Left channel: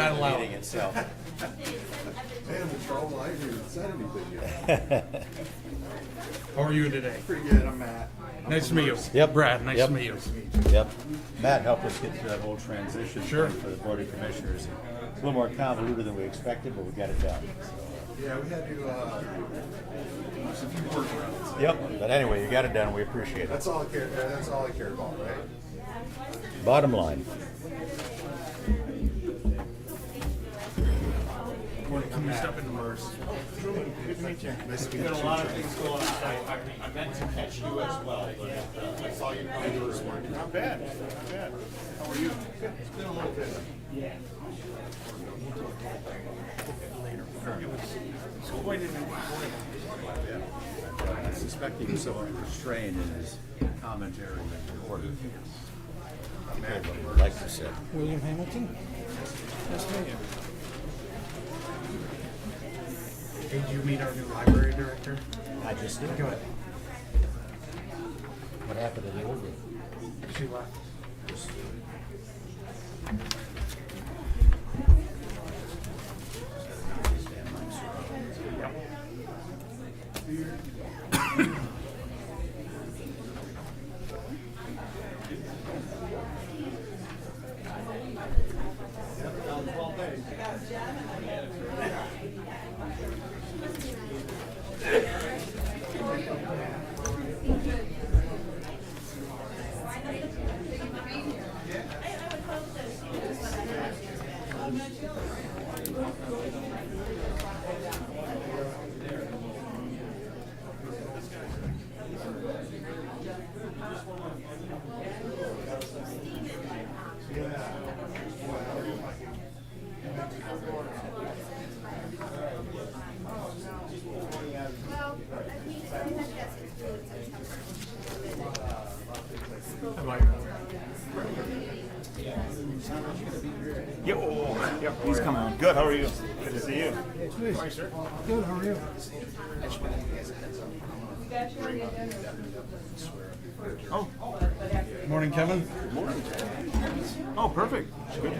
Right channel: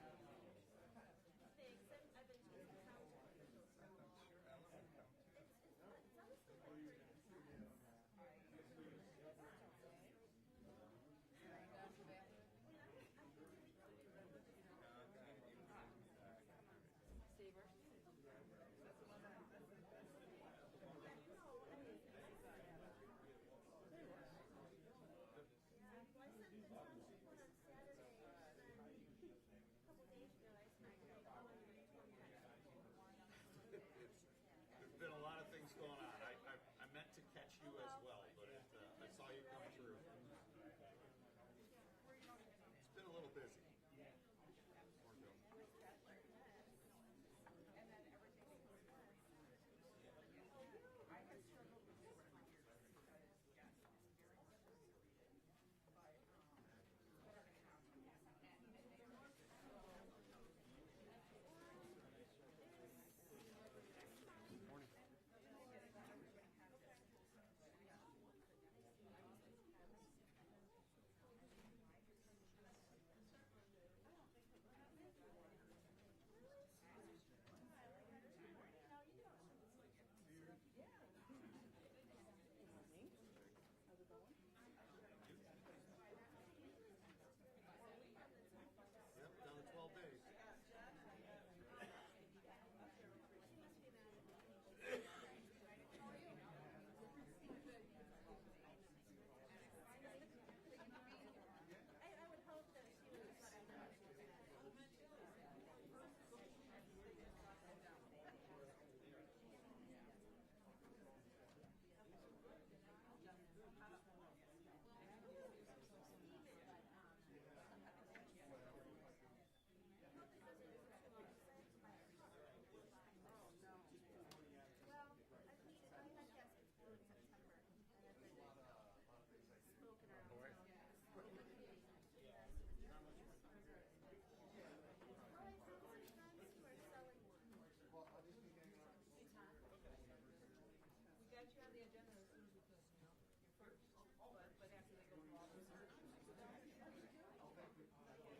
not allowed. Meeting itself. Man, Charles, I haven't even said anything yet. How are you today? Pretty good, I'm Matt. Nice to meet you. Yep. Brad, nice Yep. to meet you. Yep. Matt helped us get through that whole transition Sure. thing for the Board of Commissioners. It's a little more convoluted than we expected, but we got it done. Yeah, we had to, there's a few workarounds. Yep. But anyway, you got it done. We appreciate it. That's all I care about, right? Bottom line. Can we step into Mars? Good to meet you. Nice to meet you. There's a lot of things going on. I meant to catch you as well, but I saw you coming this morning. Not bad, not bad. How are you? It's been a little bit. I suspect he was somewhat restrained in his commentary and order. Compared to what he would like to say. William Hamilton? Nice to meet you. Hey, did you meet our new library director? I just did. Good. What happened to the old one? She left. Yep, he's coming on. Good, how are you? Good to see you. How are you, sir? Good, how are you? Oh, Morning, Kevin. oh, perfect. Good.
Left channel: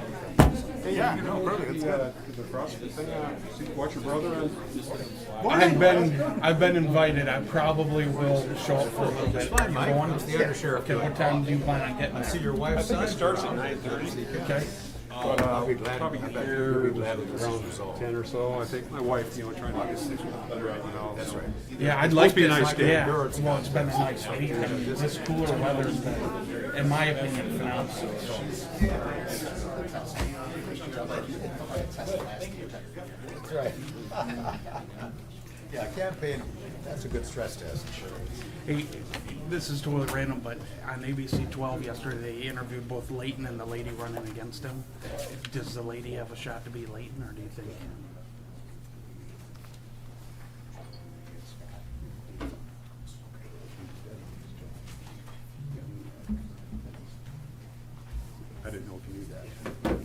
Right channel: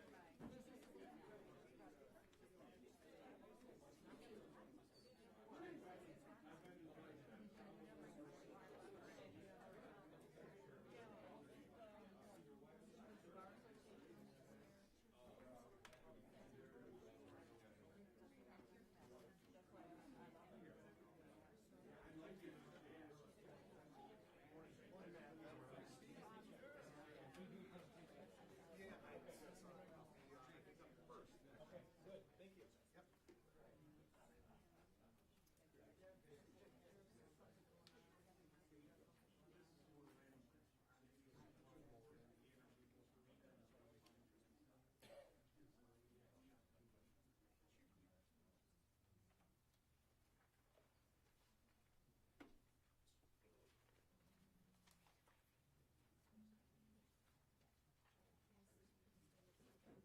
Yeah, no, perfect. That's good. The CrossFit thing, watch your brother and. I've been invited. I probably will show up for a little bit. Fine, Mike. Going? It's the undersheriff. Okay, what time do you plan on getting I see there? your wife's son. It starts at 9:30. Okay. But I'll be glad. probably get here around 10 or so. I think my wife, trying to get things right now. That's right. Yeah, I'd It's like supposed to be a this. nice day. Yeah. Well, it's been a nice week. And this cooler weather's been, in my opinion, phenomenal. So. That's right. Yeah, campaign, that's a good stress test. Hey, this is totally random, but on ABC 12 yesterday, they interviewed both Leighton and the lady running against him. Does the lady have a shot to be Leighton, or do you think? I didn't know if you knew that.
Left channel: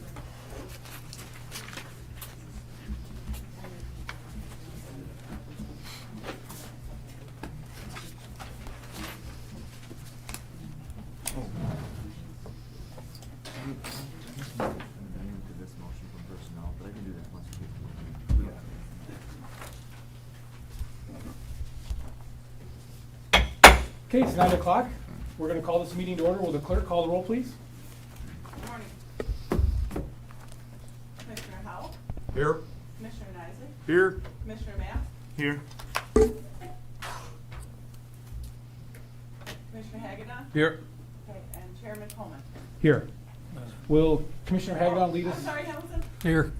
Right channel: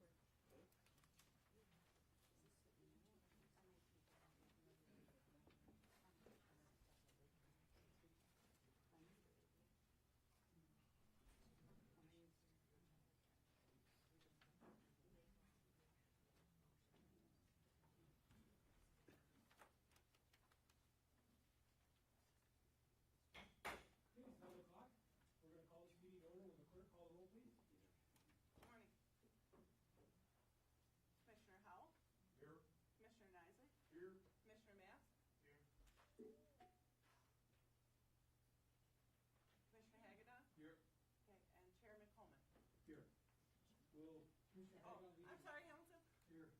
Okay, it's 9 o'clock. We're going to call this meeting to order. Will the clerk call the roll, please? Good morning. Commissioner Howell, Here. Commissioner Isaac, Here. Commissioner Math, Here. Commissioner Hagedon, Here. okay, and Chairman Coleman. Here. Will Commissioner Hagedon lead us? I'm sorry, Hamilton? Here.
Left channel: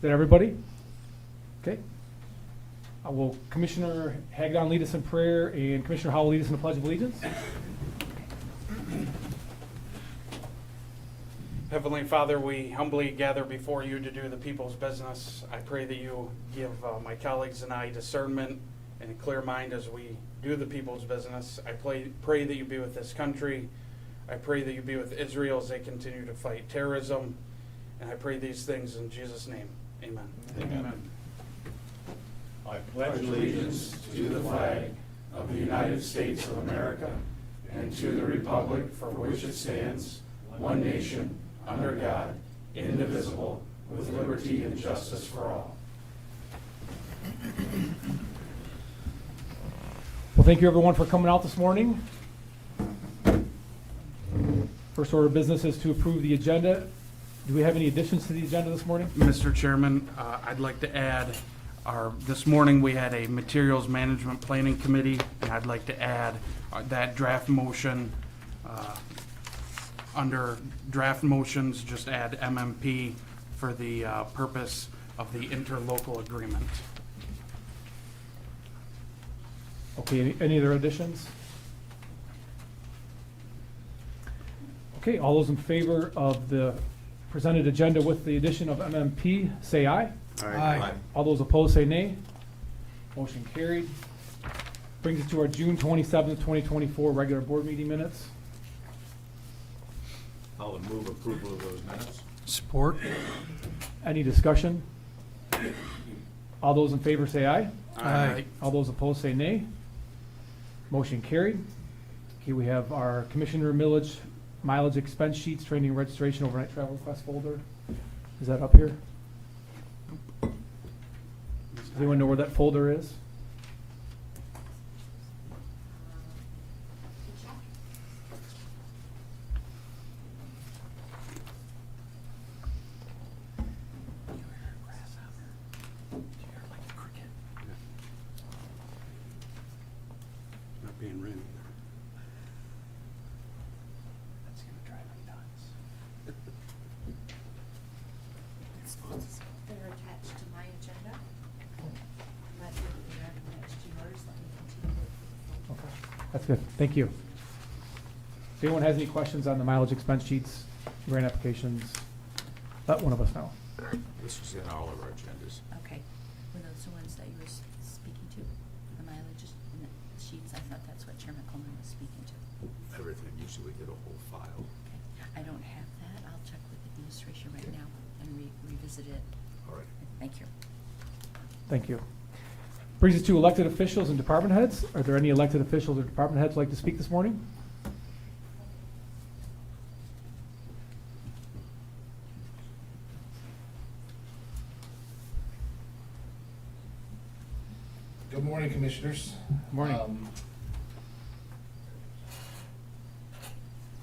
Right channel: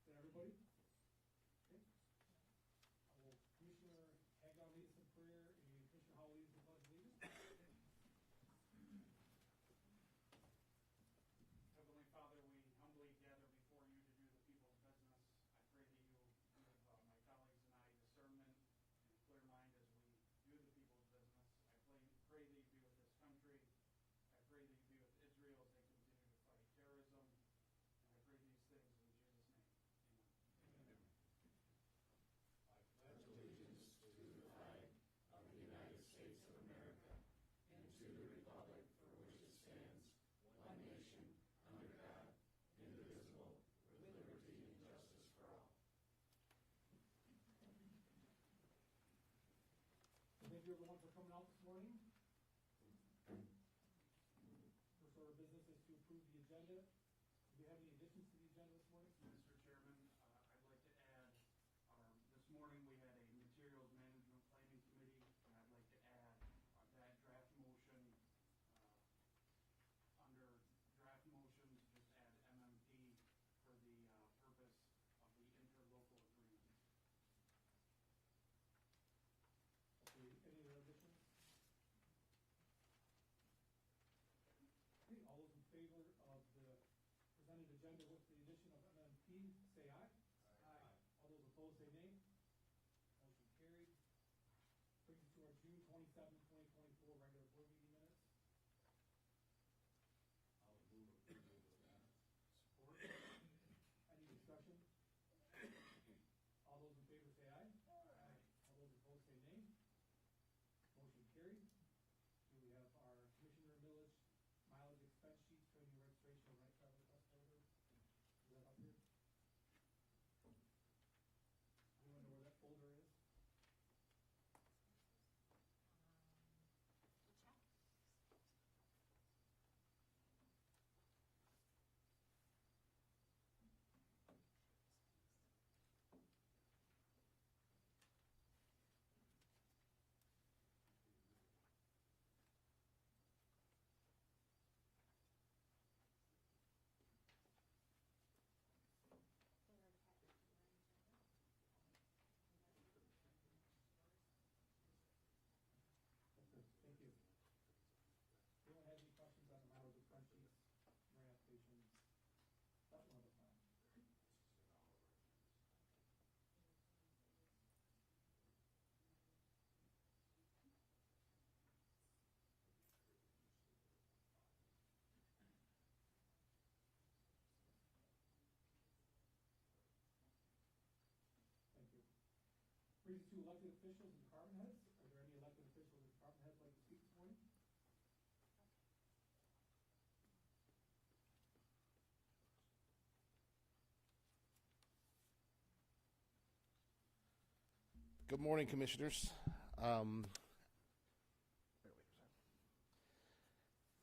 Is that everybody? Okay. Will Commissioner Hagedon lead us in prayer and Commissioner Howell lead us in the Pledge of Allegiance? Heavenly Father, we humbly gather before you to do the people's business. I pray that you give my colleagues and I discernment and a clear mind as we do the people's business. I pray that you be with this country. I pray that you be with Israel as they continue to fight terrorism. And I pray these things in Jesus' name. Amen. I pledge allegiance to the flag of the United United States of America and to the republic for which it stands, one nation, under God, indivisible, with liberty and justice for all. Well, thank you everyone for coming out this morning. First order of business is to approve the agenda. Do we have any additions to the agenda this morning? Mr. Chairman, I'd like to add, this morning we had a materials management planning committee, and I'd like to add that draft motion, under draft motions, just add MMP for the purpose of the interlocal agreement. Okay, any other additions? Okay, all those in favor of the presented agenda with the addition of MMP, say aye. Aye. All those opposed, say nay. Motion carried. Brings us to our June 27th, 2024 regular board meeting minutes. I'll move approval of those minutes. Support. Any discussion? All those in favor say aye. Aye. All those opposed say nay. Motion carried. Okay, we have our commissioner mileage expense sheets, training registration, overnight travel request folder. Is that up here? Does anyone know where that folder is? Not being written. That's gonna drive me nuts. They're attached to my agenda. But if they're attached to yours, let me continue. Okay, that's good. Thank you. If anyone has any questions on the mileage expense sheets, grant applications, let one of us know. This was in all of our agendas. Okay, were those the ones that you were speaking to, the mileage sheets? I thought that's what Chairman Coleman was speaking to. Everything, usually we get a whole file. Okay, I don't have that. I'll check with administration right now and revisit it. All right. Thank you. Thank you. Brings us to elected officials and department heads. Are there any elected officials or department heads who'd like to speak this morning? Good morning, Commissioners. Morning.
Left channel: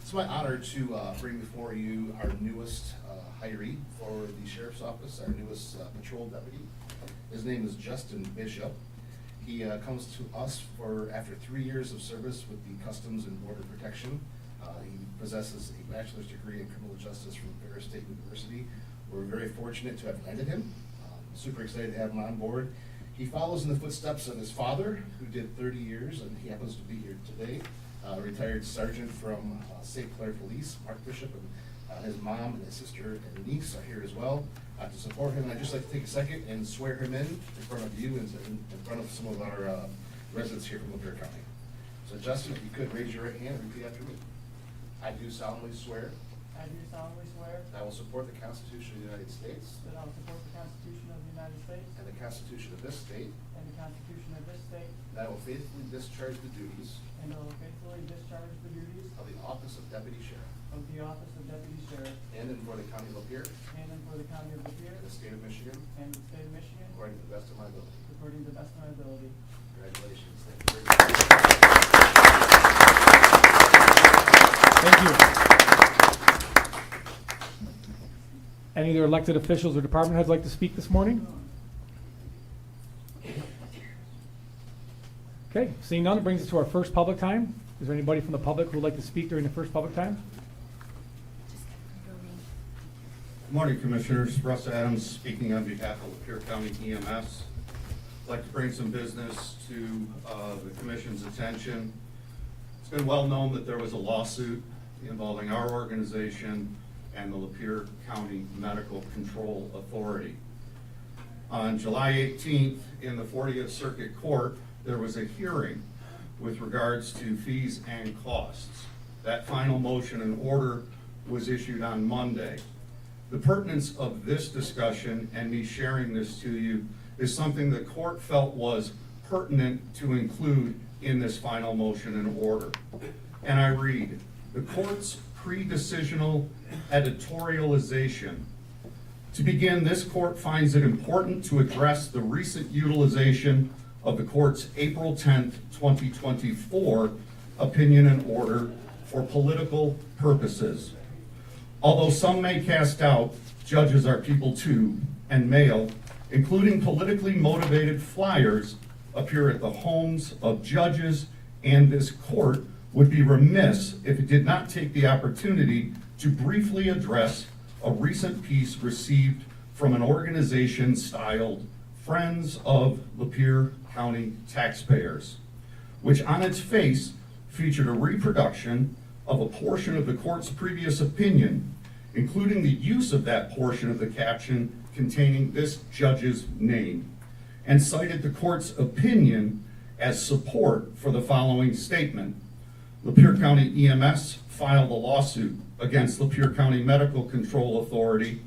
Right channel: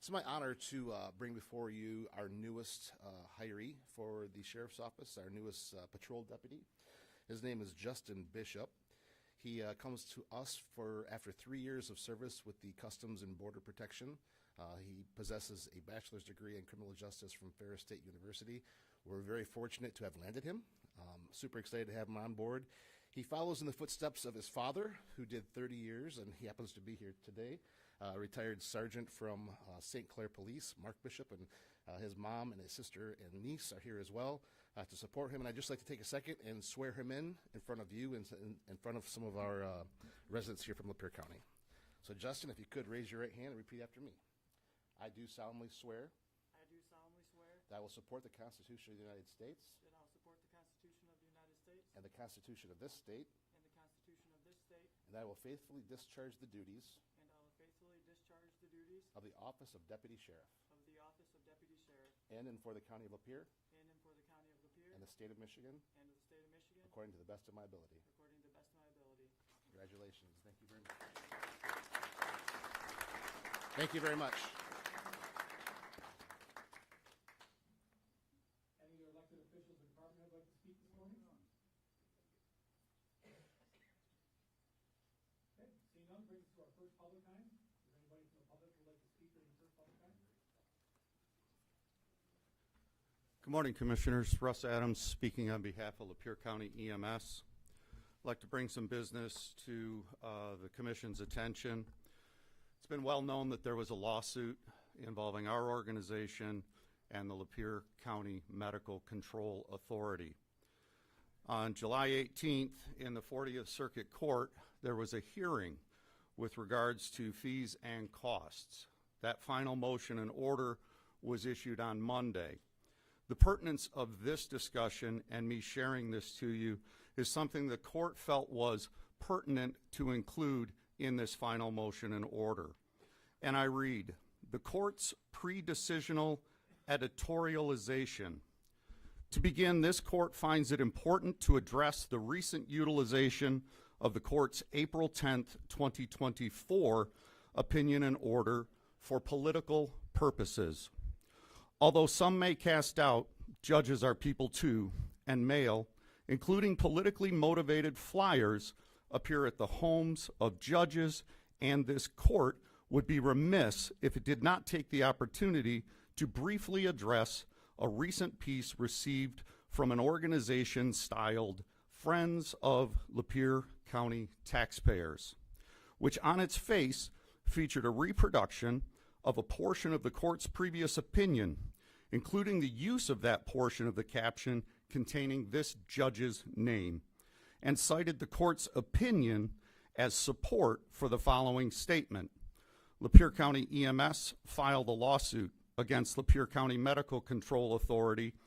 It's my honor to bring before you our newest hiree for the Sheriff's Office, our newest patrol deputy. His name is Justin Bishop. He comes to us after 3 years of service with the Customs and Border Protection. He possesses a bachelor's degree in criminal justice from Ferris State University. We're very fortunate to have landed him. Super excited to have him on board. He follows in the footsteps of his father, who did 30 years, and he happens to be here today. Retired sergeant from St. Clair Police, Mark Bishop, and his mom and his sister and niece are here as well to support him. I'd just like to take a second and swear him in front of you and in front of some of our residents here from Lapeer County. So Justin, if you could raise your right hand and repeat after me. I do solemnly swear I do solemnly swear that I will support the Constitution of the United States that I will support the Constitution of the United States and the Constitution of this state, and the Constitution of this state, that I will faithfully discharge the duties and I will faithfully discharge the duties of the office of Deputy Sheriff of the office of Deputy Sheriff in and for the County of Lapeer in and for the County of Lapeer and the State of Michigan and the State of Michigan according to the best of my ability. according to the best of my ability. Congratulations. Thank you very much. Thank you. Any other elected officials or department heads like to speak this morning? Okay, seeing none, it brings us to our first public time. Is there anybody from the public who would like to speak during the first public time? Just got to confirm. Good morning, Commissioners. Russ Adams speaking on behalf of Lapeer County EMS. I'd like to bring some business to the Commission's attention. It's been well known that there was a lawsuit involving our organization and the Lapeer County Medical Control Authority. On July 18th, in the 40th Circuit Court, there was a hearing with regards to fees and costs. That final motion and order was issued on Monday. The pertinence of this discussion and me sharing this to you is something the court felt was pertinent to include in this final motion and order. And I read, the court's pre-decisional editorialization. To begin, this court finds it important to address the recent utilization of the court's April 10th, 2024 opinion and order for political purposes. Although some may cast doubt, judges are people too, and mail, including politically motivated flyers, appear at the homes of judges, and this court would be remiss if it did not take the opportunity to briefly address a recent piece received from an organization styled Friends of Lapeer County Taxpayers, which on its face featured a reproduction of a portion of the court's previous opinion, including the use of that portion of the caption containing this judge's name, and cited the court's opinion as support for the following statement. Lapeer County EMS filed a lawsuit against Lapeer County Medical Control Authority,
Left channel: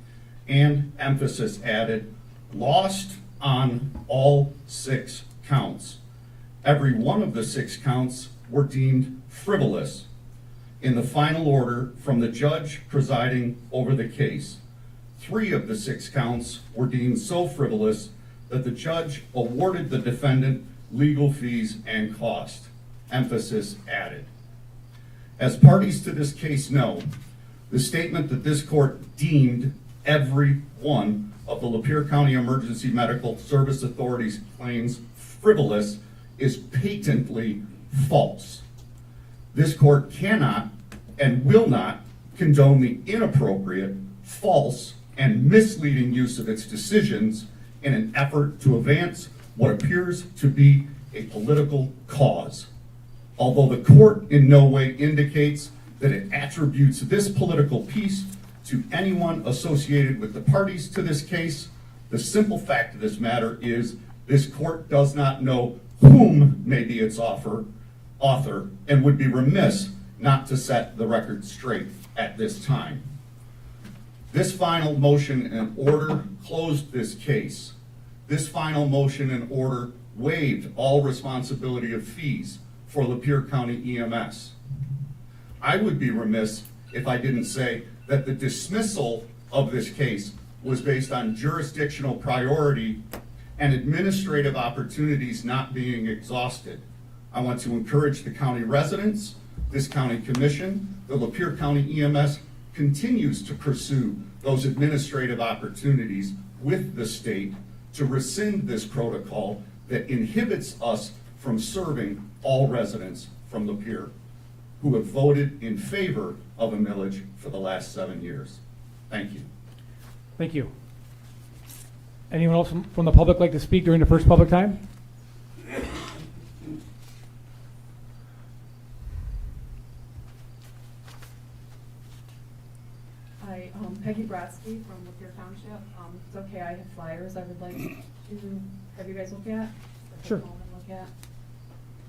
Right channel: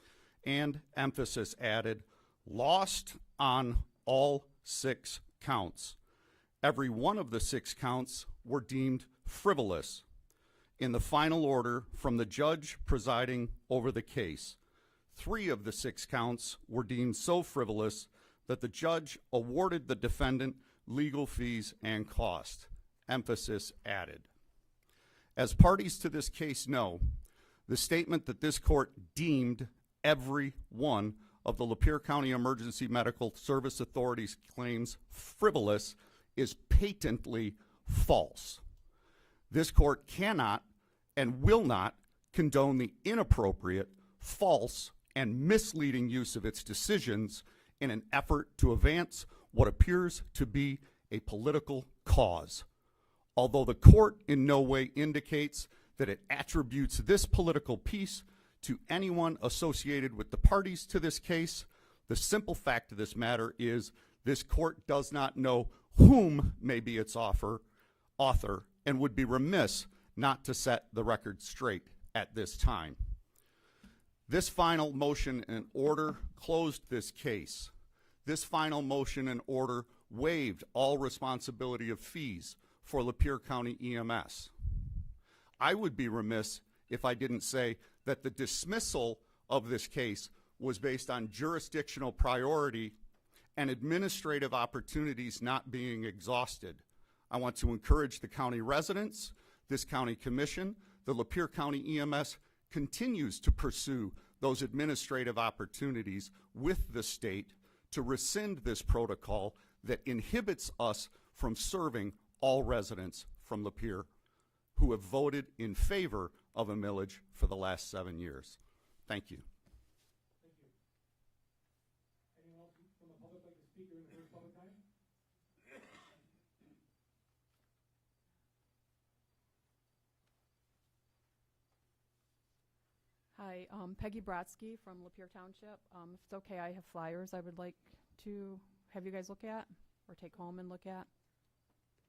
and emphasis added, lost on all 6 counts. Every one of the 6 counts were deemed frivolous. In the final order from the judge presiding over the case, 3 of the 6 counts were deemed so frivolous that the judge awarded the defendant legal fees and cost. Emphasis added. As parties to this case know, the statement that this court deemed every one of the Lapeer County Emergency Medical Service Authority's claims frivolous is patently false. This court cannot and will not condone the inappropriate, false, and misleading use of its decisions in an effort to advance what appears to be a political cause. Although the court in no way indicates that it attributes this political piece to anyone associated with the parties to this case, the simple fact of this matter is this court does not know whom may be its author, and would be remiss not to set the record straight at this time. This final motion and order closed this case. This final motion and order waived all responsibility of fees for Lapeer County EMS. I would be remiss if I didn't say that the dismissal of this case was based on jurisdictional priority and administrative opportunities not being exhausted. I want to encourage the county residents, this county commission, the Lapeer County EMS continues to pursue those administrative opportunities with the state to rescind this protocol that inhibits us from serving all residents from Lapeer who have voted in favor of a millage for the last 7 years. Thank you. Thank you. Anyone else from the public like to speak during the first public time? Hi, Peggy Brodsky from Lapeer Township. It's okay, I have flyers I would like to have you guys look at. Or Sure. take home and look at.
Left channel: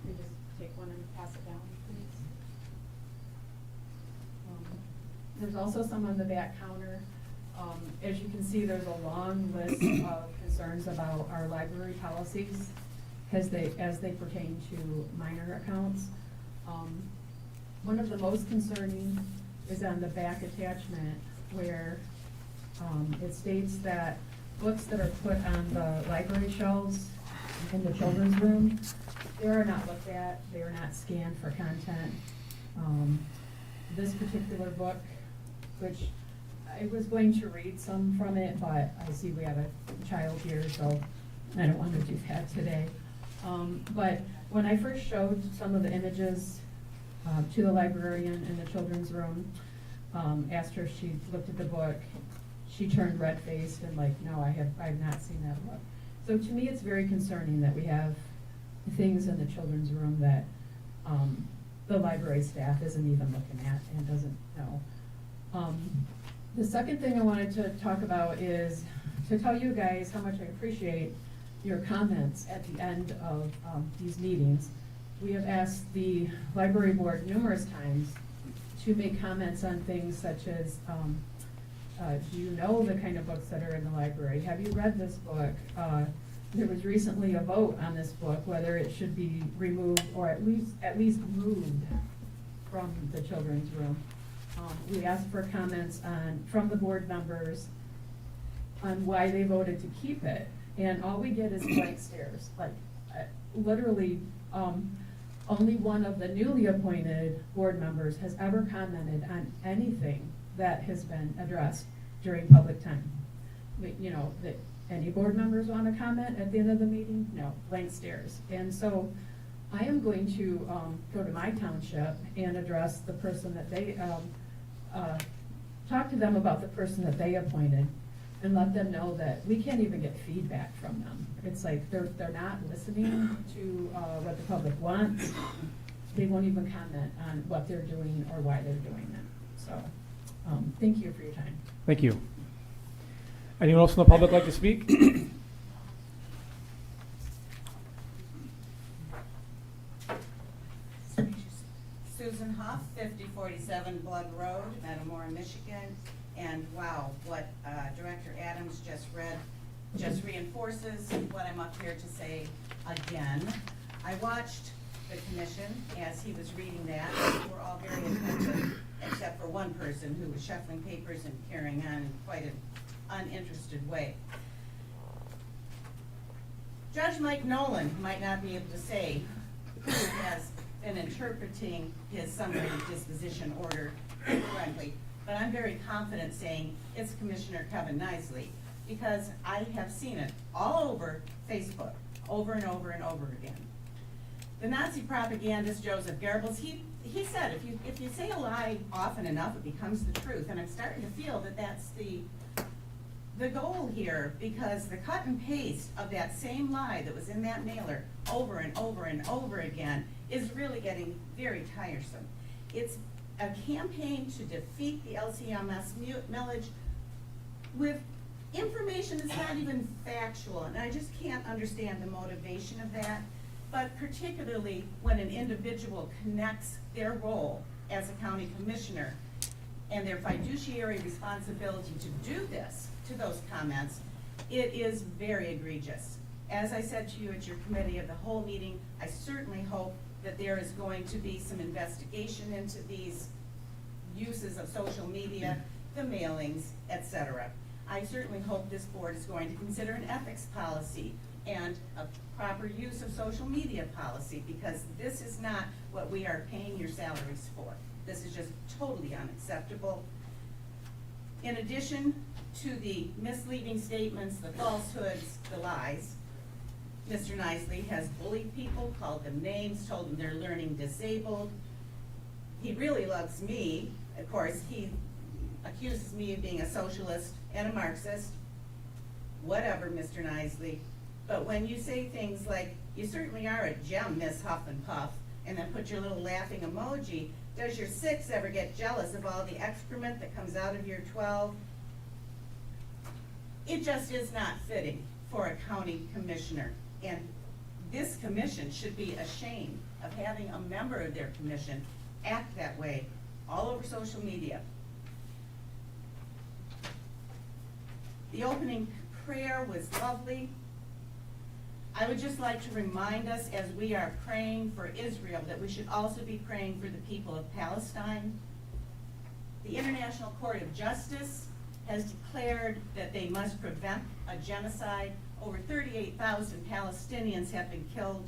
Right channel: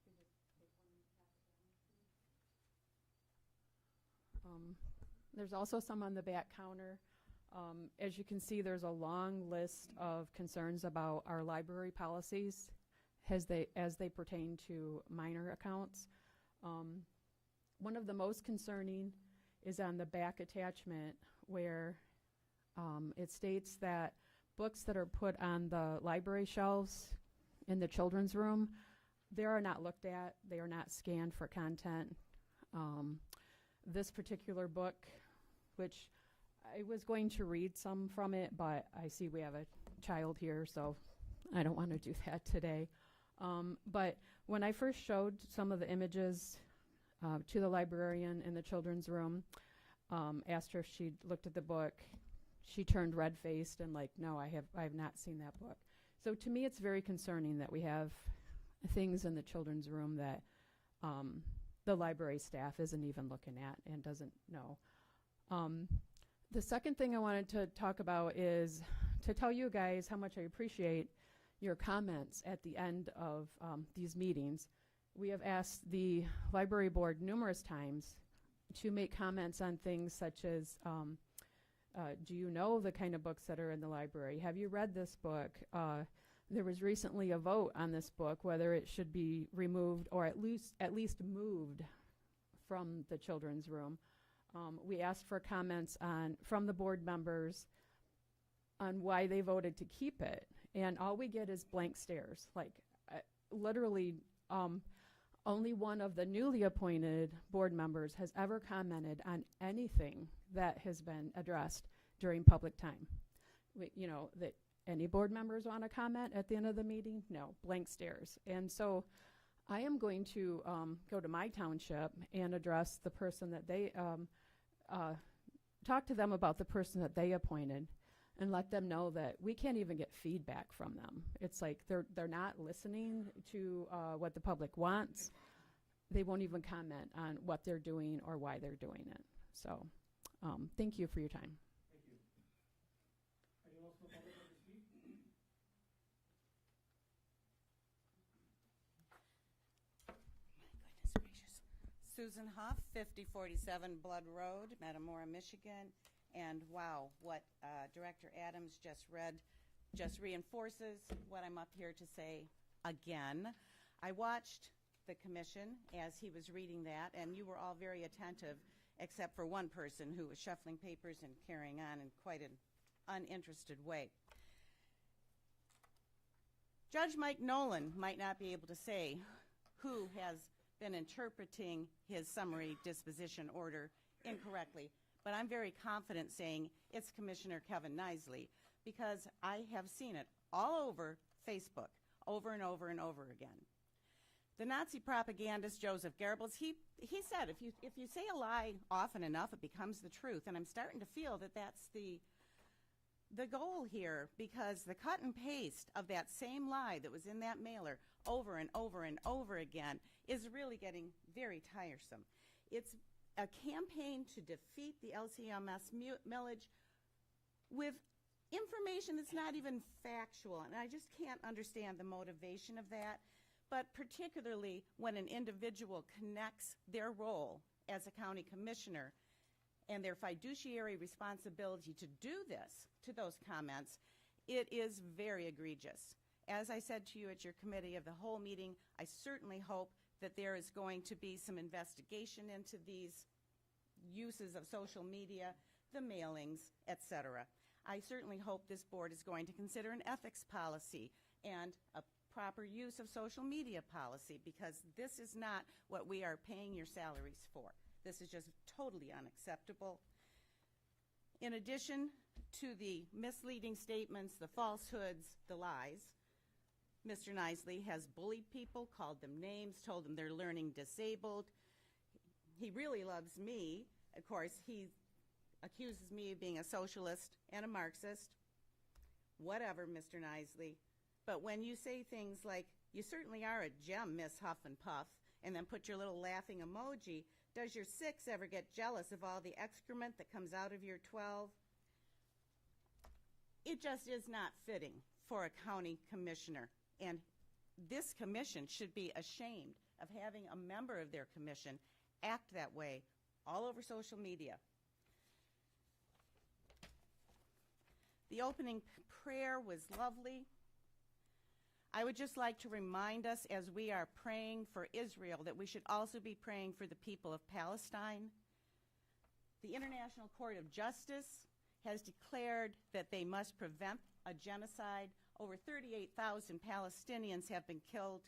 You just take one and pass it down, please. There's also some on the back counter. As you can see, there's a long list of concerns about our library policies as they pertain to minor accounts. One of the most concerning is on the back attachment where it states that books that are put on the library shelves in the children's room, they are not looked at, they are not scanned for content. This particular book, which I was going to read some from it, but I see we have a child here, so I don't want to do that today. But when I first showed some of the images to the librarian in the children's room, asked her if she looked at the book, she turned red-faced and like, no, I have not seen that book. So to me, it's very concerning that we have things in the children's room that the library staff isn't even looking at and doesn't know. The second thing I wanted to talk about is to tell you guys how much I appreciate your comments at the end of these meetings. We have asked the library board numerous times to make comments on things such as, do you know the kind of books that are in the library? Have you read this book? there was recently a vote on this book, whether it should be removed or at least moved from the children's room. We asked for comments from the board members on why they voted to keep it, and all we get is blank stares, like, literally, only one of the newly appointed board members has ever commented on anything that has been addressed during public time. That any board members want to comment at the end of the meeting? No, blank stares. And so I am going to go to my township and address the person that they, talk to them about the person that they appointed and let them know that we can't even get feedback from them. It's like they're not listening to what the public wants. They won't even comment on what they're doing or why they're doing it. So, thank you for your time. Thank you. Anyone else in the public like to speak? Susan Huff, 5047 Blood Road, Metamora, Michigan. And wow, what Director Adams just read just reinforces what I'm up here to say again. I watched the commission as he was reading that. We were all very attentive, except for one person who was shuffling papers and carrying on in quite an uninterested way. Judge Mike Nolan might not be able to say who has been interpreting his summary disposition order correctly, but I'm very confident saying it's Commissioner Kevin Nisley, because I have seen it all over Facebook, over and over and over again. The Nazi propagandist Joseph Goebbels, he said, if you say a lie often enough, it becomes the truth, and I'm starting to feel that that's the goal here, because the cut and paste of that same lie that was in that mailer over and over and over again is really getting very tiresome. It's a campaign to defeat the LCMS millage with information that's not even factual, and I just can't understand the motivation of that, but particularly when an individual connects their role as a county commissioner and their fiduciary responsibility to do this to those comments, it is very egregious. As I said to you at your committee of the whole meeting, I certainly hope that there is going to be some investigation into these uses of social media, the mailings, etc. I certainly hope this board is going to consider an ethics policy and a proper use of social media policy, because this is not what we are paying your salaries for. This is just totally unacceptable. In addition to the misleading statements, the falsehoods, the lies, Mr. Nisley has bullied people, called them names, told them they're learning disabled. He really loves me. Of course, he accuses me of being a socialist and a Marxist. Whatever, Mr. Nisley. But when you say things like, you certainly are a gem, Miss Huff and Puff, and then put your little laughing emoji, does your 6 ever get jealous of all the excrement that comes out of your 12? It just is not fitting for a county commissioner. And this commission should be ashamed of having a member of their commission act that way all over social media. The opening prayer was lovely. I would just like to remind us, as we are praying for Israel, that we should also be praying for the people of Palestine. The International Court of Justice has declared that they must prevent a genocide. Over 38,000 Palestinians have been killed.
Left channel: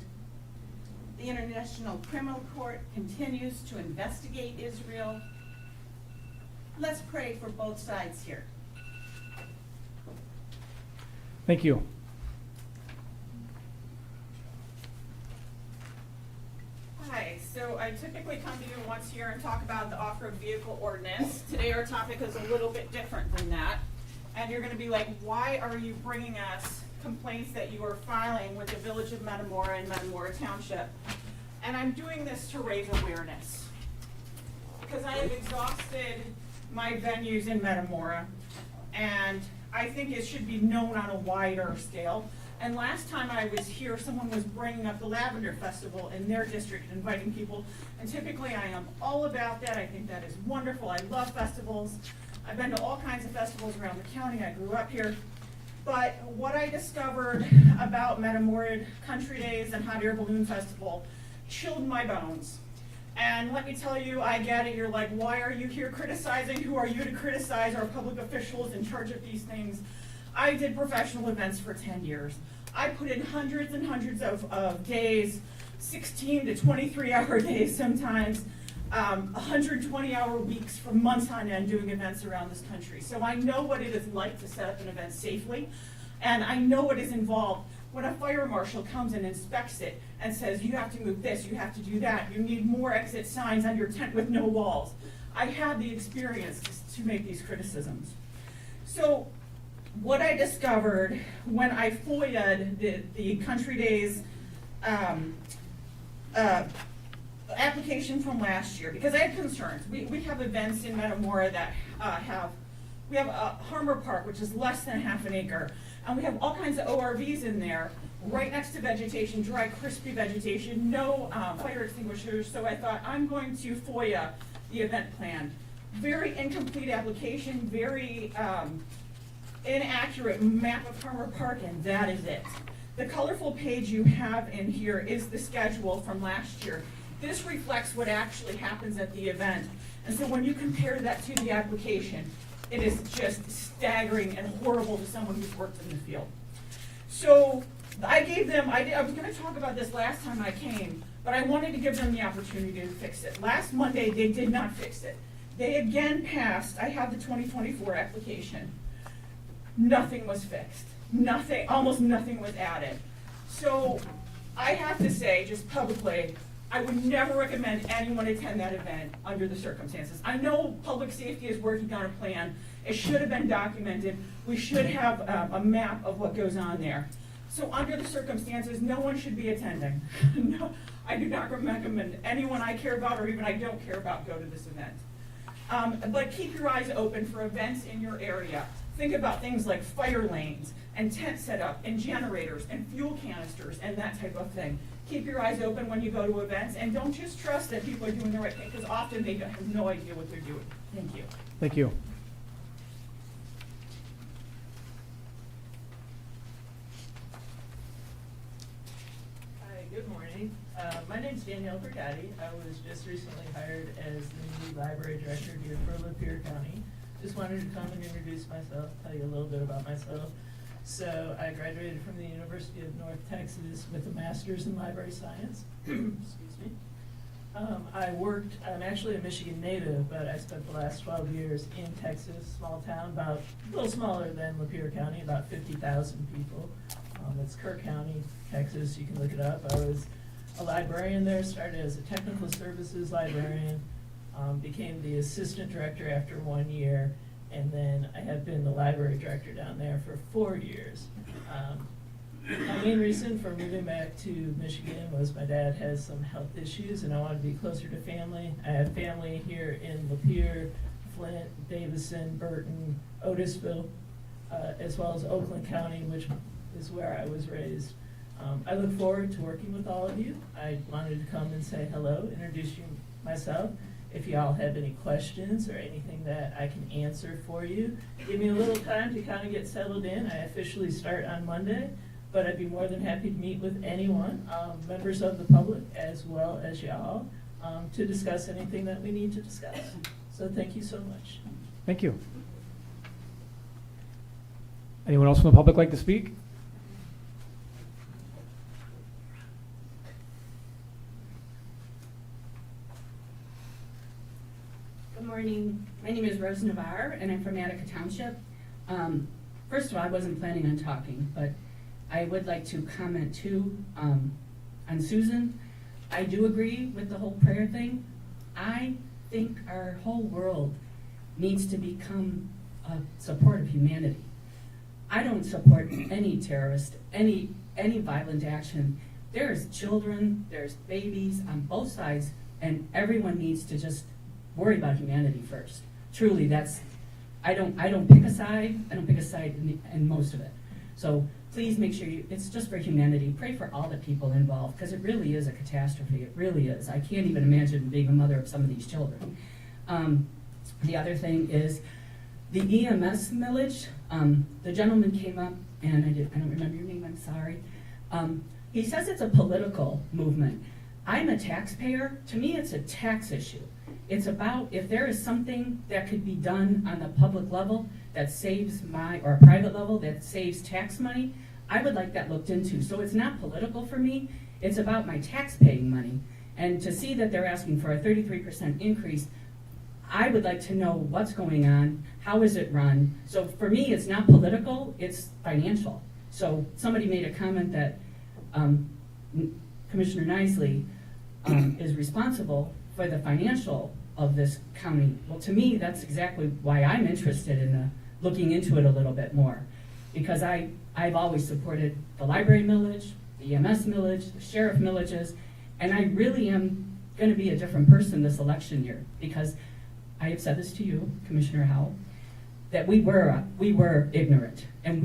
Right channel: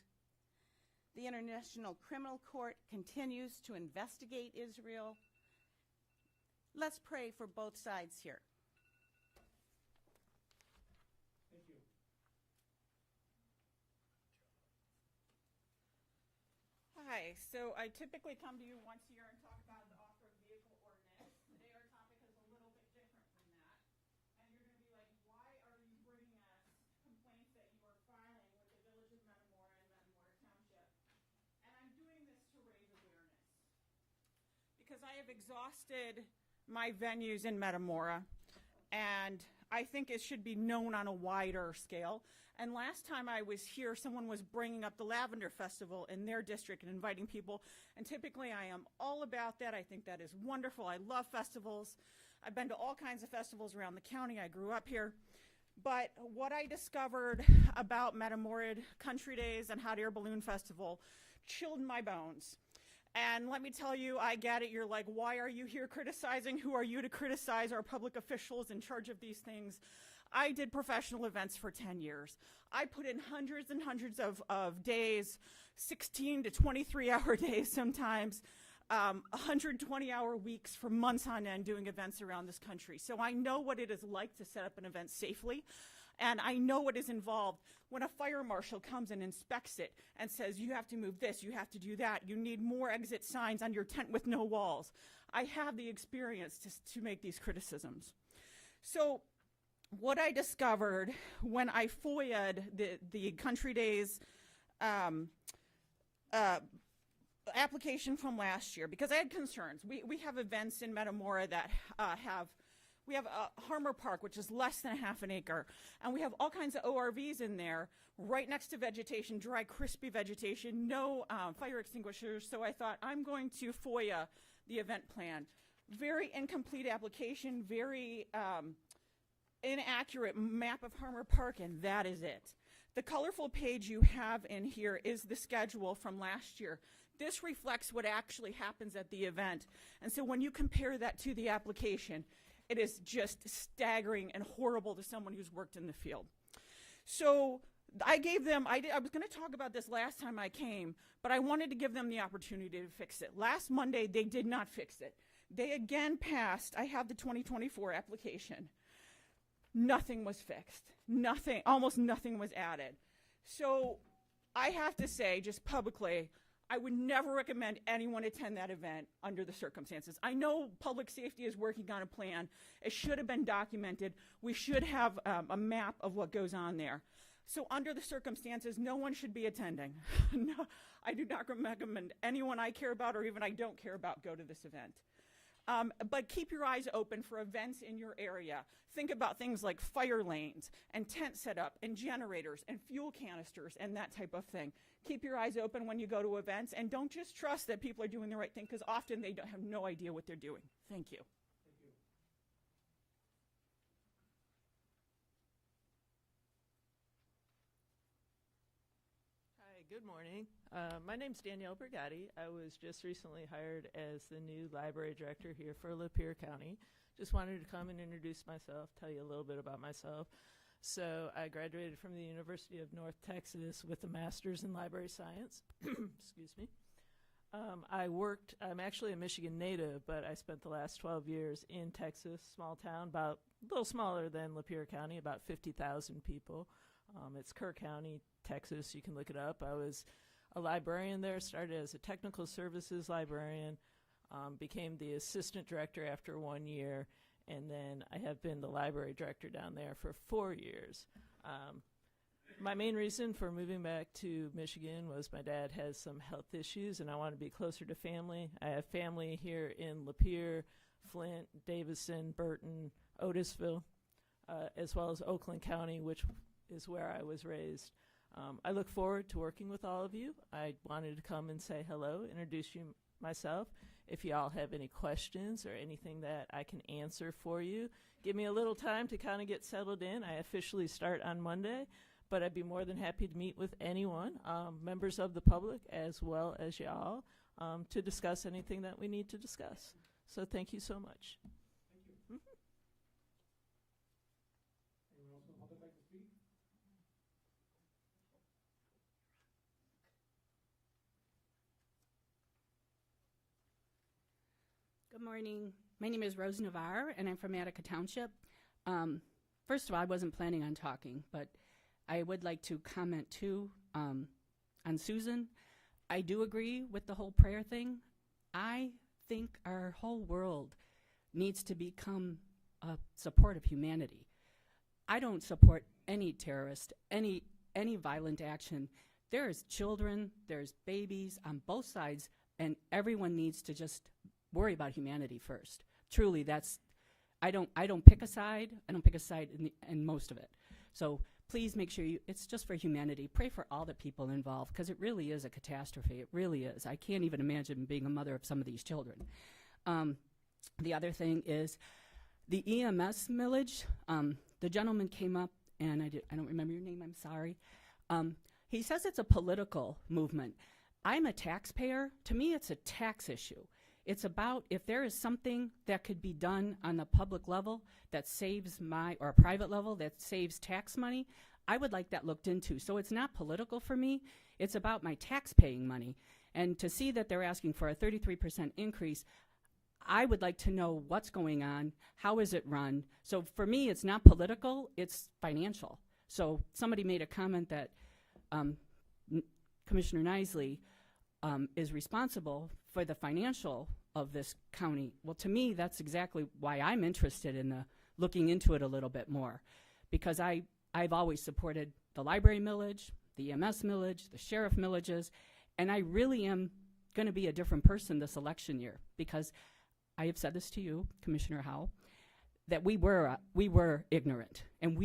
The International Criminal Court continues to investigate Israel. Let's pray for both sides here. Thank you. Hi, so I typically come to you once a year and talk about the off-road vehicle ordinance. Today our topic is a little bit different than that. And you're gonna be like, why are you bringing us complaints that you are filing with the Village of Metamora and Metamora Township? And I'm doing this to raise awareness, because I have exhausted my venues in Metamora, and I think it should be known on a wider scale. And last time I was here, someone was bringing up the Lavender Festival in their district and inviting people, and typically I am all about that. I think that is wonderful. I love festivals. I've been to all kinds of festivals around the county. I grew up here. But what I discovered about Metamorid Country Days and Hot Air Balloon Festival chilled my bones. And let me tell you, I get it, you're like, why are you here criticizing? Who are you to criticize our public officials in charge of these things? I did professional events for 10 years. I put in hundreds and hundreds of days, 16 to 23-hour days sometimes, 120-hour weeks for months on end doing events around this country. So I know what it is like to set up an event safely, and I know what is involved when a fire marshal comes and inspects it and says, you have to move this, you have to do that, you need more exit signs on your tent with no walls. I had the experience to make these criticisms. So what I discovered when I FOIA'd the Country Days application from last year, because I had concerns. We have events in Metamora that we have Harmer Park, which is less than half an acre, and we have all kinds of ORVs in there, right next to vegetation, dry, crispy vegetation, no fire extinguishers, so I thought, I'm going to FOIA the event plan. Very incomplete application, very inaccurate map of Harmer Park, and that is it. The colorful page you have in here is the schedule from last year. This reflects what actually happens at the event. And so when you compare that to the application, it is just staggering and horrible to someone who's worked in the field. So I gave them, I was going to talk about this last time I came, but I wanted to give them the opportunity to fix it. Last Monday, they did not fix it. They again passed, I have the 2024 application. Nothing was fixed. Nothing, almost nothing was added. So I have to say, just publicly, I would never recommend anyone attend that event under the circumstances. I know public safety is working on a plan. It should have been documented. We should have a map of what goes on there. So under the circumstances, no one should be attending. No, I do not recommend anyone I care about or even I don't care about go to this event. But keep your eyes open for events in your area. Think about things like fire lanes and tent setup and generators and fuel canisters and that type of thing. Keep your eyes open when you go to events, and don't just trust that people are doing the right thing, because often they have no idea what they're doing. Thank you. Thank you. Hi, good morning. My name's Danielle Percati. I was just recently hired as the new library director here for Lapeer County. Just wanted to come and introduce myself, tell you a little bit about myself. So I graduated from the University of North Texas with a master's in library science. Excuse me. I'm actually a Michigan native, but I spent the last 12 years in Texas, small town, about a little smaller than Lapeer County, about 50,000 people. It's Kerr County, Texas, you can look it up. I was a librarian there, started as a technical services librarian, became the assistant director after 1 year, and then I have been the library director down there for 4 years. My main reason for moving back to Michigan was my dad has some health issues and I wanted to be closer to family. I have family here in Lapeer, Flint, Davison, Burton, Otisville, as well as Oakland County, which is where I was raised. I look forward to working with all of you. I wanted to come and say hello, introduce myself. If y'all have any questions or anything that I can answer for you, give me a little time to kind of get settled in. I officially start on Monday, but I'd be more than happy to meet with anyone, members of the public as well as y'all, to discuss anything that we need to discuss. So thank you so much. Thank you. Anyone else from the public like to speak? Good morning. My name is Rose Navarre, and I'm from Attica Township. First of all, I wasn't planning on talking, but I would like to comment too on Susan. I do agree with the whole prayer thing. I think our whole world needs to become a support of humanity. I don't support any terrorist, any violent action. There's children, there's babies on both sides, and everyone needs to just worry about humanity first. Truly, that's, I don't pick a side. I don't pick a side in most of it. So please make sure it's just for humanity. Pray for all the people involved, because it really is a catastrophe. It really is. I can't even imagine being a mother of some of these children. The other thing is the EMS millage. The gentleman came up and I don't remember your name, I'm sorry. He says it's a political movement. I'm a taxpayer. To me, it's a tax issue. It's about if there is something that could be done on the public level that saves or private level that saves tax money, I would like that looked into. So it's not political for me. It's about my tax paying money. And to see that they're asking for a 33% increase, I would like to know what's going on, how is it run. So for me, it's not political, it's financial. So somebody made a comment that Commissioner Nisley is responsible for the financial of this county. Well, to me, that's exactly why I'm interested in looking into it a little bit more. Because I've always supported the library millage, the EMS millage, the sheriff millages, and I really am going to be a different person this election year, because I have said this to you, Commissioner Howell, that we were ignorant, and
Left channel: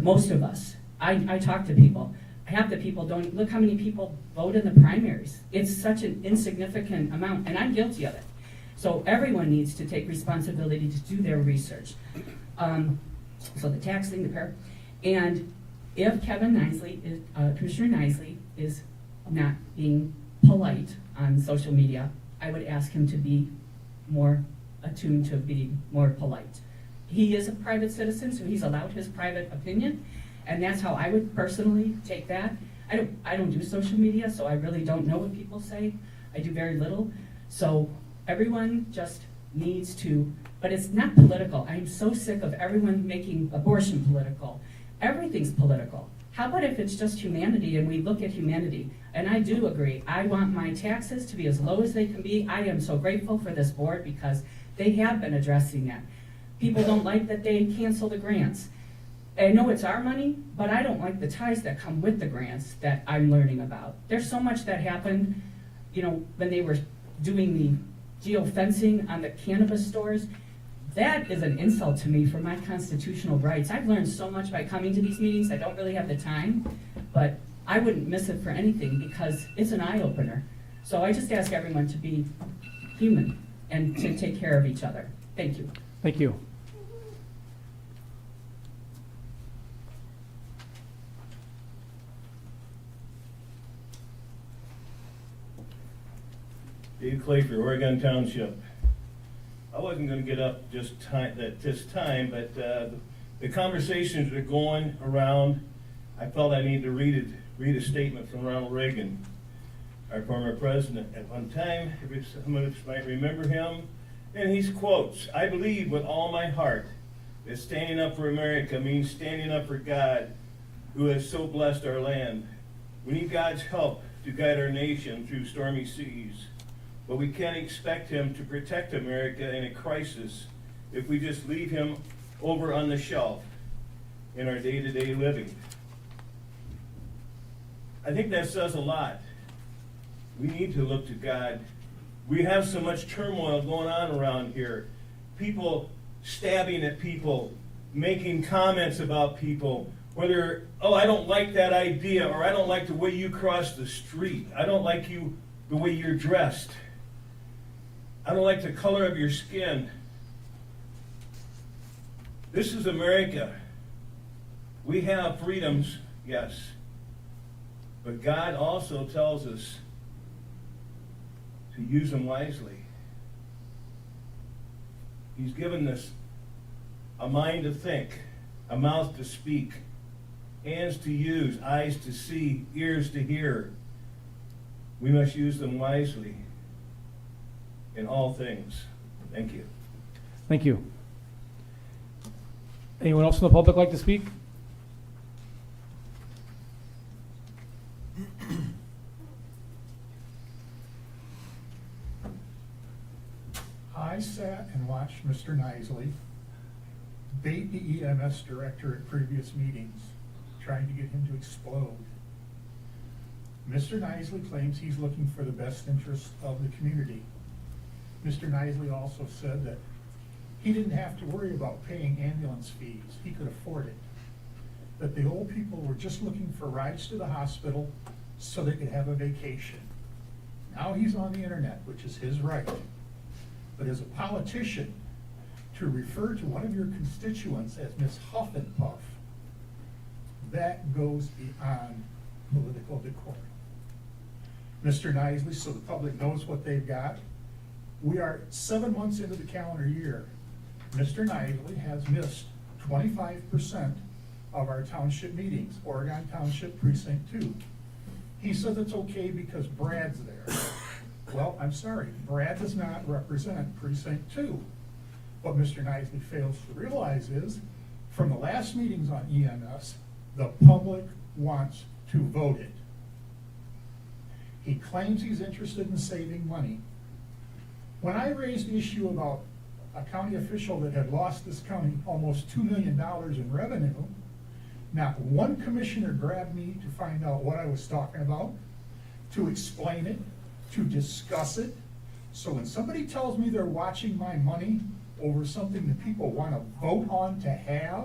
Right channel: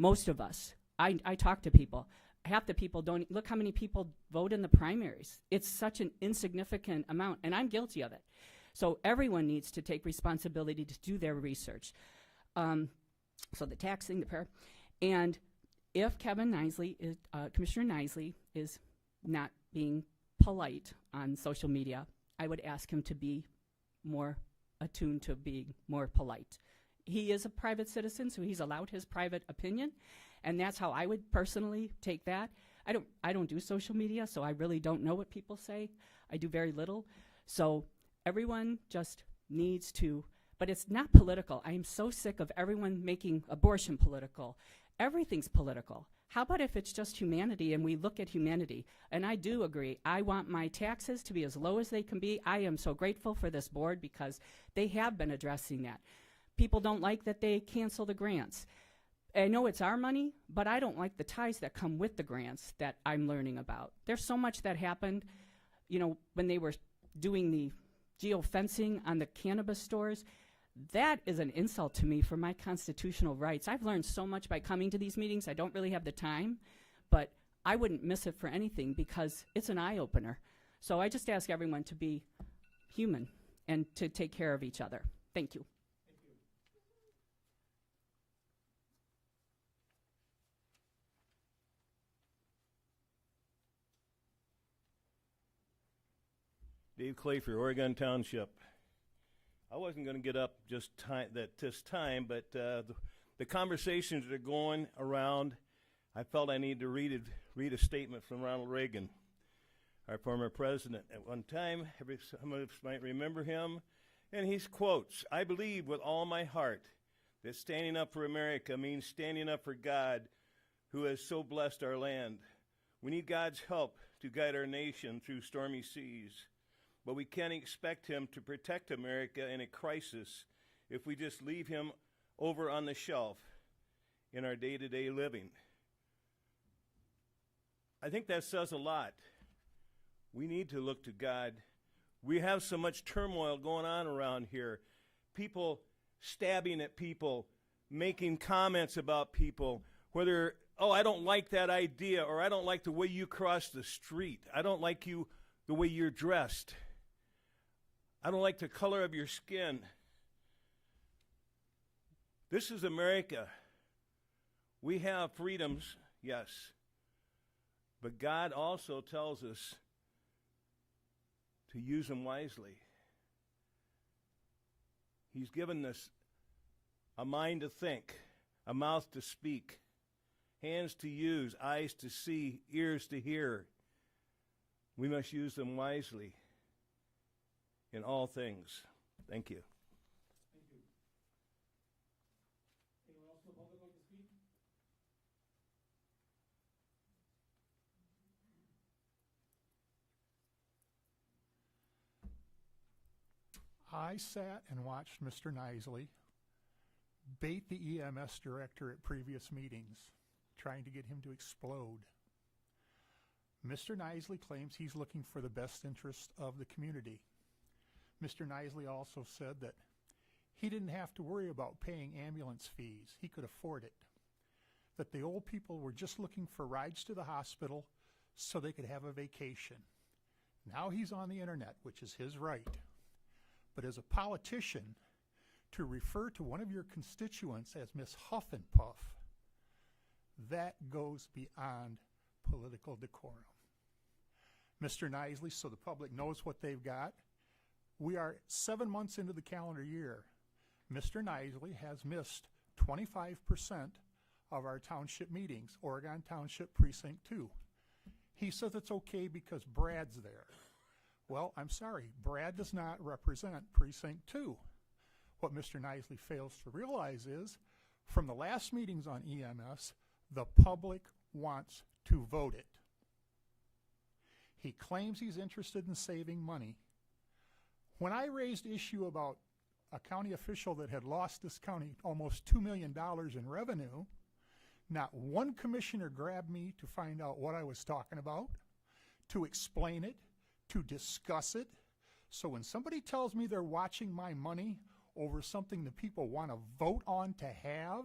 most of us. I talk to people. Half the people don't, look how many people vote in the primaries. It's such an insignificant amount, and I'm guilty of it. So everyone needs to take responsibility to do their research. So the taxing, and if Kevin Nisley, Commissioner Nisley is not being polite on social media, I would ask him to be more attuned to be more polite. He is a private citizen, so he's allowed his private opinion, and that's how I would personally take that. I don't do social media, so I really don't know what people say. I do very little. So everyone just needs to, but it's not political. I'm so sick of everyone making abortion political. Everything's political. How about if it's just humanity and we look at humanity? And I do agree. I want my taxes to be as low as they can be. I am so grateful for this board because they have been addressing that. People don't like that they cancel the grants. I know it's our money, but I don't like the ties that come with the grants that I'm learning about. There's so much that happened, when they were doing the geofencing on the cannabis stores. That is an insult to me for my constitutional rights. I've learned so much by coming to these meetings. I don't really have the time, but I wouldn't miss it for anything because it's an eye-opener. So I just ask everyone to be human and to take care of each other. Thank you. Thank you. Dave Clay for Oregon Township. I wasn't going to get up this time, but the conversations that are going around, I felt I need to read a statement from Ronald Reagan, our former president. At one time, some of us might remember him, and he quotes, "I believe with all my heart that standing up for America means standing up for God, who has so blessed our land. We need God's help to guide our nation through stormy seas. But we can't expect him to protect America in a crisis if we just leave him over on the shelf in our day-to-day living." I think that says a lot. We need to look to God. We have so much turmoil going on around here. People stabbing at people, making comments about people, whether, oh, I don't like that idea, or I don't like the way you cross the street. I don't like the way you're dressed. I don't like the color of your skin. This is America. We have freedoms, yes. But God also tells us to use them wisely. He's given us a mind to think, a mouth to speak, hands to use, eyes to see, ears to hear. We must use them wisely in all things. Thank you. Thank you. Anyone else from the public like to speak? I sat and watched Mr. Nisley bait the EMS director at previous meetings, trying to get him to explode. Mr. Nisley claims he's looking for the best interests of the community. Mr. Nisley also said that he didn't have to worry about paying ambulance fees. He could afford it. That the old people were just looking for rides to the hospital so they could have a vacation. Now he's on the internet, which is his right. But as a politician, to refer to one of your constituents as Miss Huff and Puff that goes beyond political decorum. Mr. Nisley, so the public knows what they've got, we are 7 months into the calendar year. Mr. Nisley has missed 25% of our township meetings, Oregon Township Precinct 2. He says it's okay because Brad's there. Well, I'm sorry, Brad does not represent Precinct 2. What Mr. Nisley fails to realize is, from the last meetings on EMS, the public wants to vote it. He claims he's interested in saving money. When I raised the issue about a county official that had lost this county almost $2 million in revenue, not one commissioner grabbed me to find out what I was talking about, to explain it, to discuss it. So when somebody tells me they're watching my money over something that people want to vote on to have,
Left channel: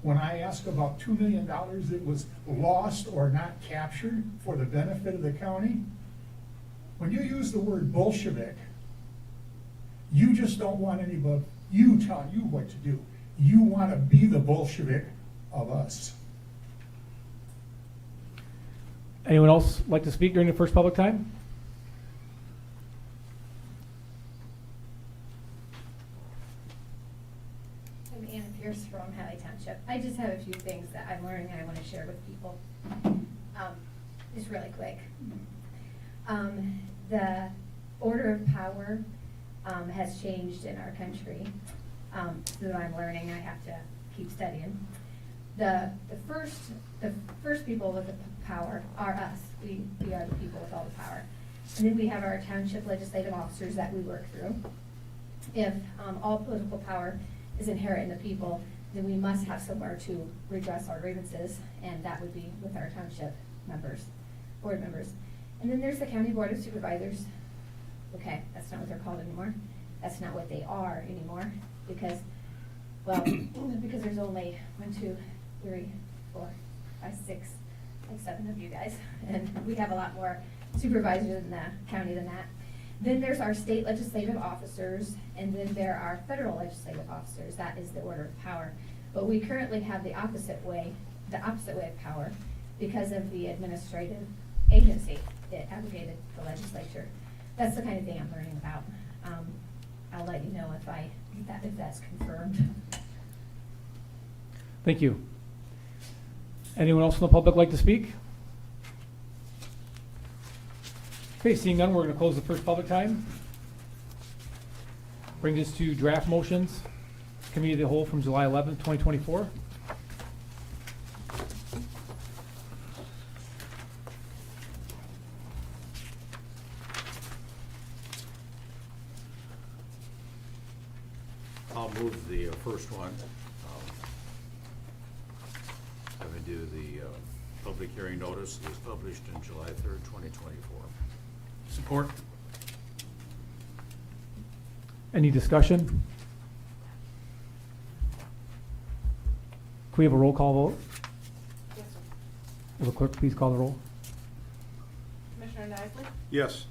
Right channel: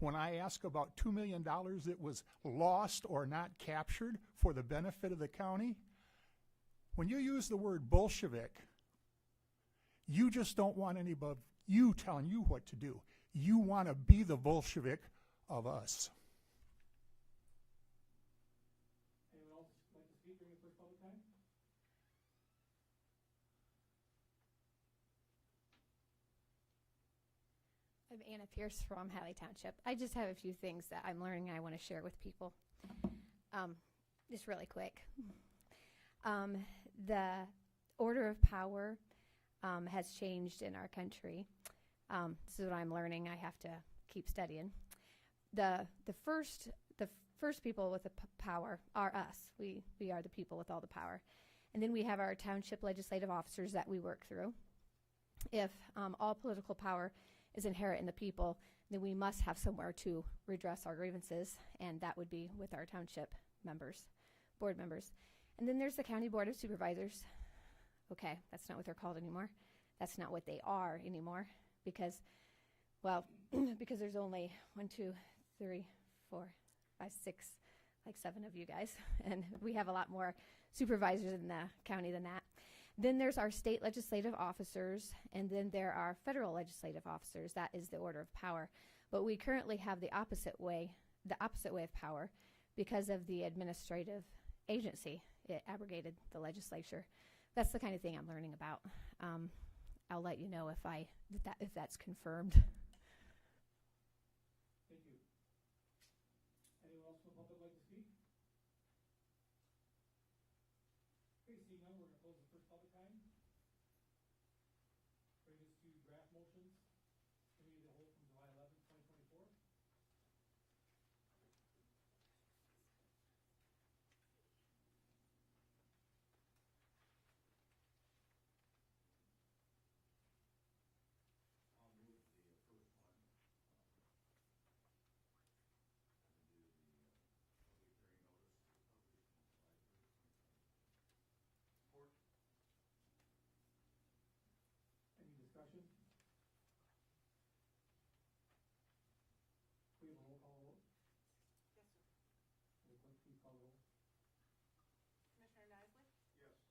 when I ask about $2 million that was lost or not captured for the benefit of the county, when you use the word Bolshevik, you just don't want anybody, you telling you what to do. You want to be the Bolshevik of us. Anyone else like to speak during the first public time? I'm Anna Pierce from Hadley Township. I just have a few things that I'm learning and I want to share with people. Just really quick. The order of power has changed in our country. So I'm learning, I have to keep studying. The first people with the power are us. We are the people with all the power. And then we have our township legislative officers that we work through. If all political power is inherent in the people, then we must have somewhere to redress our grievances, and that would be with our township members, board members. And then there's the county board of supervisors. Okay, that's not what they're called anymore. That's not what they are anymore, because, well, because there's only 1, 2, 3, 4, 5, 6, like 7 of you guys, and we have a lot more supervisors in the county than that. Then there's our state legislative officers, and then there are federal legislative officers. That is the order of power. But we currently have the opposite way of power because of the administrative agency that abrogated the legislature. That's the kind of thing I'm learning about. I'll let you know if that's confirmed. Thank you. Anyone else from the public like to speak? Okay, seeing none, we're going to close the first public time. Brings us to draft motions, Committee of the Whole from July 11th, 2024. I'll move the first one. Having to do the public hearing notice is published on July 3rd, 2024. Support. Any discussion? Can we have a roll call vote? Yes, sir. Will the clerk please call the roll? Commissioner Nisley? Yes.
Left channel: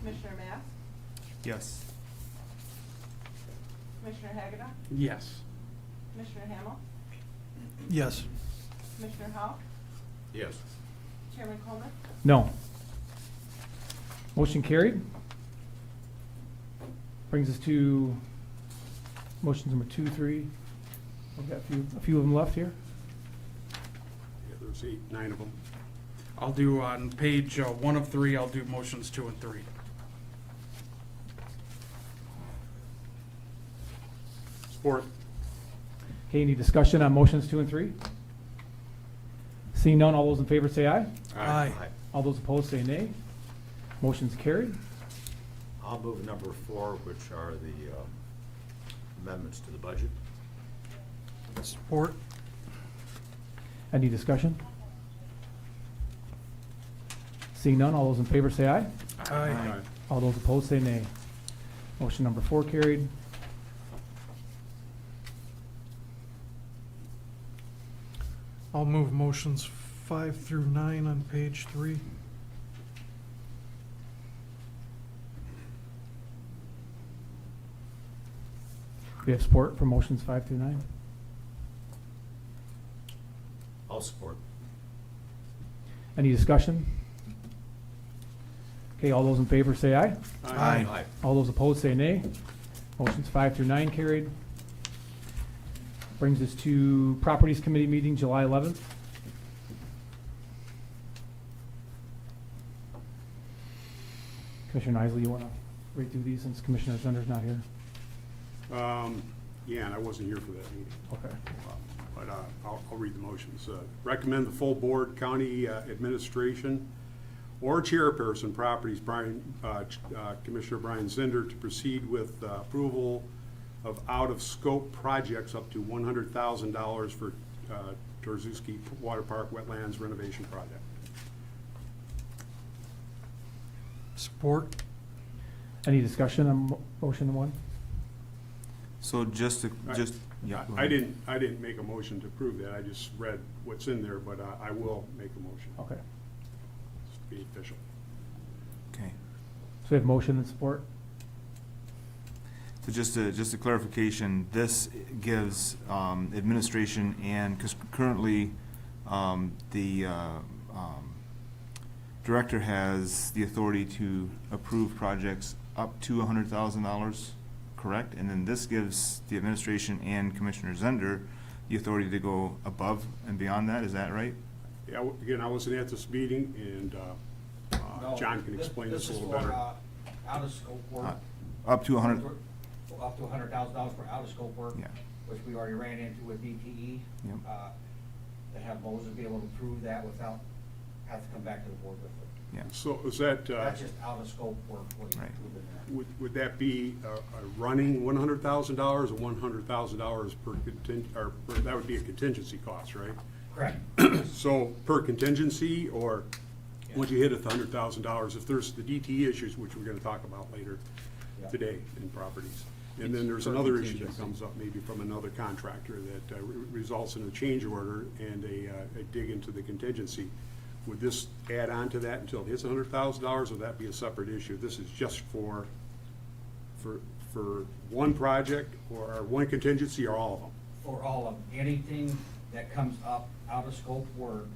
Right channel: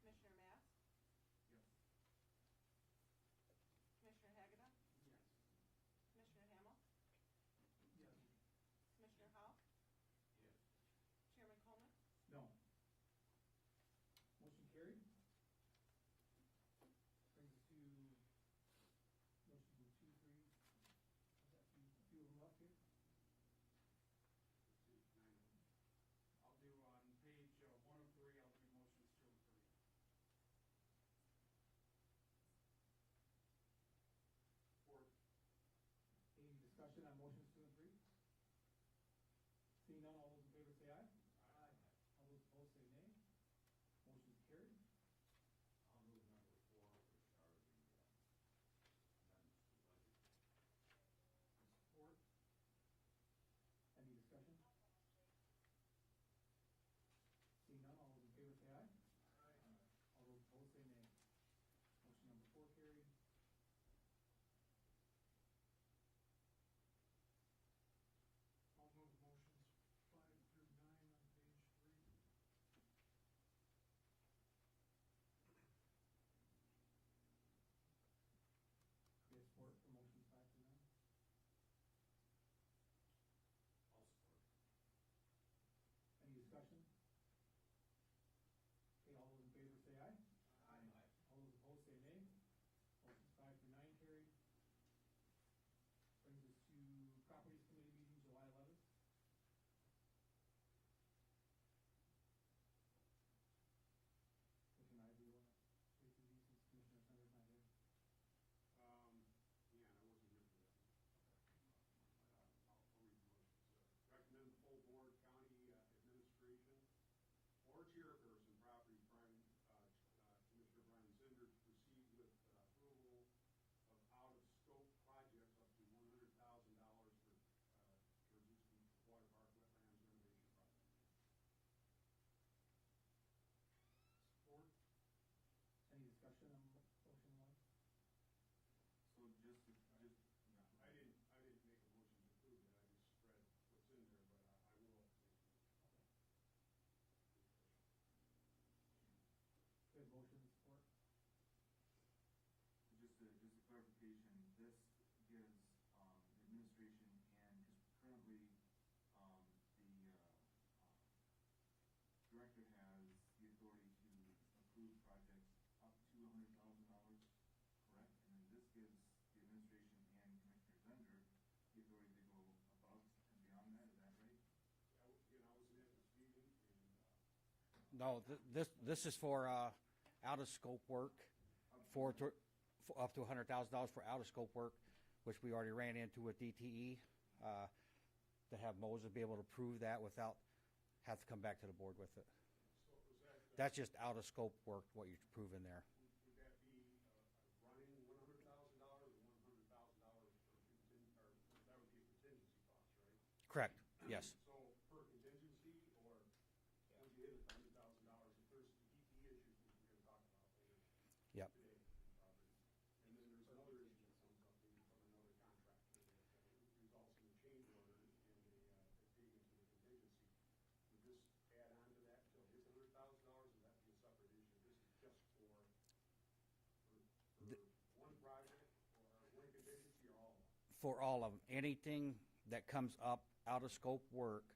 Commissioner Mass? Yes. Commissioner Hagedorn? Yes. Commissioner Hamel? Yes. Commissioner Howell? Yes. Chairman Coleman? No. Motion carried. Brings us to motions number 2, 3. We've got a few of them left here. Yeah, there's 8, 9 of them. I'll do on page 1 of 3, I'll do motions 2 and 3. Support. Okay, any discussion on motions 2 and 3? Seeing none, all those in favor say aye. Aye. All those opposed say nay. Motion's carried. I'll move number 4, which are the amendments to the budget. Support. Any discussion? Seeing none, all those in favor say aye. Aye. All those opposed say nay. Motion number 4 carried. I'll move motions 5 through 9 on page 3. We have support for motions 5 through 9. I'll support. Any discussion? Okay, all those in favor say aye. Aye. Aye. All those opposed say nay. Motion's 5 through 9 carried. Brings us to Properties Committee meeting, July 11th. Commissioner Isley, you want to read through these since Commissioner Zender's not here? Yeah, and I wasn't here for that meeting. Okay. But I'll read the motions. Recommend the full board, county administration, or chairperson properties, Commissioner Brian Zender, to proceed with approval of out-of-scope projects up to $100,000 for Torzuski Water Park Wetlands Renovation Project. Support. Any discussion on motion one? So just to, yeah. go I ahead. didn't make a motion to approve that. I just read what's in there, but I will make a motion. Okay. Just to be official. Okay. So we have motion and support? So just a clarification, this gives administration and, because currently the director has the authority to approve projects up to $100,000, correct? And then this gives the administration and Commissioner Zender the authority to go above and beyond that, is that right? Yeah, again, I wasn't at this meeting, and No, John can explain this a little This is better. for, out of scope work. Up to 100, Up to $100,000 for out of scope work. Yeah. Which we already ran into with DTE. Yep. To have Moses be able to prove that without, have to come back to the board with it. yeah. So is that, That's just out of scope work, what he's Right. proving there. would that be a running $100,000 or $100,000 per that would be a contingency cost, right? Correct. So per contingency, or once you hit $100,000, if there's the DT issues, which we're gonna talk about later Yeah. today in properties. And then It's there's per another issue that contingency. comes up, maybe from another contractor, that results in a change order and a dig into the contingency. Would this add on to that until it hits $100,000, or would that be a separate issue? This is just for one project, or one contingency, or all of them? For all of them, anything that comes up out of scope work,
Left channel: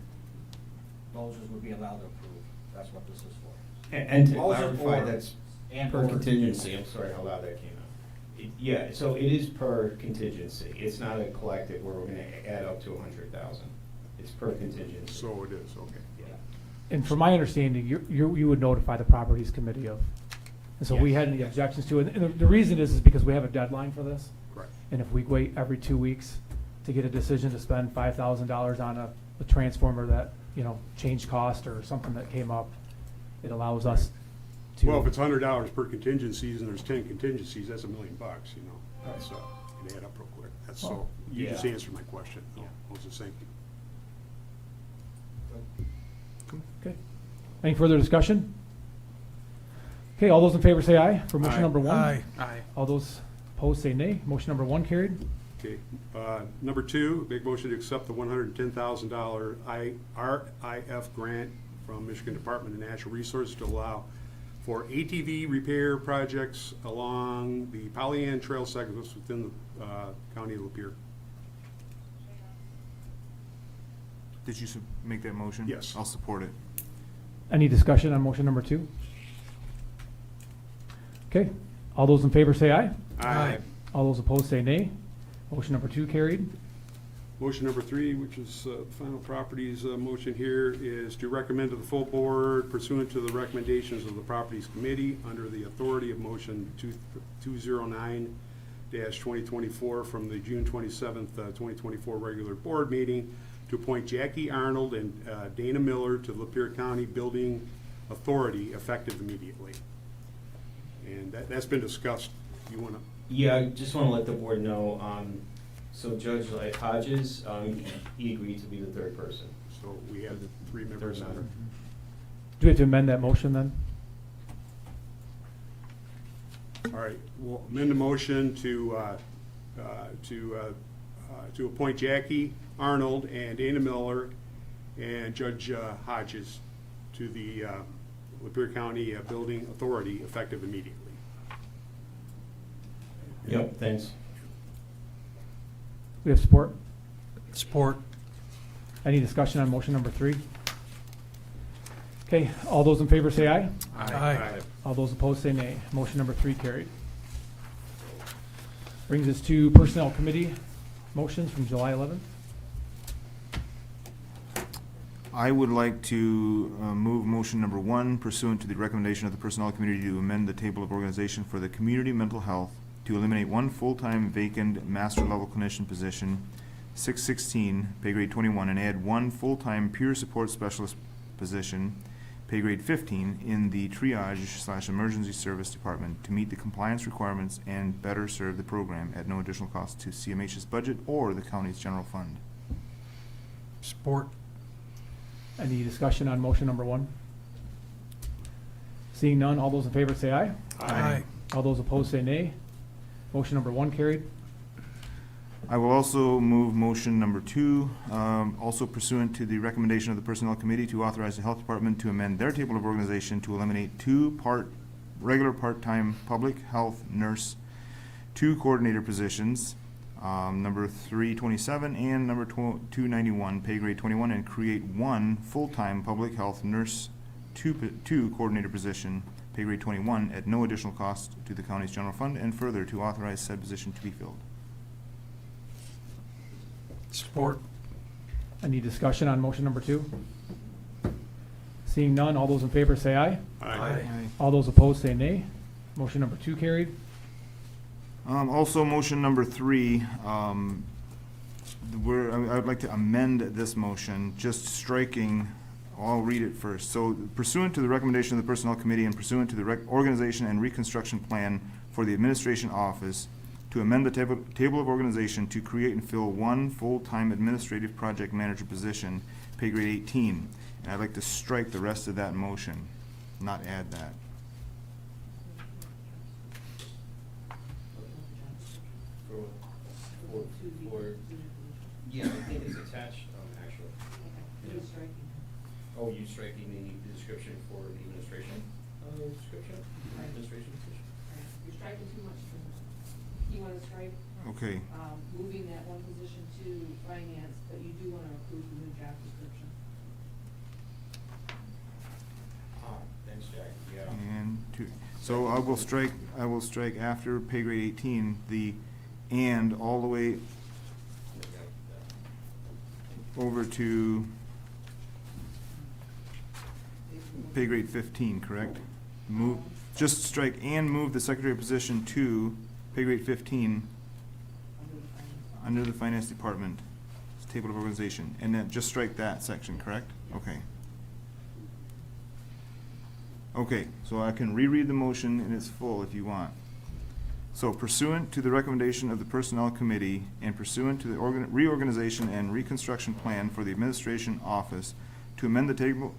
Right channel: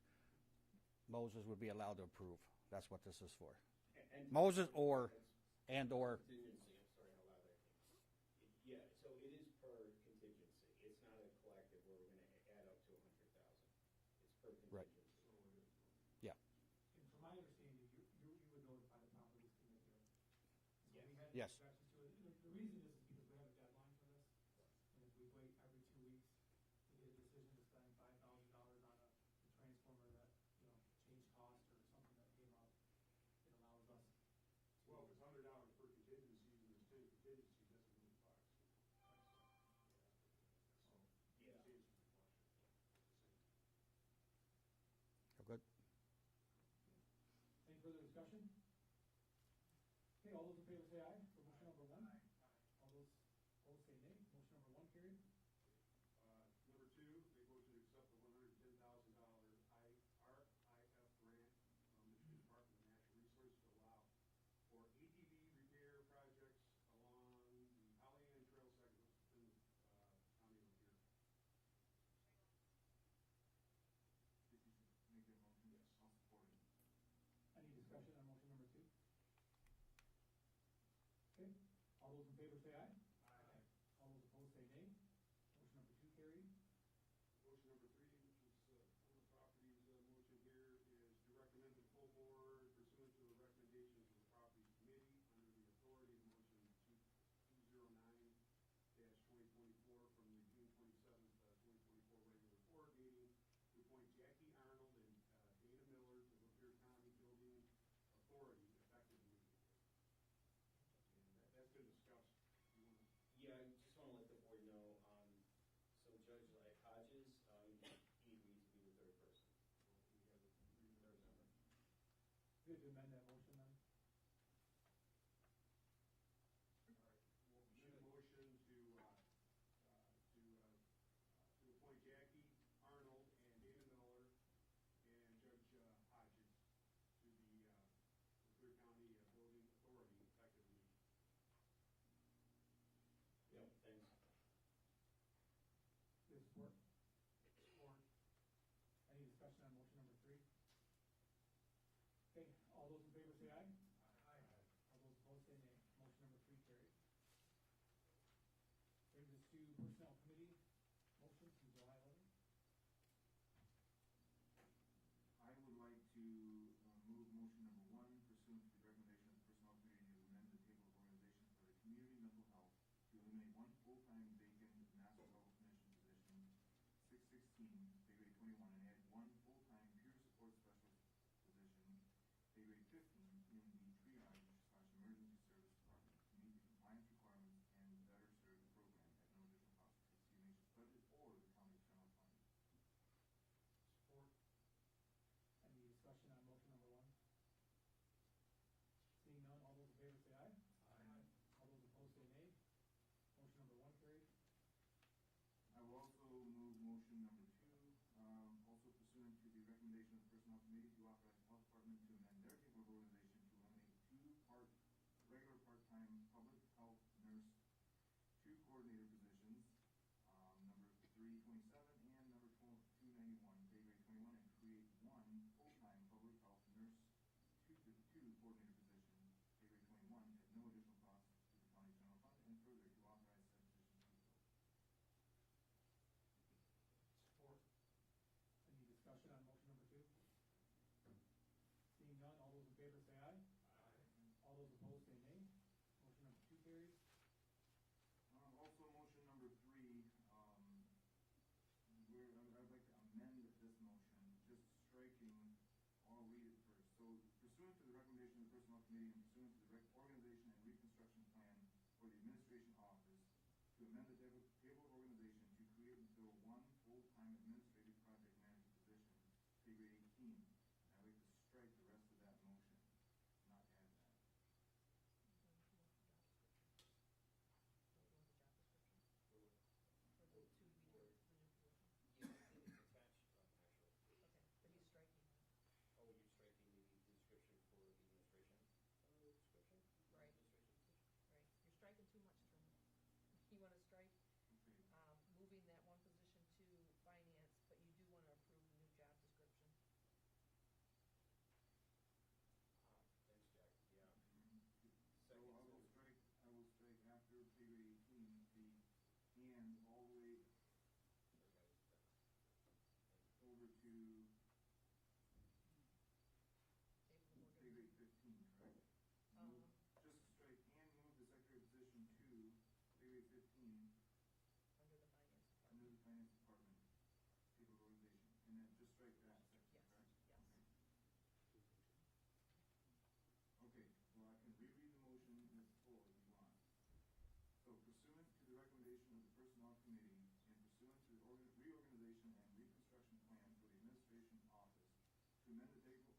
Moses would be allowed to approve. That's what this is for. And to Moses clarify, or- that's and per or- contingency, I'm sorry how loud that came out. Yeah, so it is per contingency, it's not a collective where we're gonna add up to 100,000, it's per contingency. So it is, okay. Yeah. And from my understanding, you would notify the Properties Committee of, and so we Yes. had any objections to it. And the reason is because we have a deadline for this. Correct. And if we wait every 2 weeks to get a decision to spend $5,000 on a transformer that, changed cost or something that came up, it allows us to. Well, if it's $100 per contingencies and there's 10 contingencies, that's $1 million, That's, it add up real quick. That's so, you just Yeah. answered my question. Yeah. Moses, thank you. Okay. Any further discussion? Okay, all those in favor say aye for motion Aye. number one. Aye. Aye. All those opposed say nay. Motion number one carried. Okay, number two, big motion to accept the $110,000 RIF grant from Michigan Department of Natural Resources to allow for ATV repair projects along the Pollyant Trail segments within the county of Lapeer. Did you make that motion? Yes. I'll support it. Any discussion on motion number two? Okay, all those in favor say aye. Aye. All those opposed say nay. Motion number two carried. Motion number three, which is final properties motion here, is to recommend to the full board pursuant to the recommendations of the Properties Committee under the authority of motion 209-2024 from the June 27th, 2024 regular board meeting to appoint Jackie Arnold and Dana Miller to the Lapeer County Building Authority effective immediately. And that's been discussed. You wanna? Yeah, I just wanna let the board know, so Judge Hodges, he agreed to be the third person. So we have the three members on member. it. Do we have to amend that motion then? All right, we'll amend the motion to appoint Jackie Arnold and Dana Miller and Judge Hodges to the Lapeer County Building Authority effective immediately. Yep, thanks. We have support? Support. Any discussion on motion number 3? Okay, all those in favor say aye. Aye. All those opposed say nay. Motion number 3 carried. Brings us to Personnel Committee motions from July 11th. I would like to move motion number 1 pursuant to the recommendation of the Personnel Committee to amend the table of organization for the community mental health to eliminate 1 full-time vacant master level clinician position, 616, pay grade 21, and add 1 full-time peer support specialist position, pay grade 15, in the triage/emergency service department to meet the compliance requirements and better serve the program at no additional cost to CMH's budget or the county's general fund. Support. Any discussion on motion number 1? Seeing none, all those in favor say aye. Aye. All those opposed say nay. Motion number 1 carried. I will also move motion number 2, also pursuant to the recommendation of the Personnel Committee to authorize the Health Department to amend their table of organization to eliminate 2 regular part-time public health nurse, 2 coordinator positions, number 327 and number 291, pay grade 21, and create 1 full-time public health nurse, 2 coordinator position, pay grade 21, at no additional cost to the county's general fund, and further to authorize said position to be filled. Support. Any discussion on motion number 2? Seeing none, all those in favor say aye. Aye. All those opposed say nay. Motion number 2 carried. Also, motion number 3, I would like to amend this motion, just striking, I'll read it first. So pursuant to the recommendation of the Personnel Committee and pursuant to the organization and reconstruction plan for the administration office, to amend the table of organization to create and fill 1 full-time administrative project manager position, pay grade 18. And I'd like to strike the rest of that motion, not add that. Yeah, I think it's attached, actually. Oh, you striking the description for the administration, description? Administration position? You're striking too much from that. You wanna strike, Okay, moving that 1 position to finance, but you do wanna approve the new job description. Thanks, Jack, yeah. and 2. So I will strike after pay grade 18, the and all the way over to pay grade 15, correct? Just strike and move the secretary position to pay grade 15 under the finance department, table of organization, and then just strike that section, correct? Okay. Okay, so I can reread the motion in its full if you want. So pursuant to the recommendation of the Personnel Committee and pursuant to the reorganization and reconstruction plan for the administration office to amend the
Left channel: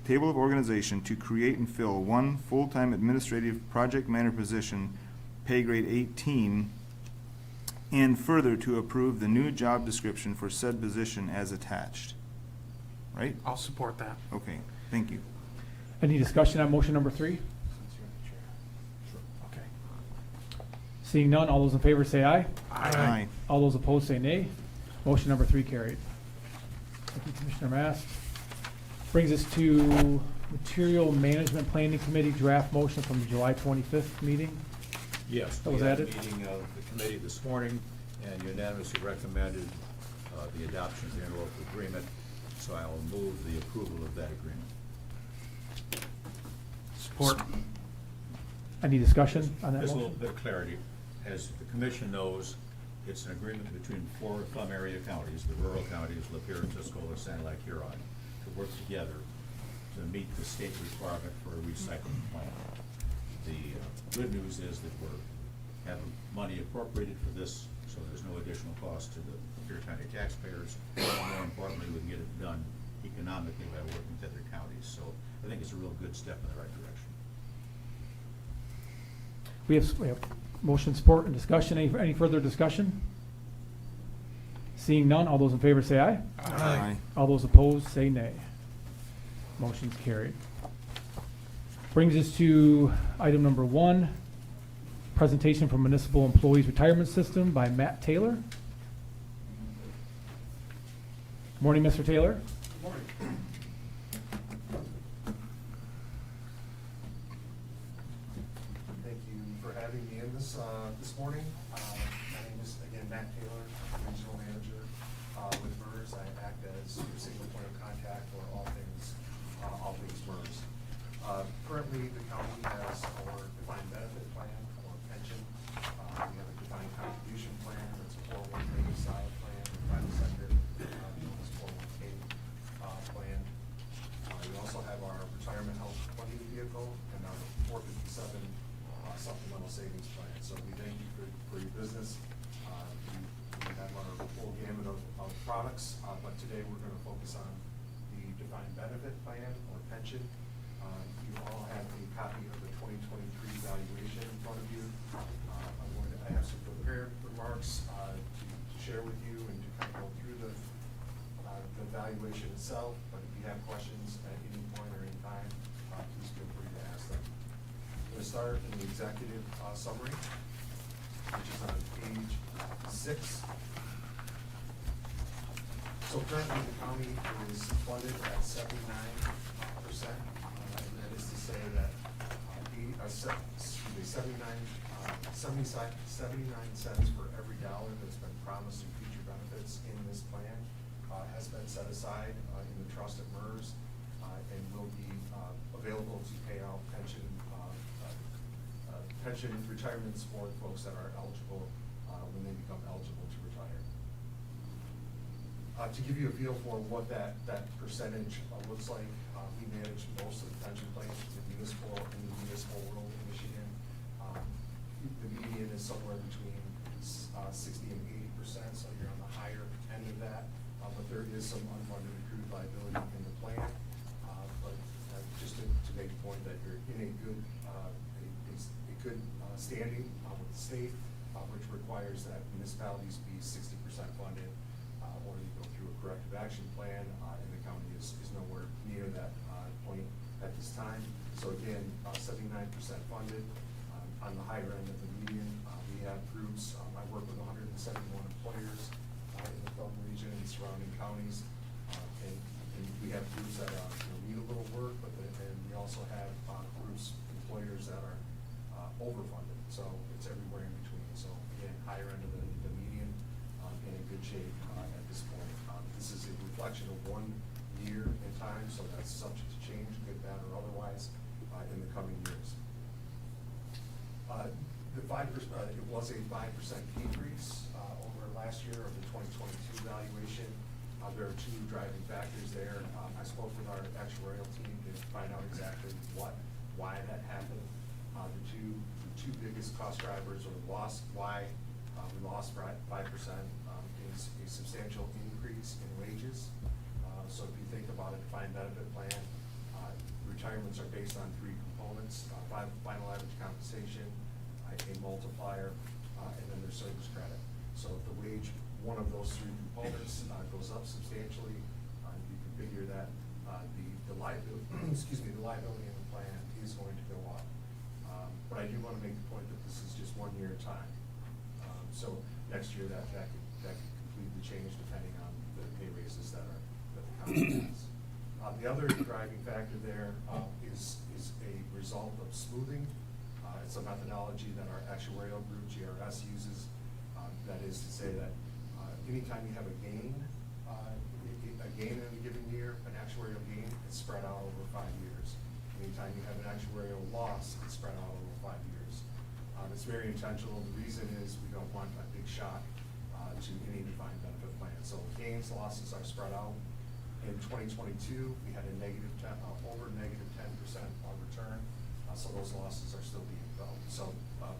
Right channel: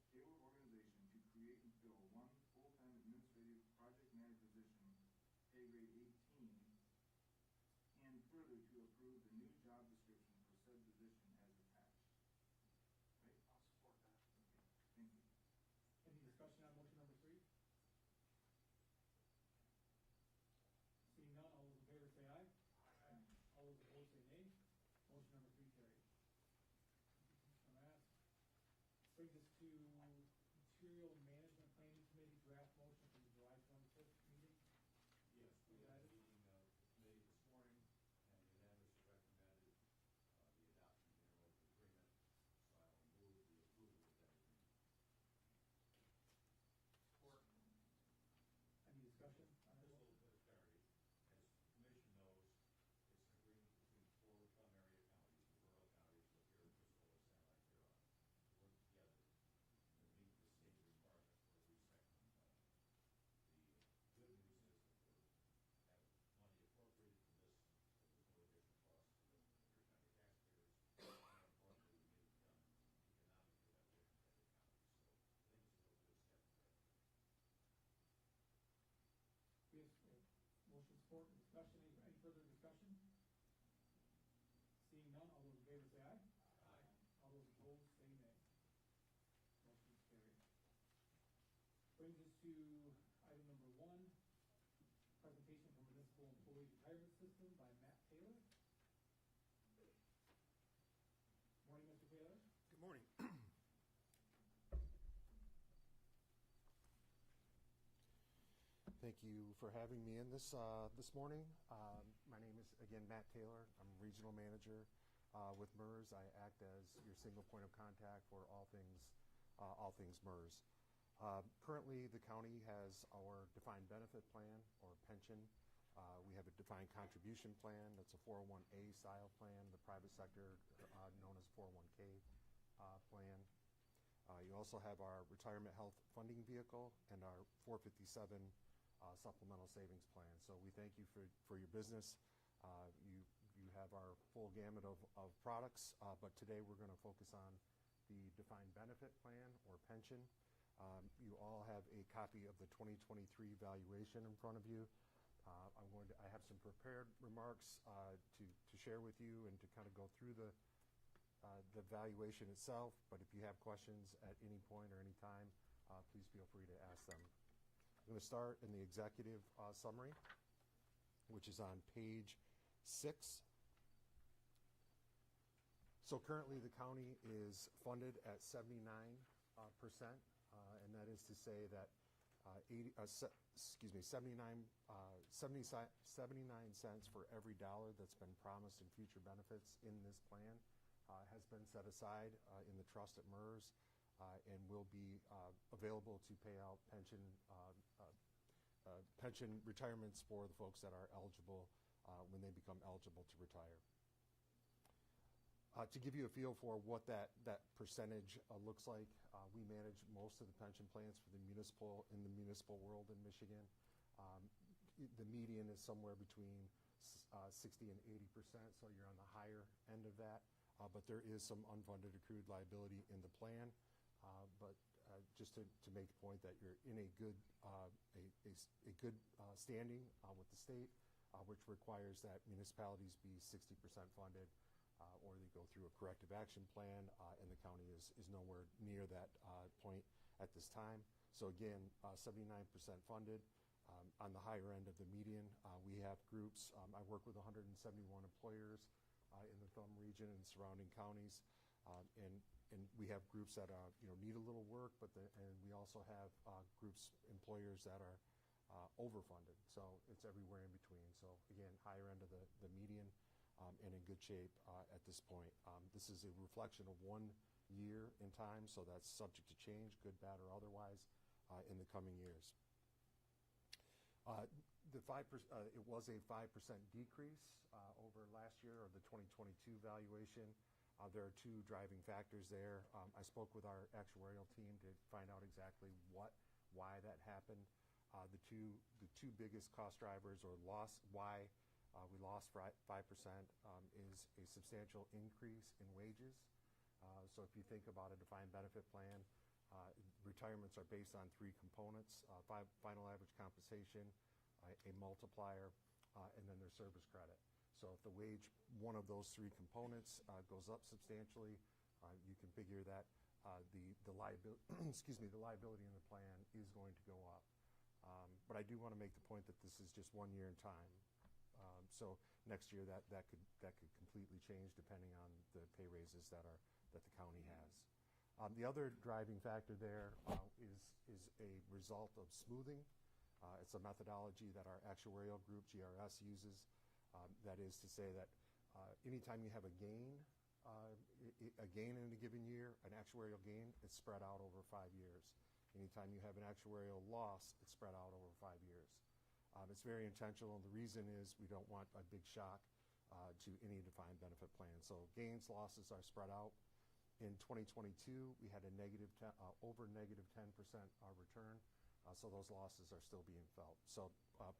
table of organization to create and fill 1 full-time administrative project manager position, pay grade 18, and further to approve the new job description for said position as attached. Right? I'll support that. Okay, thank you. Any discussion on motion number 3? Okay. Seeing none, all those in favor say aye. Aye. All those opposed say nay. Motion number 3 carried. Thank you, Commissioner Mast. Brings us to Material Management Planning Committee draft motion from the July 25th meeting. Yes, That we was had a added. meeting of the committee this morning and unanimously recommended the adoption of the interlocal agreement, so I will move the approval of that agreement. Support. Any discussion on that Just a motion? little bit of clarity. As the commission knows, it's an agreement between 4 Plum area counties, the rural counties, Lapeer, Tuscola, Sand Lake, Huron, to work together to meet the state requirement for a recycling plant. The good news is that we're having money appropriated for this, so there's no additional cost to the Lapeer County taxpayers. More importantly, we can get it done economically by working with other counties. So I think it's a real good step in the right direction. We have motion, support, and discussion. Any further discussion? Seeing none, all those in favor say aye. Aye. All those opposed say nay. Motion's carried. Brings us to item number 1, presentation from Municipal Employees Retirement System by Matt Taylor. Morning, Mr. Taylor. this morning. My name is, again, Matt Taylor, I'm the Regional Manager with MERS. I act as your single point of contact for all things MERS. Currently, the county has our defined benefit plan or pension. We have a defined contribution plan, that's a 401k style plan, the private sector, known as 401k plan. We also have our retirement health funding vehicle and our 457 supplemental savings plan. So we thank you for your business. We have our full gamut of products, but today we're going to focus on the defined benefit plan or pension. You all have a copy of the 2023 valuation in front of you. I have some prepared remarks to share with you and to kind of go through the valuation itself, but if you have questions at any point or any time, please feel free to ask them. I'm going to start in the executive summary, which is on page 6. So currently the county is funded at 79%, and that is to say that 79 cents for every dollar that's been promised in future benefits in this plan has been set aside in the trust at MERS and will be available to pay out pension retirements for folks that are eligible when they become eligible to retire. To give you a feel for what that percentage looks like, we manage most of the pension plans in the municipal world in Michigan. The median is somewhere between 60 and 80%, so you're on the higher end of that. But there is some unfunded accrued liability in the plan. But just to make the point that you're in a good standing with the state, which requires that municipalities be 60% funded, or you go through a corrective action plan, and the county is nowhere near that point at this time. So again, 79% funded, on the higher end of the median. We have groups, I work with 171 employers in the Felton region and surrounding counties, and we have groups that need a little work, but and we also have groups, employers that are overfunded. So it's everywhere in between. So again, higher end of the median, and in good shape at this point. This is a reflection of 1 year in time, so that's subject to change, good, bad, or otherwise, in the coming years. It was a 5% decrease over last year of the 2022 valuation. There are 2 driving factors there. I spoke with our actuarial team to find out exactly why that happened. The two biggest cost drivers, or why we lost 5%, is a substantial increase in wages. So if you think about a defined benefit plan, retirements are based on 3 components: final average compensation, a multiplier, and then there's service credit. So if the wage, one of those 3 components goes up substantially, you can figure that the liability, the liability in the plan is going to go up. But I do want to make the point that this is just 1 year at a time. So next year that could completely change depending on the pay raises that the county has. The other driving factor there is a result of smoothing. It's a methodology that our actuarial group, GRS, uses. That is to say that anytime you have a gain in a given year, an actuarial gain, it's spread out over 5 years. Anytime you have an actuarial loss, it's spread out over 5 years. It's very intentional. The reason is we don't want a big shock to any defined benefit plan. So gains, losses are spread out. In 2022, we had over negative 10% return, so those losses are still being felt. So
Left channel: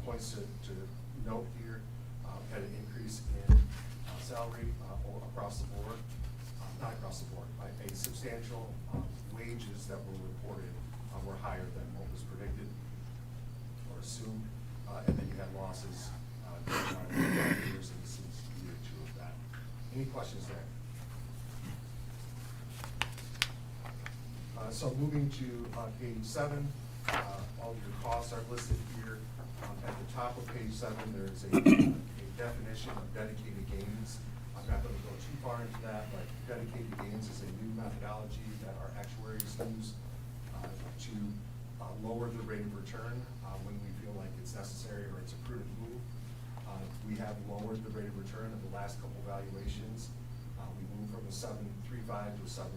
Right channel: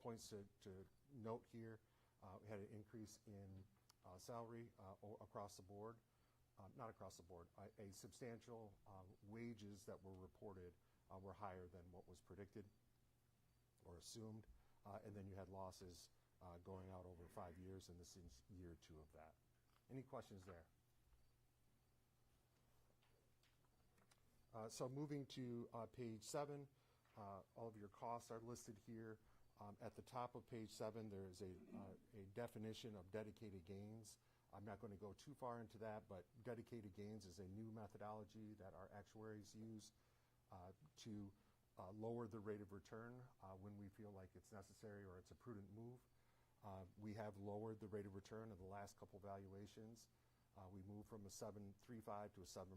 points to note here, had an increase in salary across the board, not across the board, a substantial wages that were reported were higher than what was predicted or assumed, and then you had losses going on in 5 years, and this is year 2 of that. Any questions there? So moving to page 7, all of your costs are listed here. At the top of page 7, there's a definition of dedicated gains. I'm not going to go too far into that, but dedicated gains is a new methodology that our actuaries use to lower the rate of return when we feel like it's necessary or it's a prudent return of the last couple valuations. We moved from a 7.35 to a 7%,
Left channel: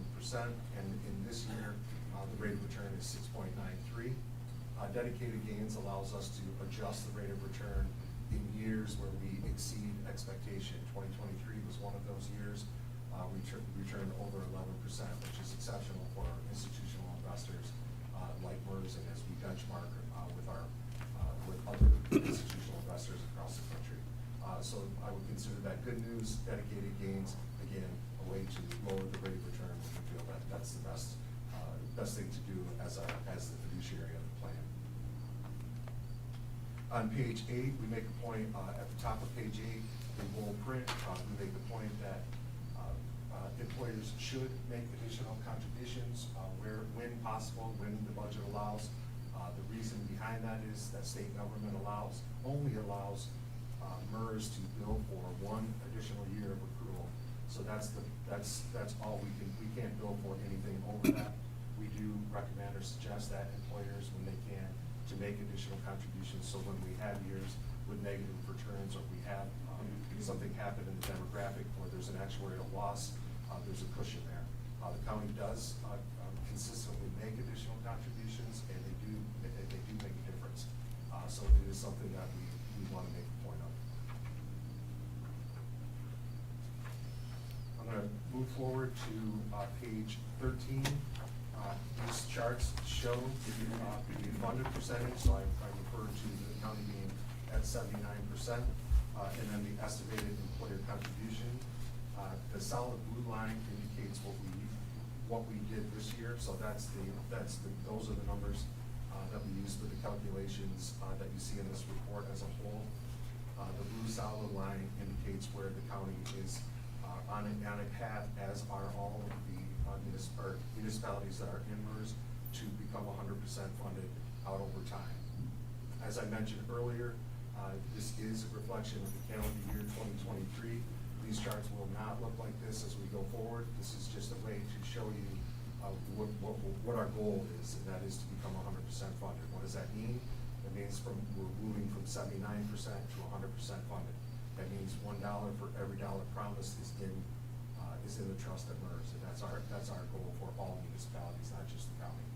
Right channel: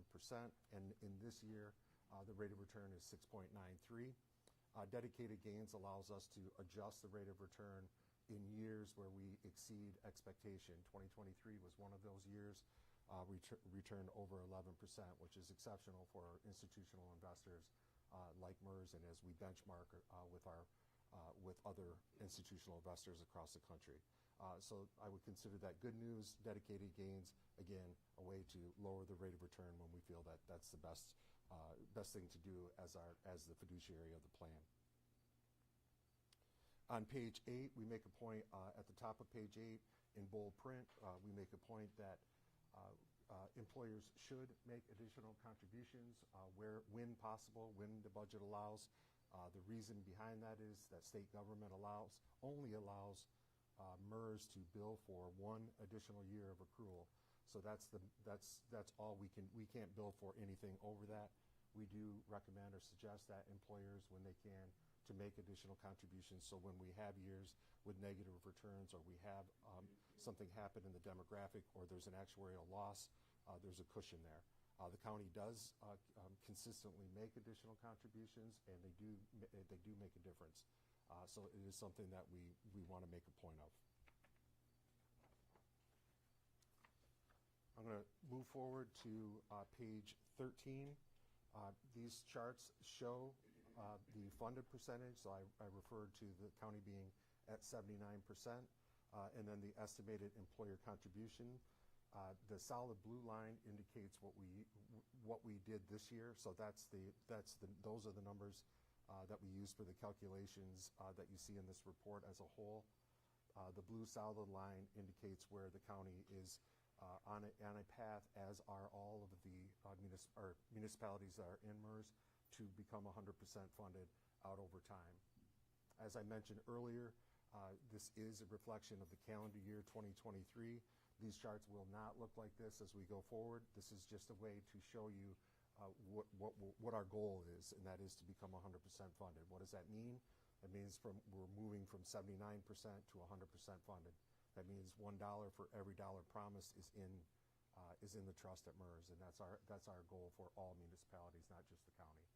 and in this year, the rate of return is 6.93. Dedicated gains allows us to adjust the rate of return in years where we exceed expectation. 2023 was one of those years. We returned over 11%, which is exceptional for institutional investors like MERS, and as we benchmark with other institutional investors across the country. So I would consider that good news. Dedicated gains, again, a way to lower the rate of return when we feel that that's the best thing to do as the fiduciary of the plan. On page 8, we make a point, at the top of page 8, in bold print, we make the point that employers should make additional contributions when possible, when the budget allows. The reason behind that is that state government only allows MERS to bill for one additional year of accrual. So that's all we can't bill for anything over that. We do recommend or suggest that employers, when they can, to make additional contributions. So when we have years with negative returns, or we have something happen in the demographic, or there's an actuarial loss, there's a cushion there. The county does consistently make additional contributions, and they do make a difference. So it is something that we want to make a point of. I'm going to move forward to page 13. These charts show the funded percentage, so I refer to the county being at 79%, and then the estimated employer contribution. The solid blue line indicates what we did this year, so those are the numbers that we use for the calculations that you see in this report as a whole. The blue solid line indicates where the county is on a path, as are all of the municipalities that are in MERS, to become 100% funded out over time. As I mentioned earlier, this is a reflection of the calendar year 2023. These charts will not look like this as we go forward. This is just a way to show you what our goal is, and that is to become 100% funded. What does that mean? That means we're moving from 79% to 100% funded. That means $1 for every dollar promised is in the trust at MERS, and that's our goal for all municipalities, not just the county.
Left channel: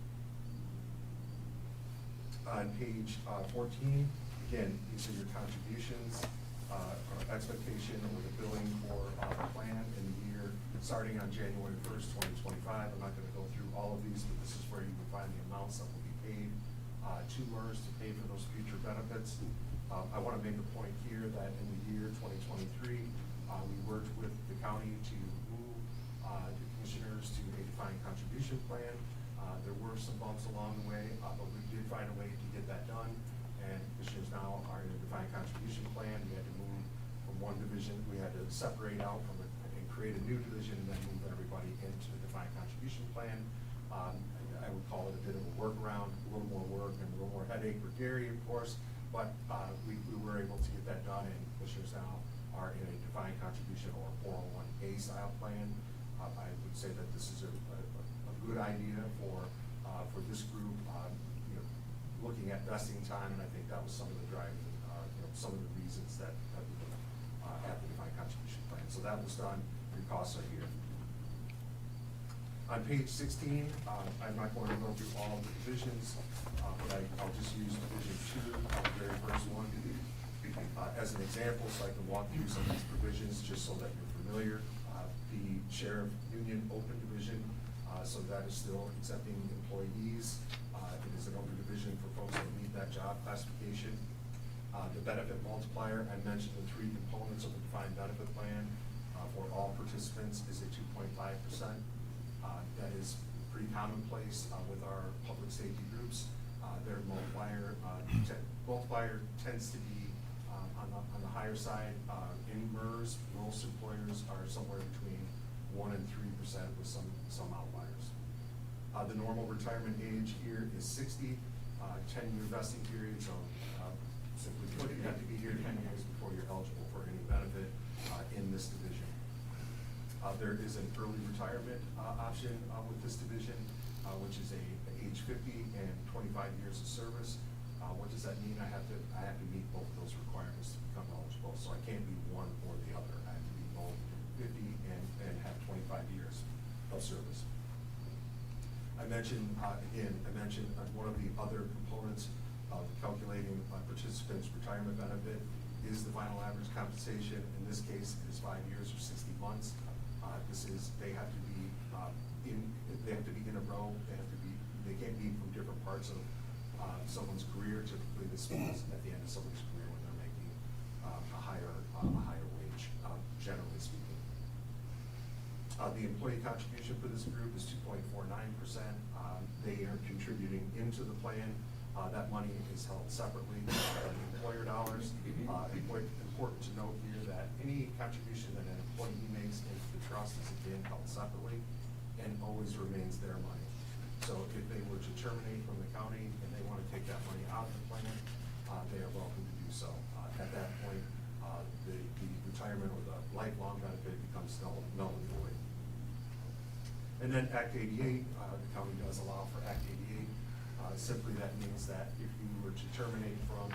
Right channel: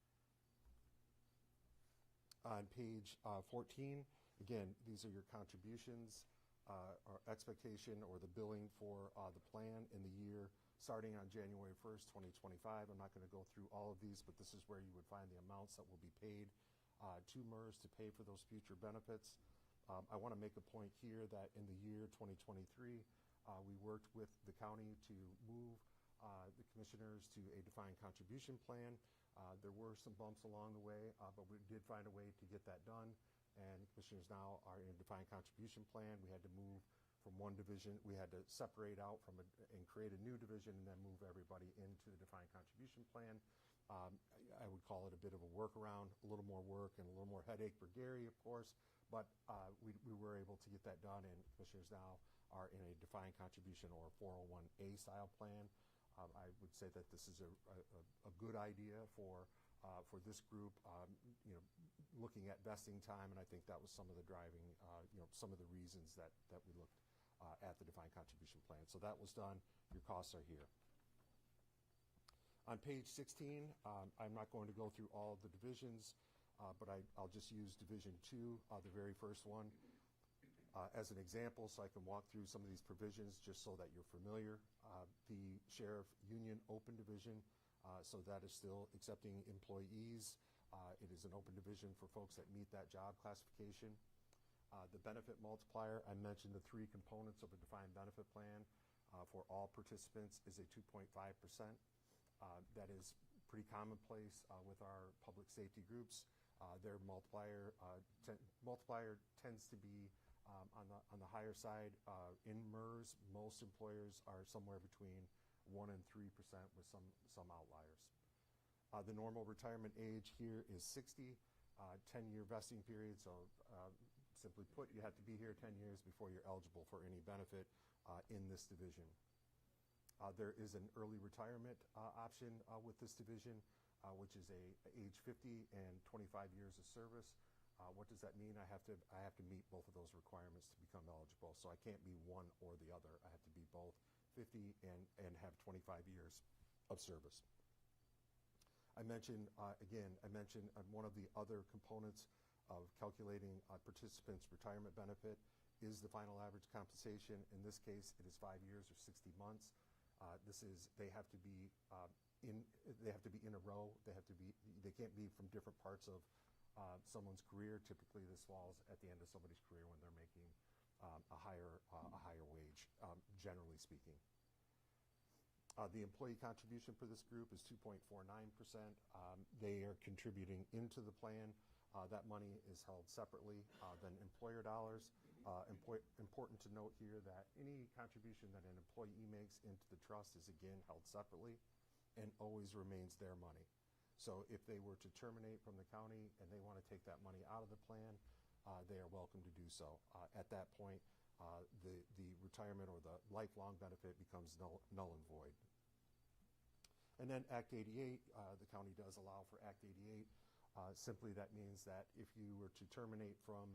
On page 14, again, these are your contributions, our expectation or the billing for the plan in the year starting on January 1st, 2025. I'm not going to go through all of these, but this is where you will find the amounts that will be paid to MERS to pay for those future benefits. I want to make a point here that in the year 2023, we worked with the county to move the commissioners to a defined contribution plan. There were some bumps along the way, but we did find a way to get that done, and commissioners now are in a defined contribution plan. We had to move from one division, we had to separate out from it and create a new division, and then move everybody into the defined contribution plan. I would call it a bit of a workaround, a little more work and a little more headache for Gary, of course, but we were able to get that done, and commissioners now are in a defined contribution or 401A style plan. I would say that this is a good idea for this group, looking at vesting time, and I think that was some of the driving, some of the reasons that we have the defined contribution plan. So that was done, your costs are here. On page 16, I'm not going to go through all the divisions, but I'll just use division 2, the very first one, as an example, so I can walk through some of these provisions just so that you're familiar. The Sheriff Union Open Division, so that is still accepting employees. It is an open division for folks that meet that job classification. The benefit multiplier, I mentioned the 3 components of the defined benefit plan for all participants is a 2.5%. That is pretty commonplace with our public safety groups. Their multiplier tends to be on the higher side. In MERS, most employers are somewhere between 1% and 3% with some outliers. The normal retirement age here is 60, 10-year vesting period, so simply put, you have to be here 10 years before you're eligible for any benefit in this division. There is an early retirement option with this division, which is age 50 and 25 years of service. What does that mean? I have to meet both of those requirements to become eligible, so I can't be one or the other. final average compensation. In this case, it is 5 years or 60 months. They have to be in a row. They can't be from different parts of someone's career. Typically, this falls at the end of someone's career when they're making a higher wage, generally speaking. The employee contribution for this group is 2.49%. They are contributing into the plan. That money is held separately from the employer dollars. Important to note here that any contribution that an employee makes into the trust is again held separately and always remains their money. So if they were to terminate from the county and they want to take that money out of the plan, they are welcome to do so. At that point, the retirement or the lifelong benefit becomes null and void. And then Act 88, the county does allow for Act 88. Simply that means that if you were to terminate from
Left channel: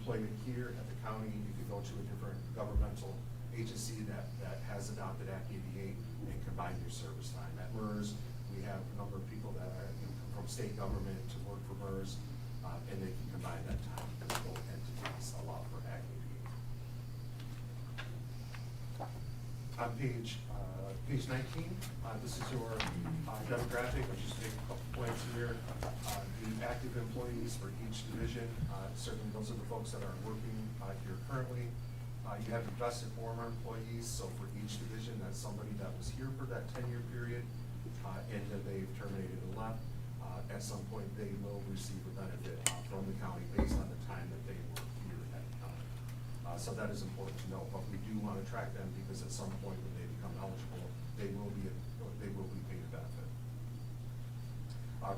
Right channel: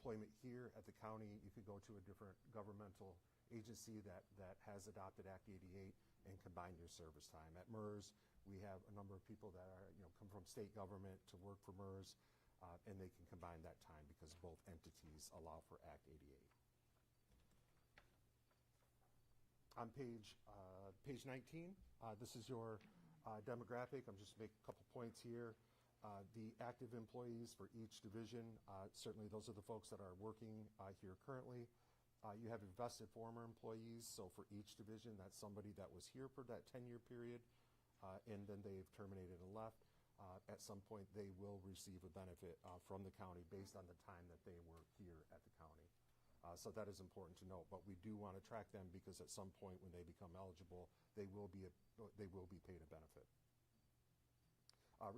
employment here at the county, you could go to a different governmental agency that has adopted Act 88 and combine your service time. At MERS, we have a number of people that are come from state government to work for MERS, and they can combine that time because both entities allow for Act 88. On page 19, this is your demographic. I'll just make a couple points here. The active employees for each division, certainly those are the folks that are working here currently. You have invested former employees, so for each division, that's somebody that was here for that 10-year period, and that they've terminated and left. At some point, they will receive a benefit from the county based on the time that they were here at the county. So that is important to know, but we do want to track them because at some point when they become eligible, they will be paid a benefit.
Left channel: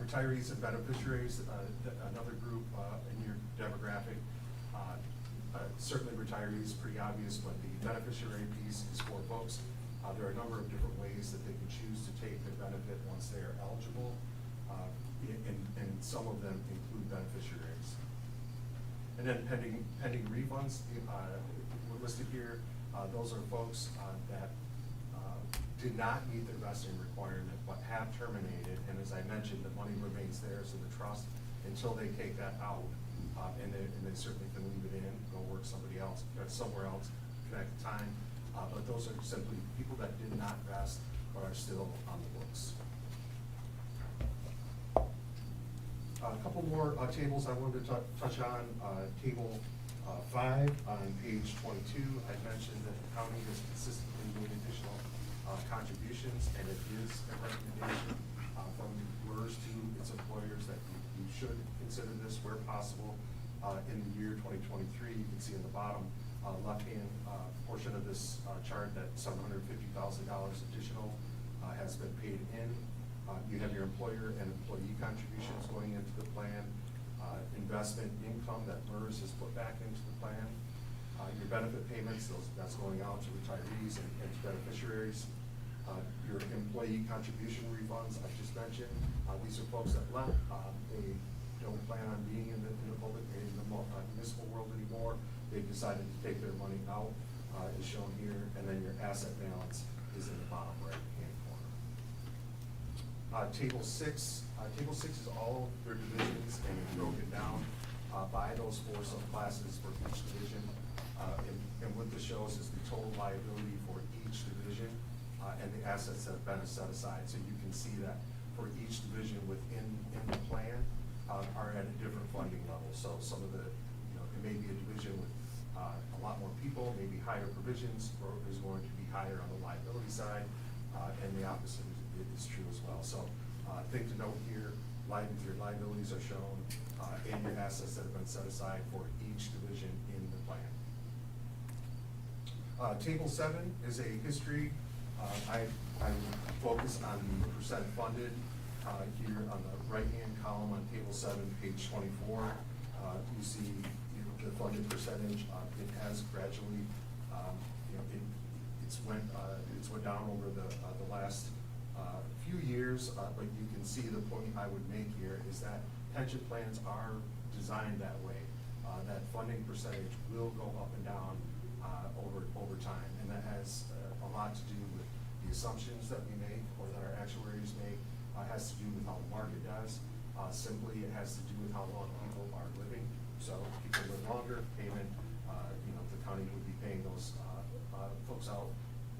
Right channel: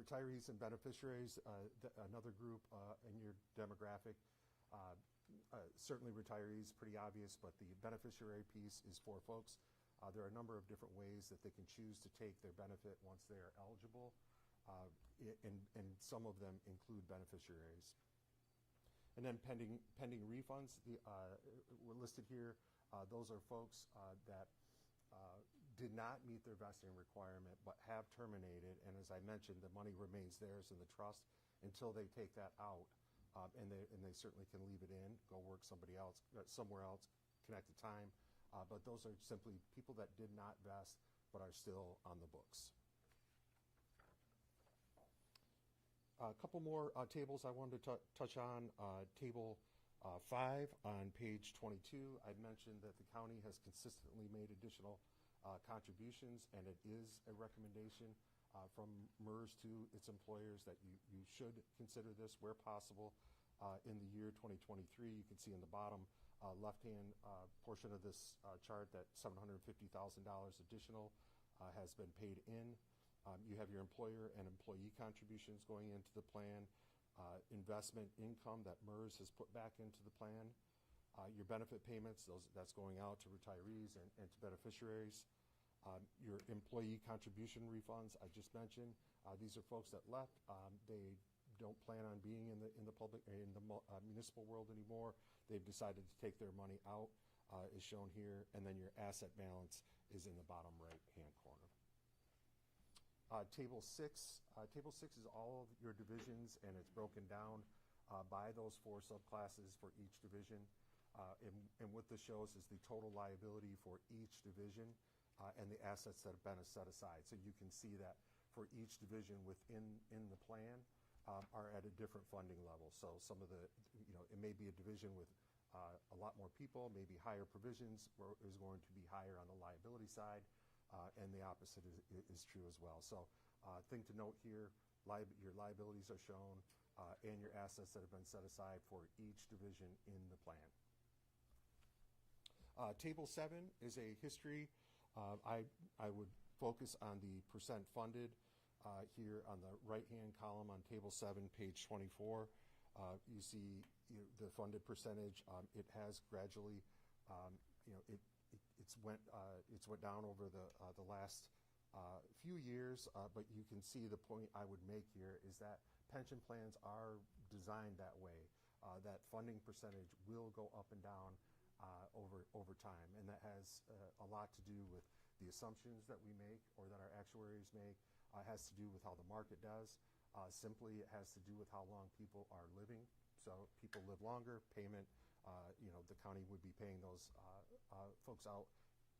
Retirees and beneficiaries, another group in your demographic. Certainly retirees, pretty obvious, but the beneficiary piece is for folks. There are a number of different ways that they can choose to take their benefit once they are eligible, and some of them include beneficiaries. And then pending refunds, we're listed here. Those are folks that did not meet the vesting requirement but have terminated, and as I mentioned, the money remains theirs in the trust until they take that out, and they certainly can leave it in, go work somewhere else, connect time, but those are simply people that did not vest but are still on the books. A couple more tables I wanted to touch on. Table 5 on page 22, I mentioned that the county has consistently made additional contributions, and it is a recommendation from MERS to its employers that you should consider this where possible. In the year 2023, you can see in the bottom left-hand portion of this chart that $750,000 additional has been paid in. You have your employer and employee contributions going into the plan, investment income that MERS has put back into the plan, your benefit payments, that's going out to retirees and to beneficiaries, your employee contribution refunds I just mentioned. These are folks that left. They don't plan on being in the municipal world anymore. They've decided to take their money out, as shown here, and then your asset balance is in the bottom right-hand corner. Table 6 is all of your divisions, and it's broken down by those 4 subclasses for each division. And what this shows is the total liability for each division and the assets that have been set aside. So you can see that for each division within the plan are at a different funding level. So some of the, it may be a division with a lot more people, maybe higher provisions, or is going to be higher on the liability side, and the opposite is true as well. So thing to note here, your liabilities are shown and your assets that have been set aside for each division in the plan. Table 7 is a history. I focus on the percent funded here on the right-hand column on table 7, page 24. You see the funded percentage. It has gradually, it's went down over the last few years, but you can see the point I would make here is that pension plans are designed that way. That funding percentage will go up and down over time, and that has a lot to do with the assumptions that we make or that our actuaries make. Has to do with how the market does. Simply, it has to do with how long people are living. So if people live longer, payment county would be paying those folks out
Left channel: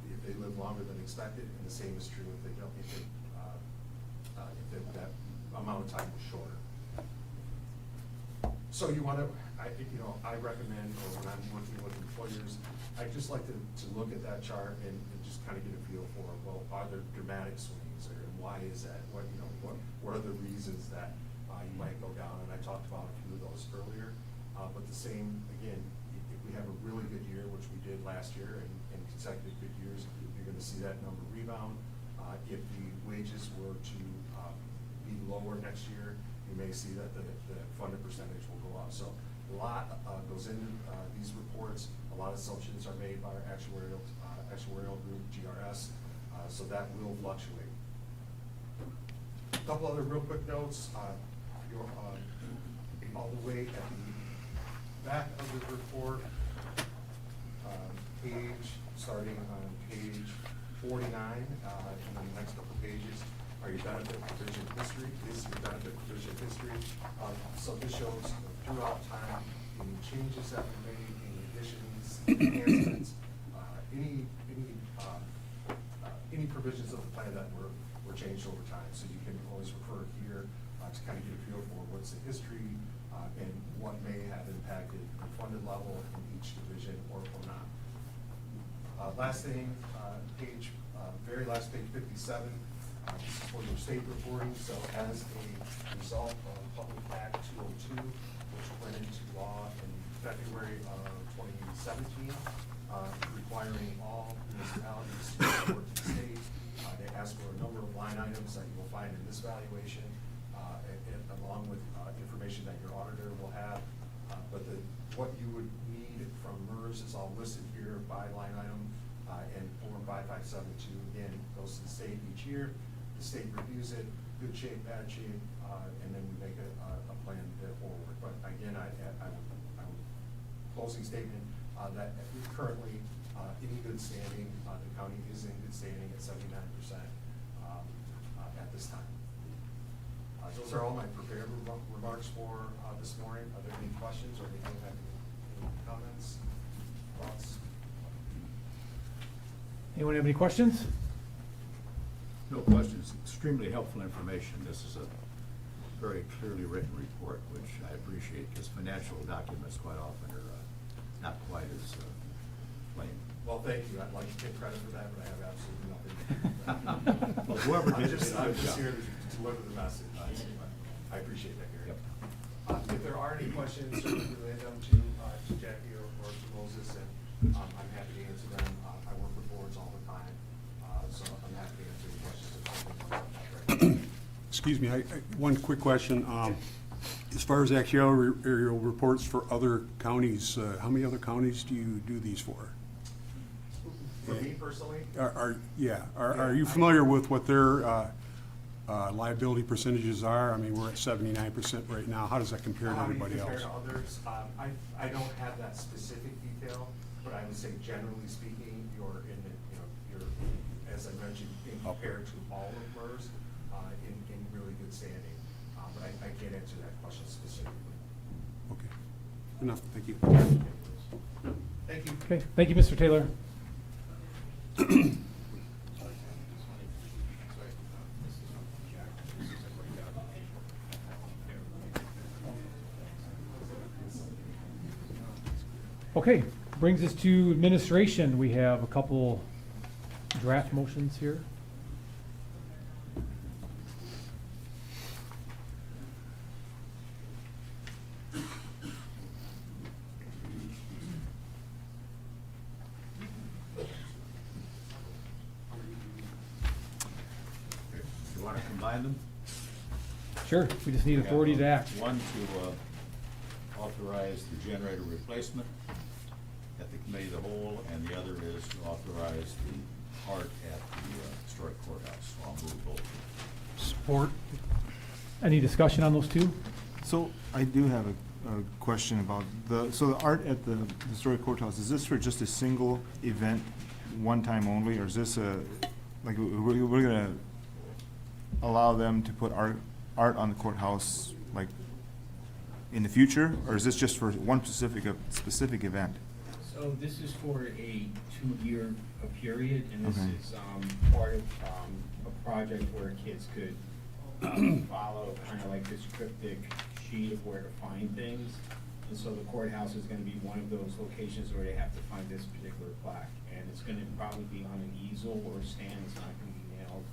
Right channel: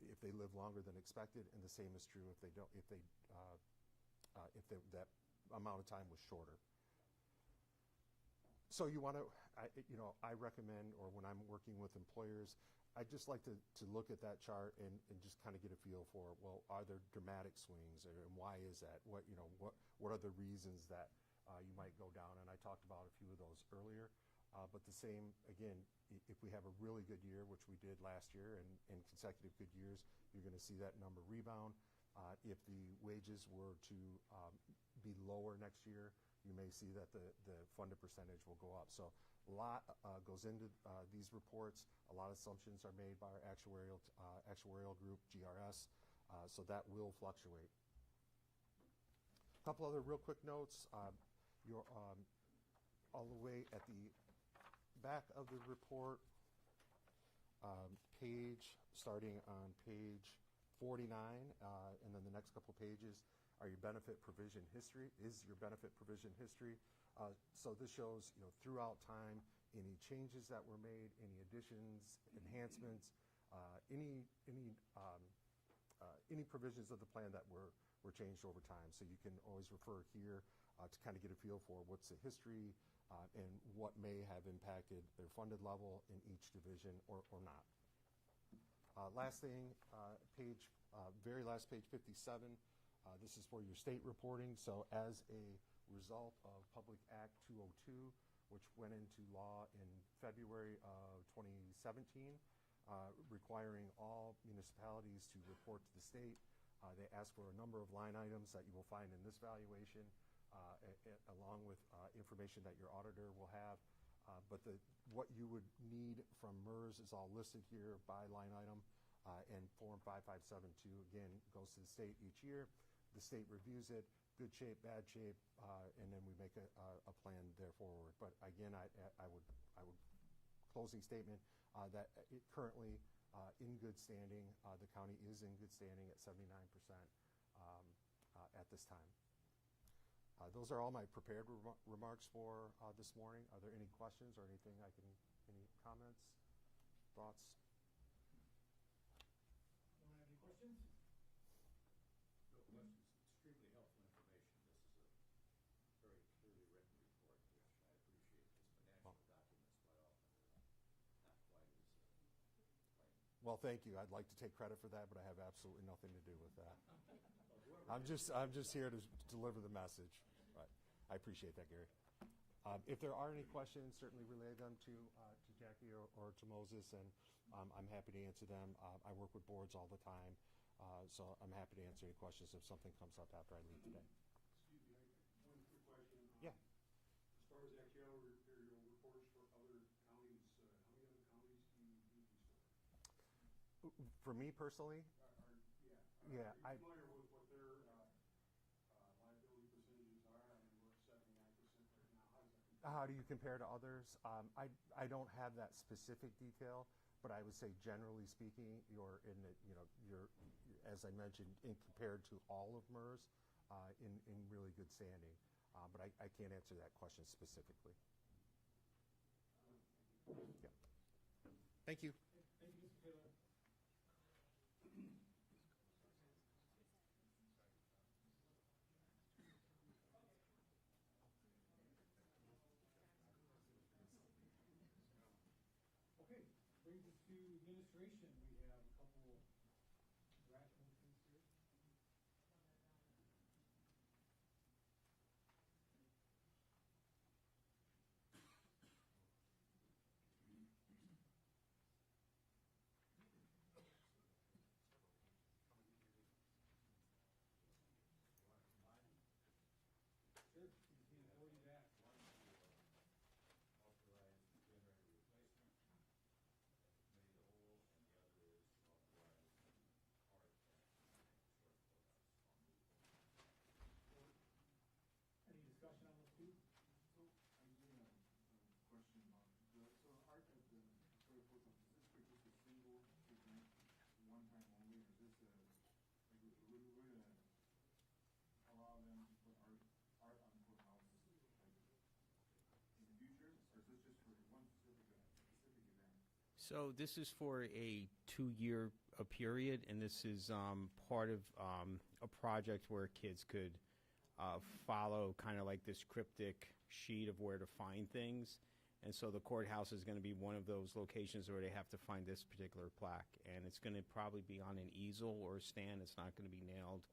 if they live longer than expected, and the same is true if they don't, if that amount of time was shorter. So you want to, I recommend, or when I'm working with employers, I just like to look at that chart and just kind of get a feel for, well, are there dramatic swings, or why is that? What are the reasons that you might go down? And I talked about a few of those earlier. But the same, again, if we have a really good year, which we did last year, and consecutive good years, you're going to see that number rebound. If the wages were to be lower next year, you may see that the funded percentage will go up. So a lot goes into these reports. A lot of assumptions are made by our actuarial group, GRS, so that will fluctuate. A couple other real quick notes. All the way at the back of the report, starting on page 49, and then the next couple pages are your benefit provision history. This is your benefit provision history. So this shows throughout time any changes that were made, any additions, enhancements, any provisions of the plan that were changed over time. So you can always refer here to kind of get a feel for what's the history and what may have impacted the funded level in each division or not. Last thing, very last page 57, this is for your state reporting. So as a result of Public Act 202, which went into law in February of 2017, requiring all municipalities to report to the state, they ask for a number of line items that you will find in this valuation, along with information that your auditor will have. But what you would need from MERS is all listed here by line item, and Form 5572 again goes to the state each year. The state reviews it, good shape, bad shape, and then we make a plan to forward. But again, I would closing statement that currently in good standing, the county is in good standing at 79% at this time. Those are all my prepared remarks for this morning. Are there any questions or anything that any comments, thoughts? Anyone have any questions? No questions. Extremely helpful information. This is a very clearly written report, which I appreciate, because financial documents quite often are not quite as plain. Well, thank you. I'd like to take credit for that, but I have absolutely nothing to do with that. Well, whoever did I'm it, just good here job. to deliver the message. I appreciate that, Gary. If there are any questions, certainly relay them to Jackie or to Moses, and I'm happy to answer them. I work with boards all the time, so I'm happy to answer any questions if something comes up right now. Excuse me, one quick question. As far as actuarial reports for other counties, how many other counties do you do these for? For me personally? Are you familiar with what their liability percentages are? I mean, we're at 79% right now. How does that compare to everybody else? Compared to others, I don't have that specific detail, but I would say generally speaking, you're in the, you're, as I mentioned, compared to all of MERS, in really good standing. But I can't answer that question specifically. Okay, enough, thank you. Thank you. Okay, thank you, Mr. Taylor. Okay, brings us to administration. We have a couple draft motions here. You want to combine them? Sure, we just need authority to act. One to authorize the generator replacement at the committee of the whole, and the other is to authorize the art at the historic courthouse. So I'll move both. Support. Any discussion on those two? So I do have a question about so the art at the historic courthouse, is this for just a single event, one time only, or is this like we're gonna allow them to put art on the courthouse like in the future, or is this just for one specific event? So So this is for a 2-year period, and this Okay. is, part of, a project where kids could, follow kind of like this cryptic sheet of where to find things. And so the courthouse is gonna be one of those locations where you have to find this particular plaque. And it's gonna probably be on an easel or a stand, it's not gonna be nailed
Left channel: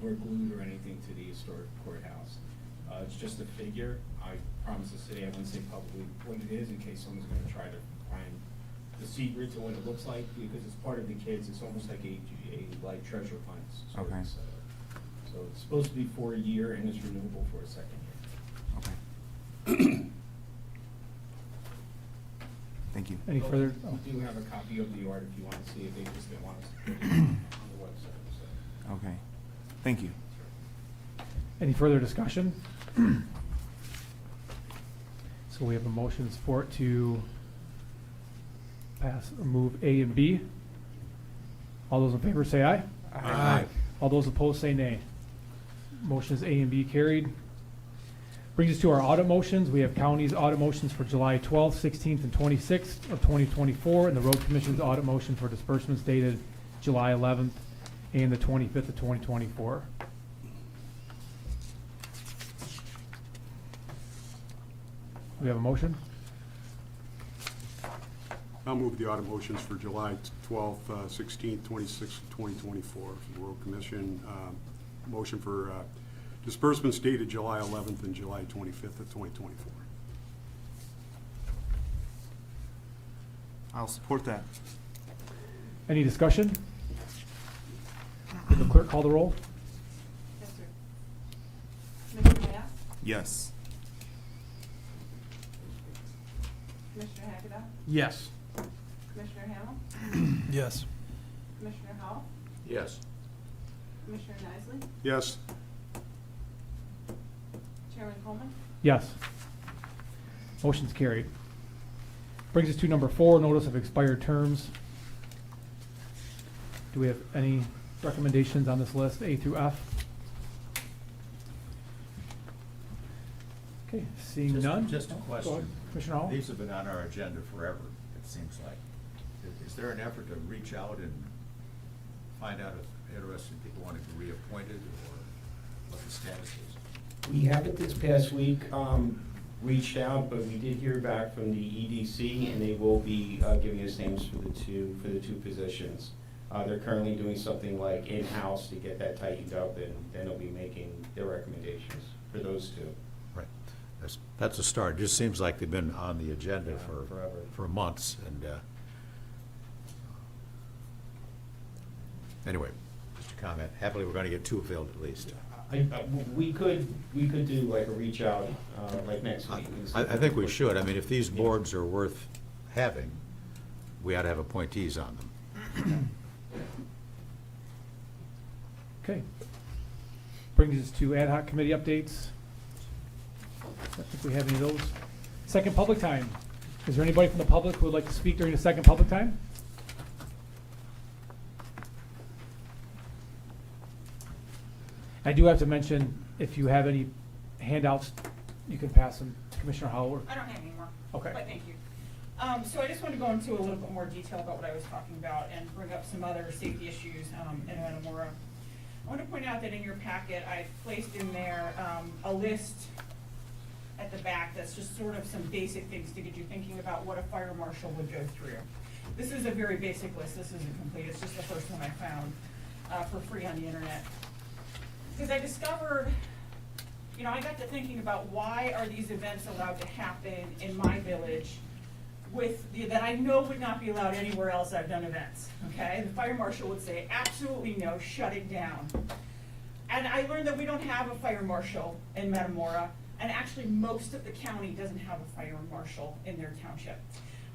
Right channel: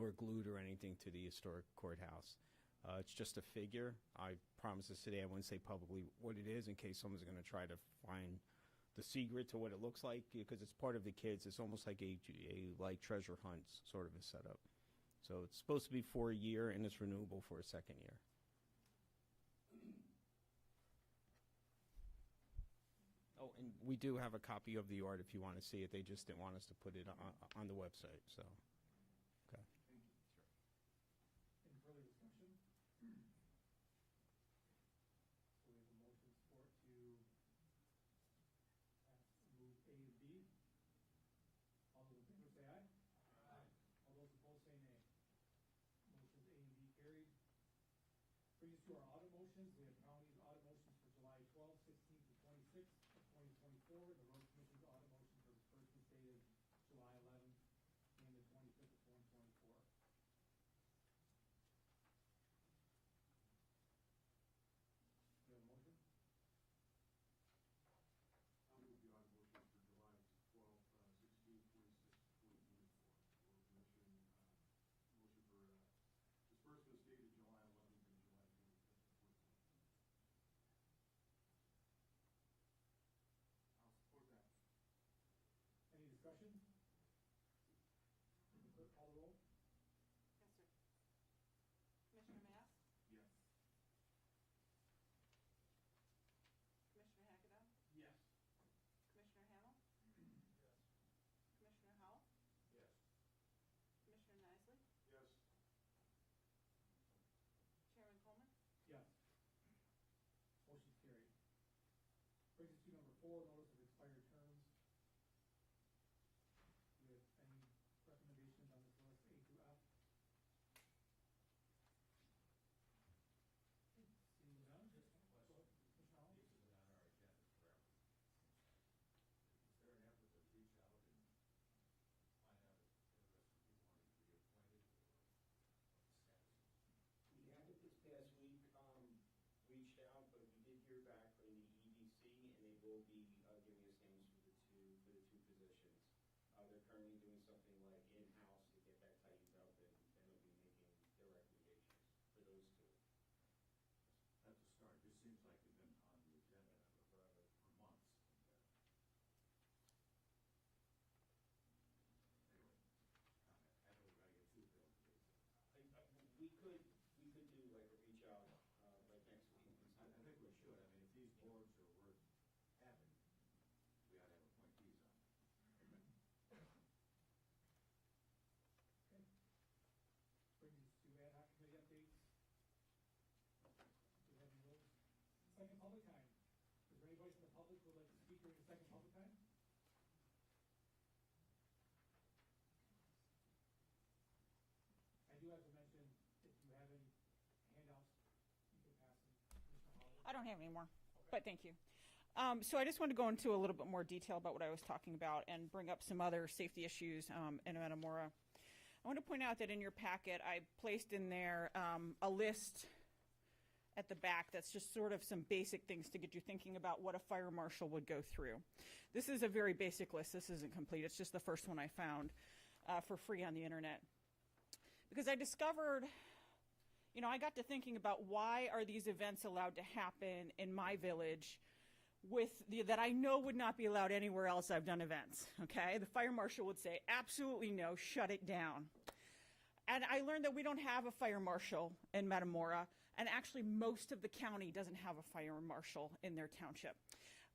or glued or anything to the historic courthouse. It's just a figure. I promise to say, I wouldn't say publicly what it is in case someone's gonna try to find the secrets of what it looks like, because it's part of the kids, it's almost like a like treasure hunts sort Okay. of setup. So it's supposed to be for a year and it's renewable for a second year. Okay. Thank you. Any But further? We do have a copy of the art if you wanna see it, they just didn't want us to put it on the website, so. Okay. Thank you. Any further discussion? So we have a motion and support to pass or move A and B. All those in favor say aye. Aye. All those opposed say nay. Motions A and B carried. Brings us to our audit motions. We have county's audit motions for July 12th, 16th, and 26th of 2024, and the road commission's audit motion for disbursements dated July 11th and the 25th of 2024. We have a motion? I'll move the audit motions for July 12th, 16th, 26th, and 2024 for the Road Commission. Motion for disbursements dated July 11th and July 25th of 2024. I'll support that. Any discussion? Will the clerk call the roll? Yes, sir. Commissioner Hess? Yes. Commissioner Hagedorn? Yes. Commissioner Hamel? Yes. Commissioner Howell? Yes. Commissioner Nicely? Yes. Chairman Coleman? Yes. Motion's carried. Brings us to number 4, notice of expired terms. Do we have any recommendations on this list, A through F? Okay, seeing none. Just a Go ahead, question. Commissioner Hall? These have been on our agenda forever, it seems like. Is there an effort to reach out and find out if interested people want to be reappointed or what the status is? We haven't this past week, reached out, but we did hear back from the EDC, and they will be, giving us names for the two positions. They're currently doing something like in-house to get that tightened up, and then they'll be making their recommendations for those two. Right. That's a start. It just seems like they've been on the agenda Forever. for months, and, anyway, just a comment. Happily, we're gonna get 2 filled at least. We could do like a reach out, like next week. and see I if think we can- should. I mean, if these boards are worth having, we ought to have appointees on them. Okay. Brings us to ad hoc committee updates. I don't think we have any of those. Second public time. Is there anybody from the public who would like to speak during the second public time? I do have to mention, if you have any handouts, you can pass them to Commissioner Howell. I don't have any more. Okay. But thank you. So I just wanted to go into a little bit more detail about what I was talking about and bring up some other safety issues in Metamora. I want to point out that in your packet, I placed in there a list at the back that's just sort of some basic things to get you thinking about what a fire marshal would go through. This is a very basic list. This isn't complete. It's just the first one I found for free on the internet. Because I discovered, I got to thinking about why are these events allowed to happen in my village that I know would not be allowed anywhere else I've done events, okay? The fire marshal would say, absolutely no, shut it down. And I learned that we don't have a fire marshal in Metamora, and actually most of the county doesn't have a fire marshal in their township.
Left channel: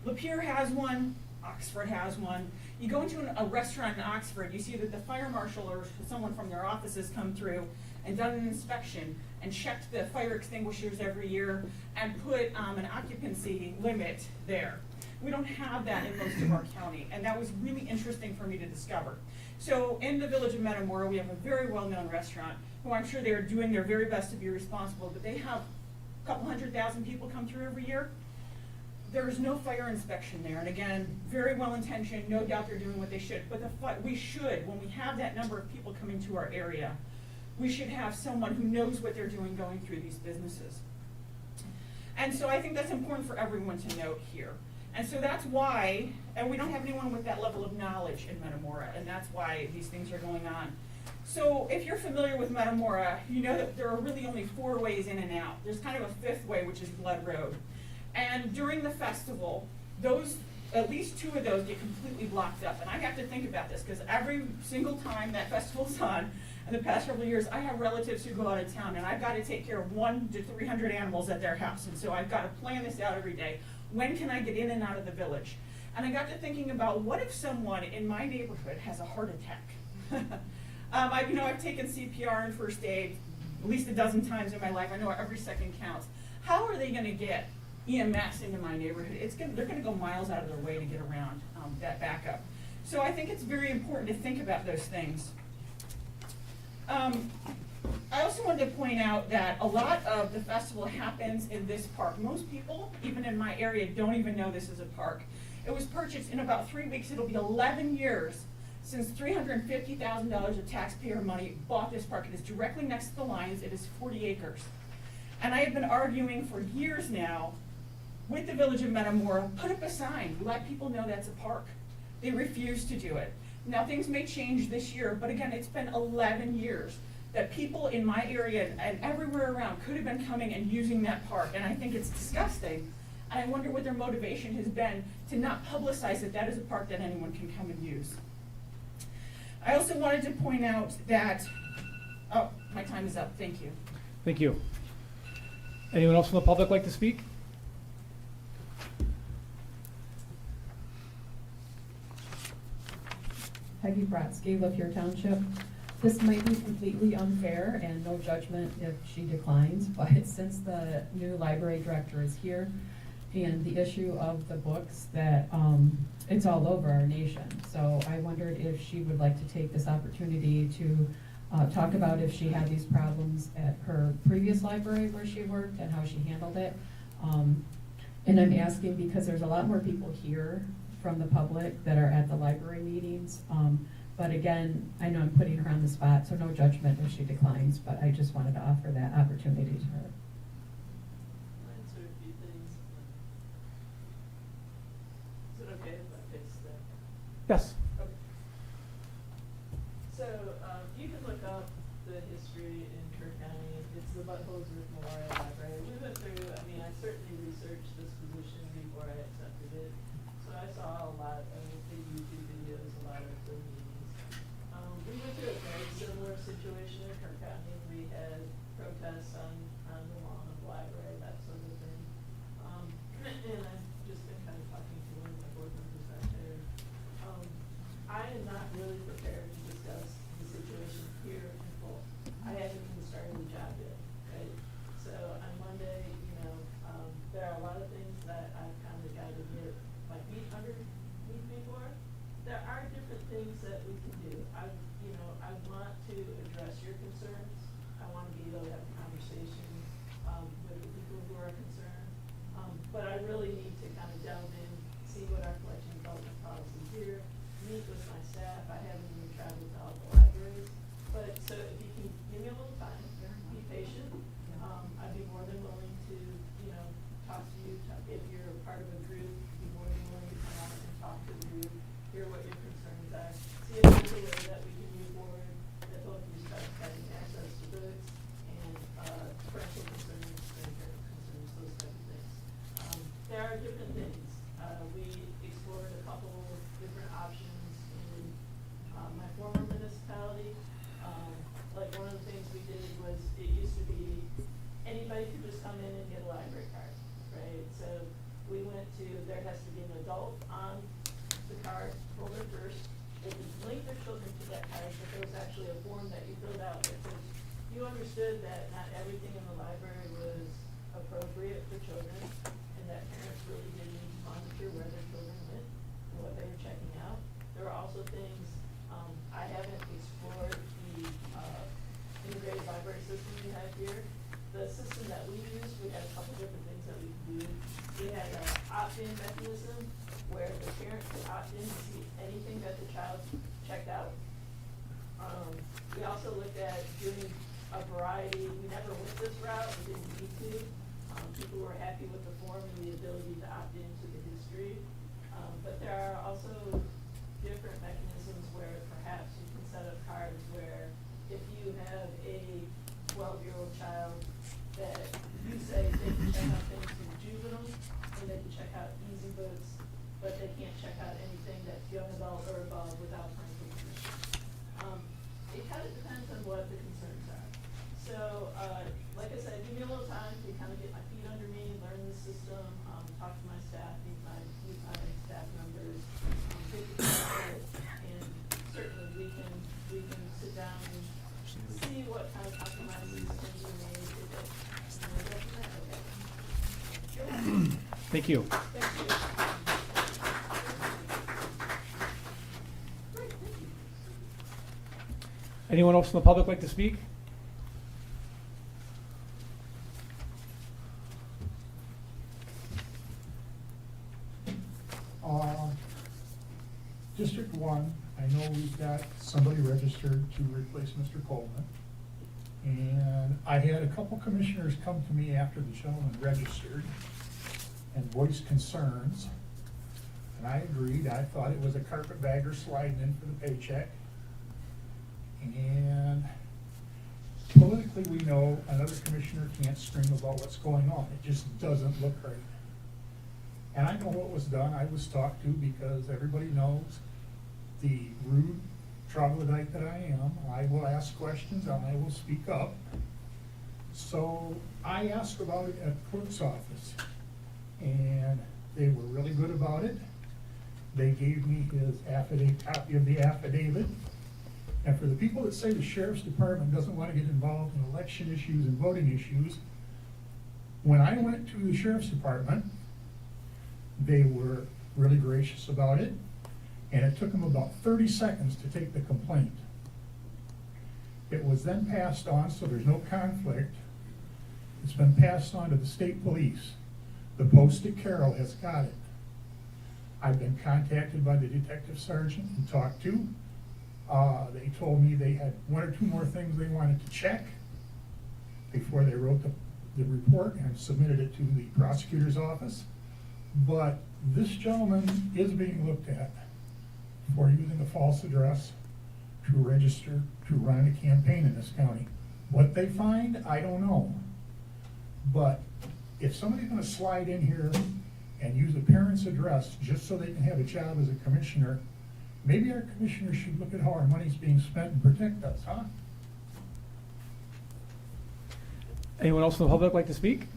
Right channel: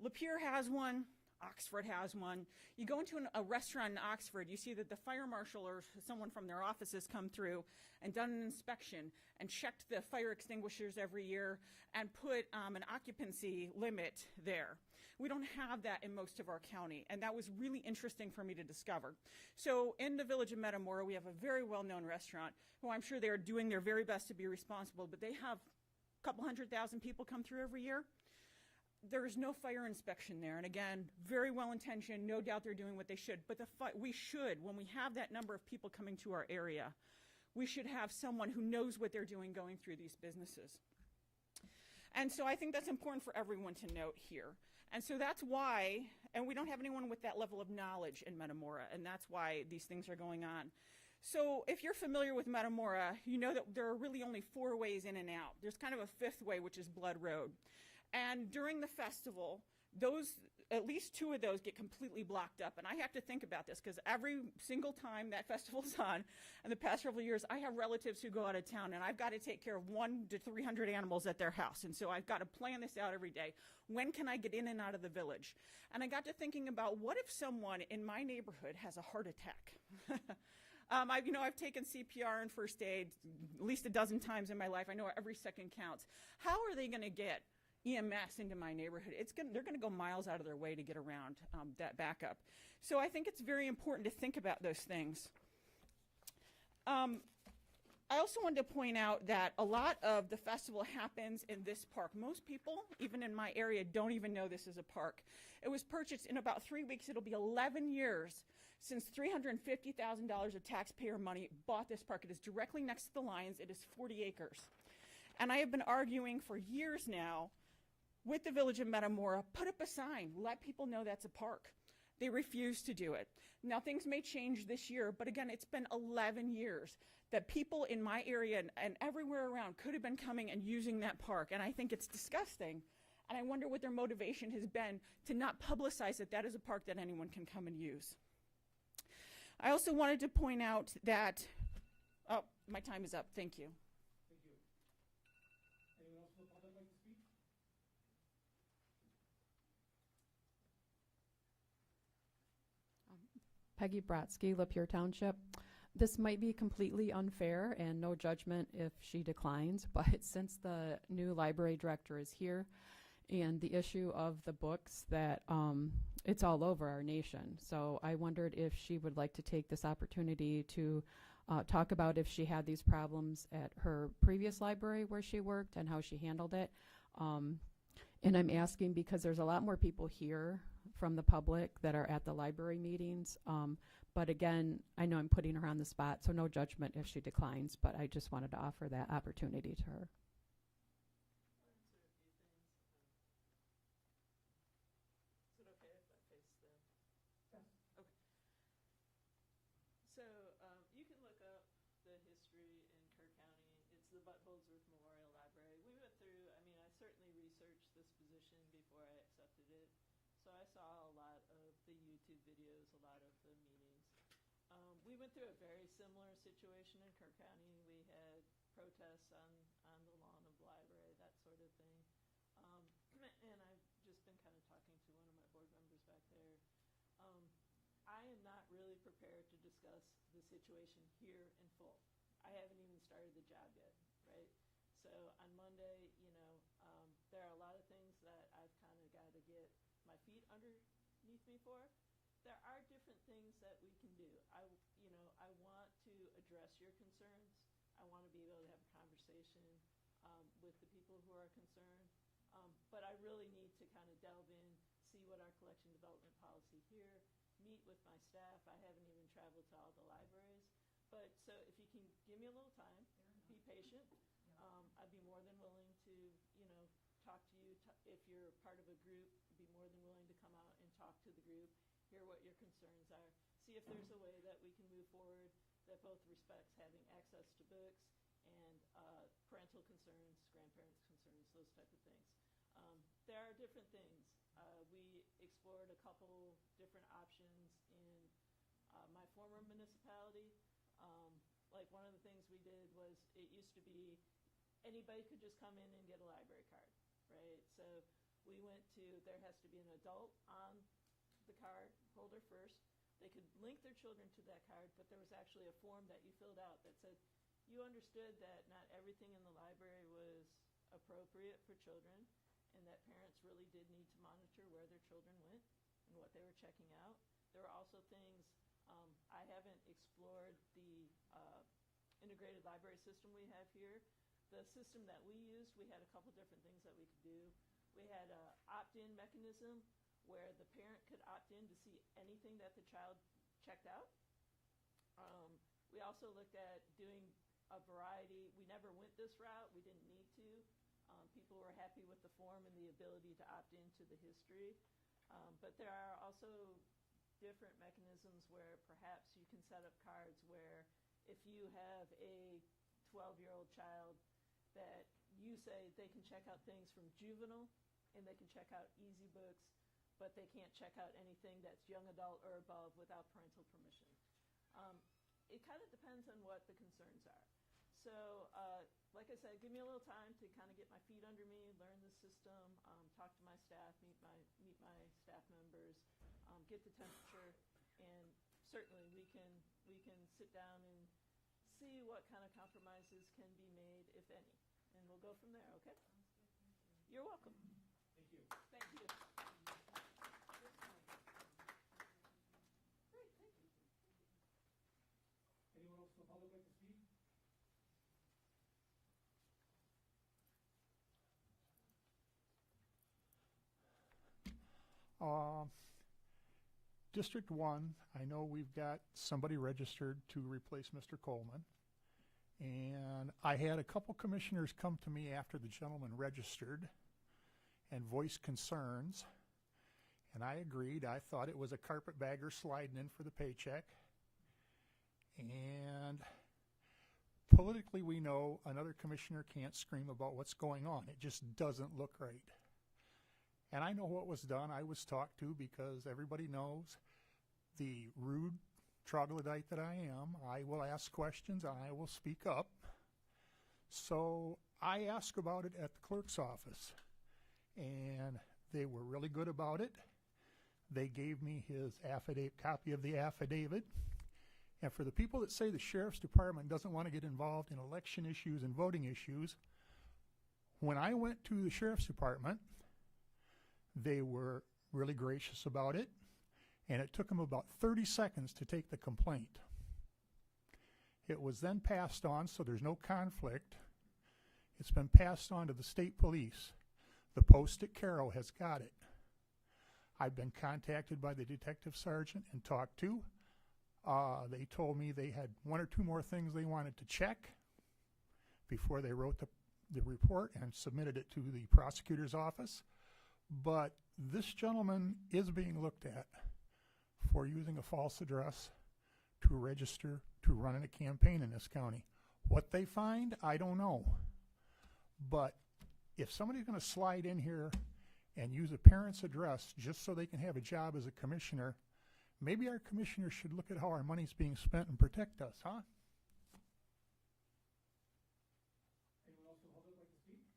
Lapeer has one, Oxford has one. You go into a restaurant in Oxford, you see that the fire marshal or someone from their offices come through and done an inspection and checked the fire extinguishers every year and put an occupancy limit there. We don't have that in most of our county, and that was really interesting for me to discover. So in the village of Metamora, we have a very well-known restaurant who I'm sure they are doing their very best to be responsible, but they have a couple 100,000 people come through every year. there's no fire inspection there, and again, very well intentioned, no doubt they're doing what they should, but we should, when we have that number of people coming to our area, we should have someone who knows what they're doing going through these businesses. And so I think that's important for everyone to note here. And so that's why, and we don't have anyone with that level of knowledge in Metamora, and that's why these things are going on. So if you're familiar with Metamora, you know that there are really only 4 ways in and out. There's kind of a 5th way, which is Blood Road. And during the festival, at least 2 of those get completely blocked up. And I have to think about this, because every single time that festival's on, in the past several years, I have relatives who go out of town, and I've got to take care of 100 to 300 animals at their house. And so I've got to plan this out every day. When can I get in and out of the village? And I got to thinking about, what if someone in my neighborhood has a heart attack? I've taken CPR and first aid at least a dozen times in my life. I know every second counts. How are they going to get EMS into my neighborhood? They're going to go miles out of their way to get around that backup. So I think it's very important to think about those things. I also wanted to point out that a lot of the festival happens in this park. Most people, even in my area, don't even know this is a park. It was purchased in about 3 weeks. It'll be 11 years since $350,000 of taxpayer money bought this park. It is directly next to the lines. It is 40 acres. And I have been arguing for years now with the village of Metamora, put up a sign, let people know that's a park. They refuse to do it. Now things may change this year, but again, it's been 11 years that people in my area and everywhere around could have been coming and using that park, and I think it's disgusting. And I wonder what their motivation has been to not publicize that that is a park that anyone can come and use. I also wanted to point out that, oh, my time is up, thank you. Thank you. Anyone else from the public like to speak? Peggy Brodsky, Lapeer Township. This might be completely unfair and no judgment if she declines, but since the new library director is here and the issue of the books that it's all over our nation. So I wondered if she would like to take this opportunity to talk about if she had these problems at her previous library where she worked and how she handled it. And I'm asking because there's a lot more people here from the public that are at the library meetings. But again, I know I'm putting her on the spot, so no judgment if she declines, but I just wanted to offer that opportunity to her. I'll answer a few things. Is it okay if I fix that? Yes. Okay. So, you can look up the history in Kerr County. It's the Buttholes Memorial Library. We went through, I certainly researched this position before I accepted it. So I saw a lot of the YouTube videos, a lot of the meetings. We went through a very similar situation in Kerr County. We had protests on the lawn of the library, that sort of thing. And I've just been kind of talking to one of my board members out there. I am not really prepared to discuss the situation here in full. I haven't even started the job yet, right? So on Monday, there are a lot of things that I've kind of got to get my feet underneath me for. opt-in mechanism where the parent could opt in to see anything that the child checked out. We also looked at doing a variety, we never went this route, we didn't need to. People were happy with the form and the ability to opt into the history. But there are also different mechanisms where perhaps you can set up cards where if you have a 12-year-old child that you say they can check out things from juvenile and they can check out easy books, but they can't check out anything that's young adult or above without parental permission. It kind of depends on what the concerns are. So, like I said, give me a little time to kind of get my feet under me, learn the system, talk to my staff, meet my staff members, get the it, and certainly we can sit down and see what kind of compromises can be made. And we'll go from there, okay? Thank you. Thank you. Anyone else from the public like to speak? District 1, I know we've got somebody registered to replace Mr. Coleman. And I had a couple commissioners come to me after the gentleman registered and voiced concerns. And I agreed, I thought it was a carpetbagger sliding in for the paycheck. And politically, we know another commissioner can't scream about what's going on. It just doesn't look right. And I know what was done. I was talked to because everybody knows the rude troglodyte that I am. I will ask questions and I will speak up. So I asked about it at clerk's office and they were really good about it. They gave me his affidavit, copy of the affidavit. And for the people that say the sheriff's department doesn't want to get involved in election issues and voting issues, when I went to the sheriff's department, they were really gracious about it. And it took them about 30 seconds to take the complaint. It was then passed on, so there's no conflict. It's been passed on to the state police. The posted Carroll has got it. I've been contacted by the detective sergeant and talked to. They told me they had one or two more things they wanted to check before they wrote the report and submitted it to the prosecutor's office. But this gentleman is being looked at for using a false address to register to run a campaign in this county. What they find, I don't know. But if somebody's gonna slide in here and use a parent's address just so they can have a job as a commissioner, maybe our commissioners should look at how our money's being spent and protect us, huh? Anyone else from the public like to speak?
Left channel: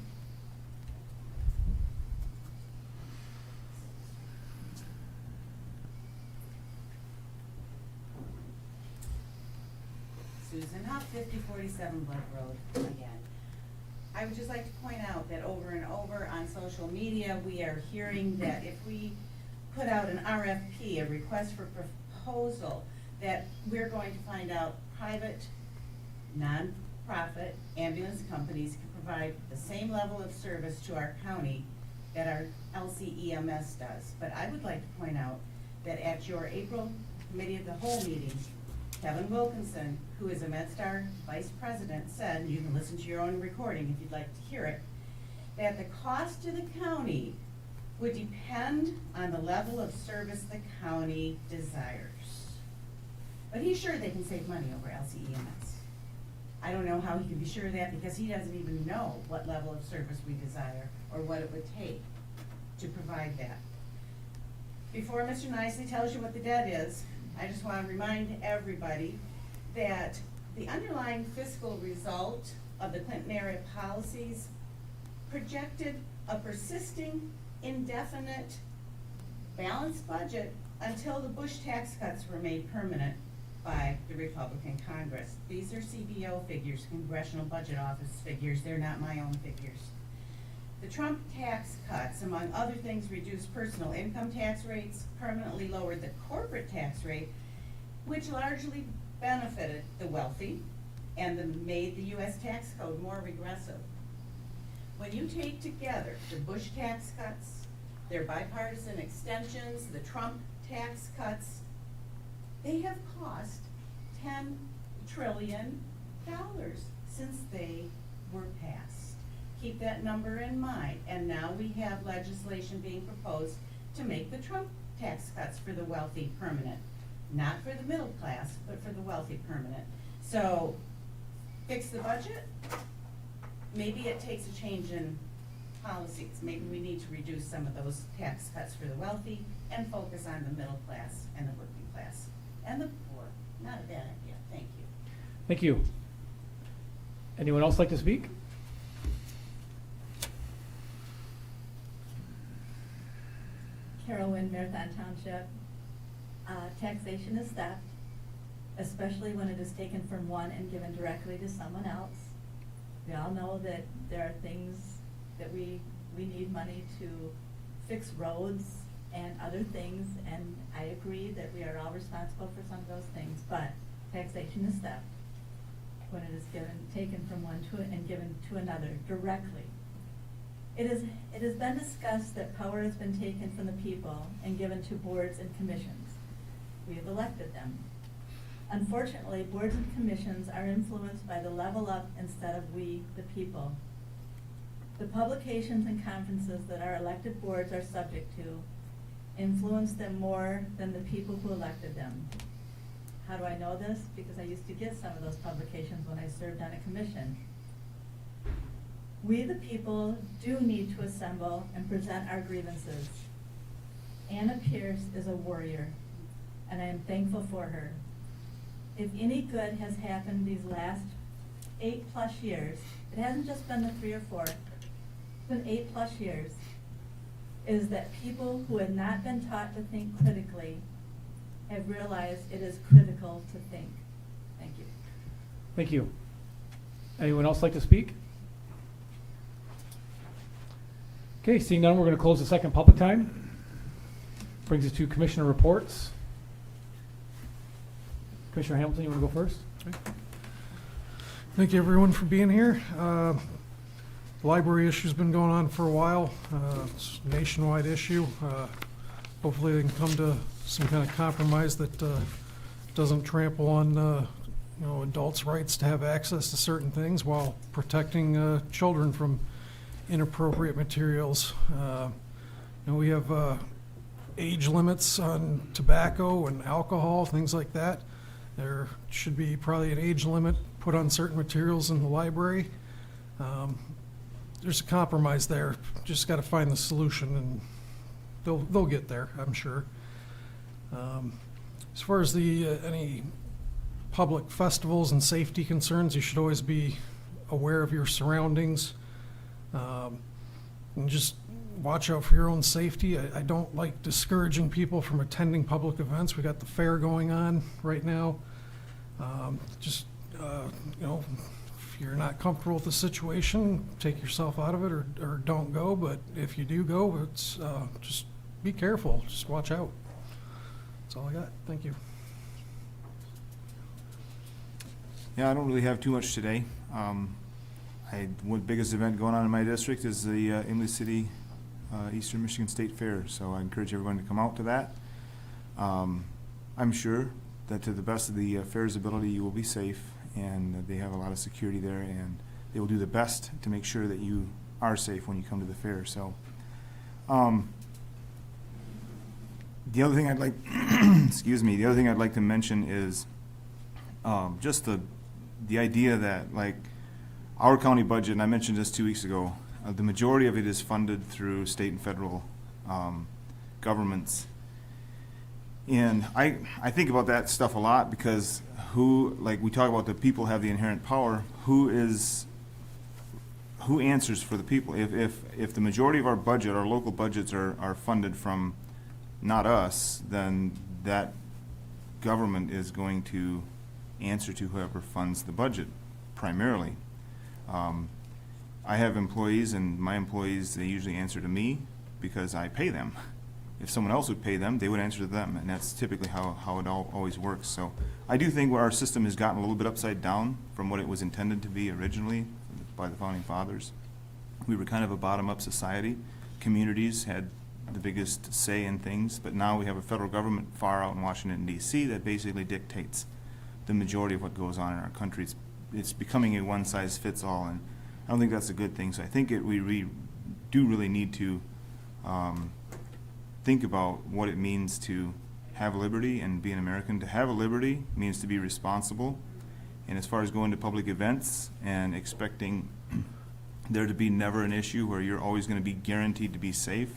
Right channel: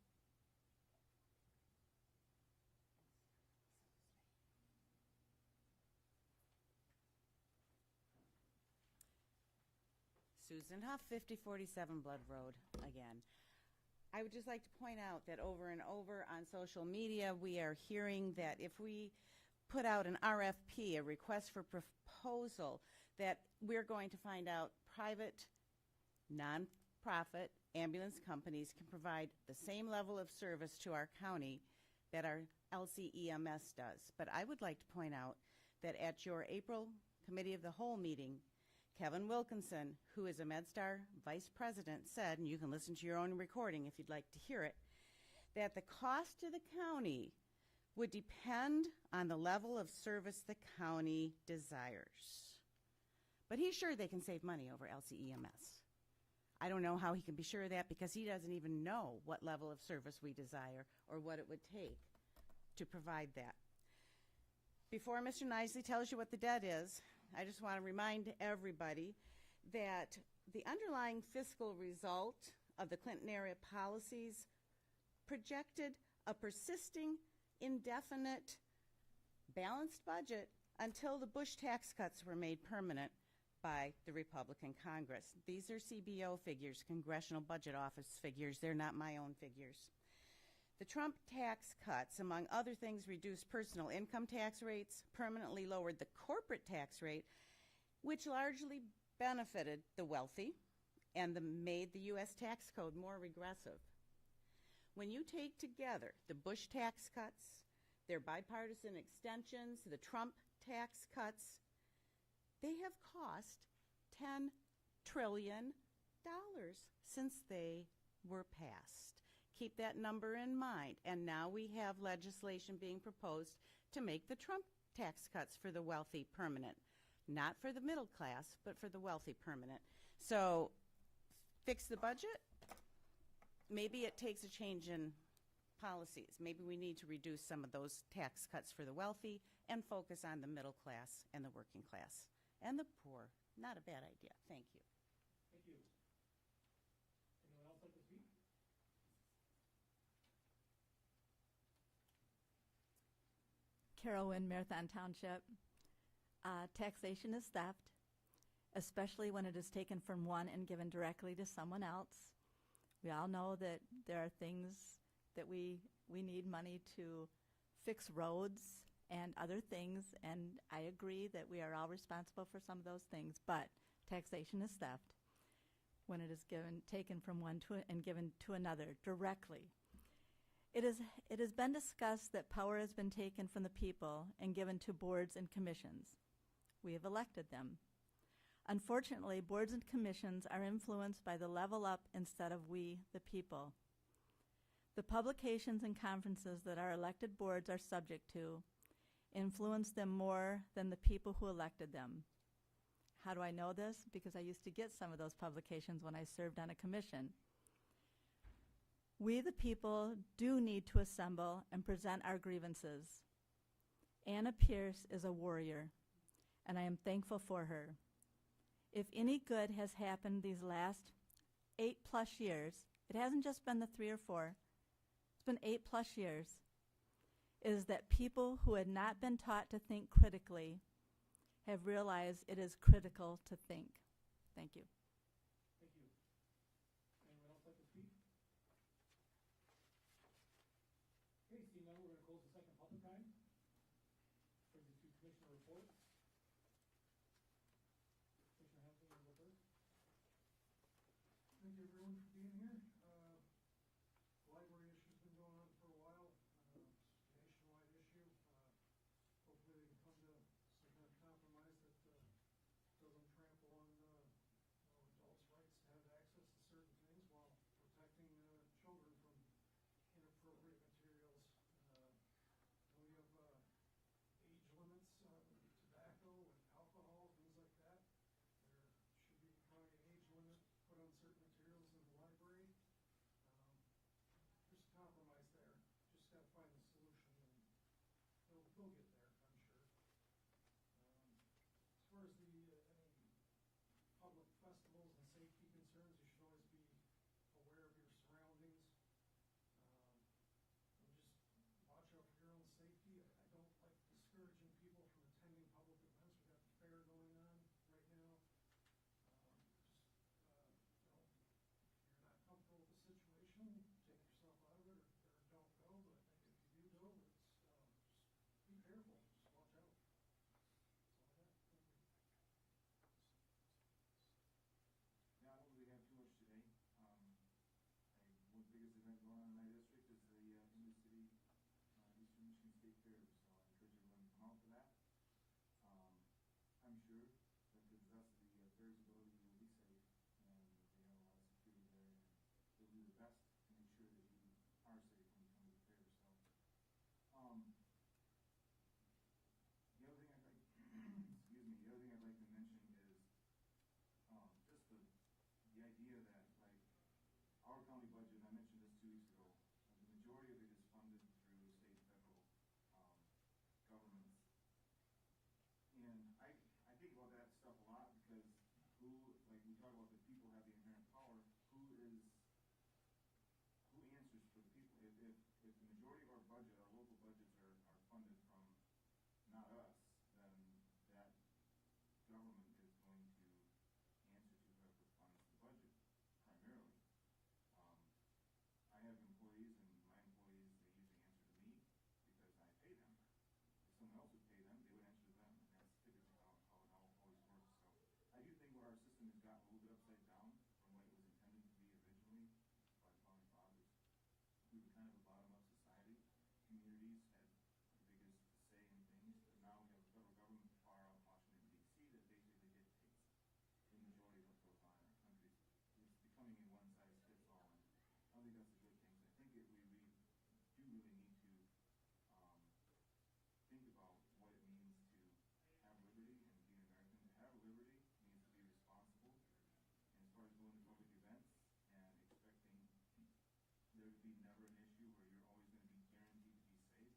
Susan Huff, 5047 Blood Road again. I would just like to point out that over and over on social media, we are hearing that if we put out an RFP, a request for proposal, that we're going to find out private, non-profit ambulance companies can provide the same level of service to our county that our LCEMS does. But I would like to point out that at your April Committee of the Whole meeting, Kevin Wilkinson, who is a MedStar Vice President, said, you can listen to your own recording if you'd like to hear it, that the cost to the county would depend on the level of service the county desires. But he's sure they can save money over LCEMS. I don't know how he can be sure of that because he doesn't even know what level of service we desire or what it would take to provide that. Before Mr. Nicely tells you what the debt is, I just want to remind everybody that the underlying fiscal result of the Clinton area policies projected a persisting, indefinite, balanced budget until the Bush tax cuts were made permanent by the Republican Congress. These are CBO figures, Congressional Budget Office figures. They're not my own figures. The Trump tax cuts, among other things, reduced personal income tax rates, permanently lowered the corporate tax rate, which largely benefited the wealthy and made the U.S. tax code more regressive. When you take together the Bush tax cuts, their bipartisan extensions, the Trump tax cuts, they have cost $10 trillion since they were passed. Keep that number in mind. And now we have legislation being proposed to make the Trump tax cuts for the wealthy permanent. Not for the middle class, but for the wealthy permanent. So, fix the budget. Maybe it takes a change in policies. Maybe we need to reduce some of those tax cuts for the wealthy and focus on the middle class and the working class and the poor. Not a bad idea. Thank you. Thank you. Anyone else like to speak? Carol Wynn, Marathon Township. Taxation is theft, especially when it is taken from one and given directly to someone else. We all know that there are things that we need money to fix roads and other things, and I agree that we are all responsible for some of those things, but taxation is theft when it is taken from one and given to another directly. It has been discussed that power has been taken from the people and given to boards and commissions. We have elected them. Unfortunately, boards and commissions are influenced by the level up instead of we, the people. The publications and conferences that our elected boards are subject to influence them more than the people who elected them. How do I know this? Because I used to get some of those publications when I served on a commission. We, the people, do need to assemble and present our grievances. Anna Pierce is a warrior, and I am thankful for her. If any good has happened these last 8+ years, it hasn't just been the 3 or 4, it's been 8+ years, is that people who have not been taught to think critically have realized it is critical to think. Thank you. Thank you. Anyone else like to speak? Okay, seeing none, we're going to close the second public time. Brings us to commissioner reports. Commissioner Hamilton, you want to go first? Thank you, everyone, for being here. Library issue's been going on for a while. It's a nationwide issue. Hopefully they can come to some kind of compromise that doesn't trample on adults' rights to have access to certain things while protecting children from inappropriate materials. We have age limits on tobacco and alcohol, things like that. There should be probably an age limit put on certain materials in the library. There's a compromise there. Just got to find the solution, and they'll get there, I'm sure. As far as the any public festivals and safety concerns, you should always be aware of your surroundings. And just watch out for your own safety. I don't like discouraging people from attending public events. We got the fair going on right now. If you're not comfortable with the situation, take yourself out of it or don't go. But if you do go, it's just be careful. Just watch out. That's all I got. Thank you. Yeah, I don't really have too much today. One biggest event going on in my district is the Imlay City Eastern Michigan State Fair, so I encourage everyone to come out to that. I'm sure that to the best of the fair's ability, you will be safe, and they have a lot of security there, and they will do the best to make sure that you are safe when you come to the fair. So, the other thing I'd like, excuse me, the other thing I'd like to mention is just the idea that, like, our county budget, and I mentioned this 2 weeks ago, the majority of it is funded through state and federal governments. And I think about that stuff a lot because we talk about the people have the inherent power, who answers for the people? If the majority of our budget, our local budgets are funded from not us, then that government is going to answer to whoever funds the budget primarily. I have employees, and my employees, they usually answer to me because I pay them. If someone else would pay them, they would answer to them, and that's typically how it always works. So I do think our system has gotten a little bit upside down from what it was intended to be originally by the Founding Fathers. We were kind of a bottom-up society. Communities had the biggest say in things, but now we have a federal government far out in Washington DC that basically dictates the majority of what goes on in our country. It's becoming a one-size-fits-all, and I don't think that's a good thing. So I think we do really need to think about what it means to have liberty and be an American. To have a liberty means to be responsible. And as far as going to public events and expecting there to be never an issue where you're always going to be guaranteed to be safe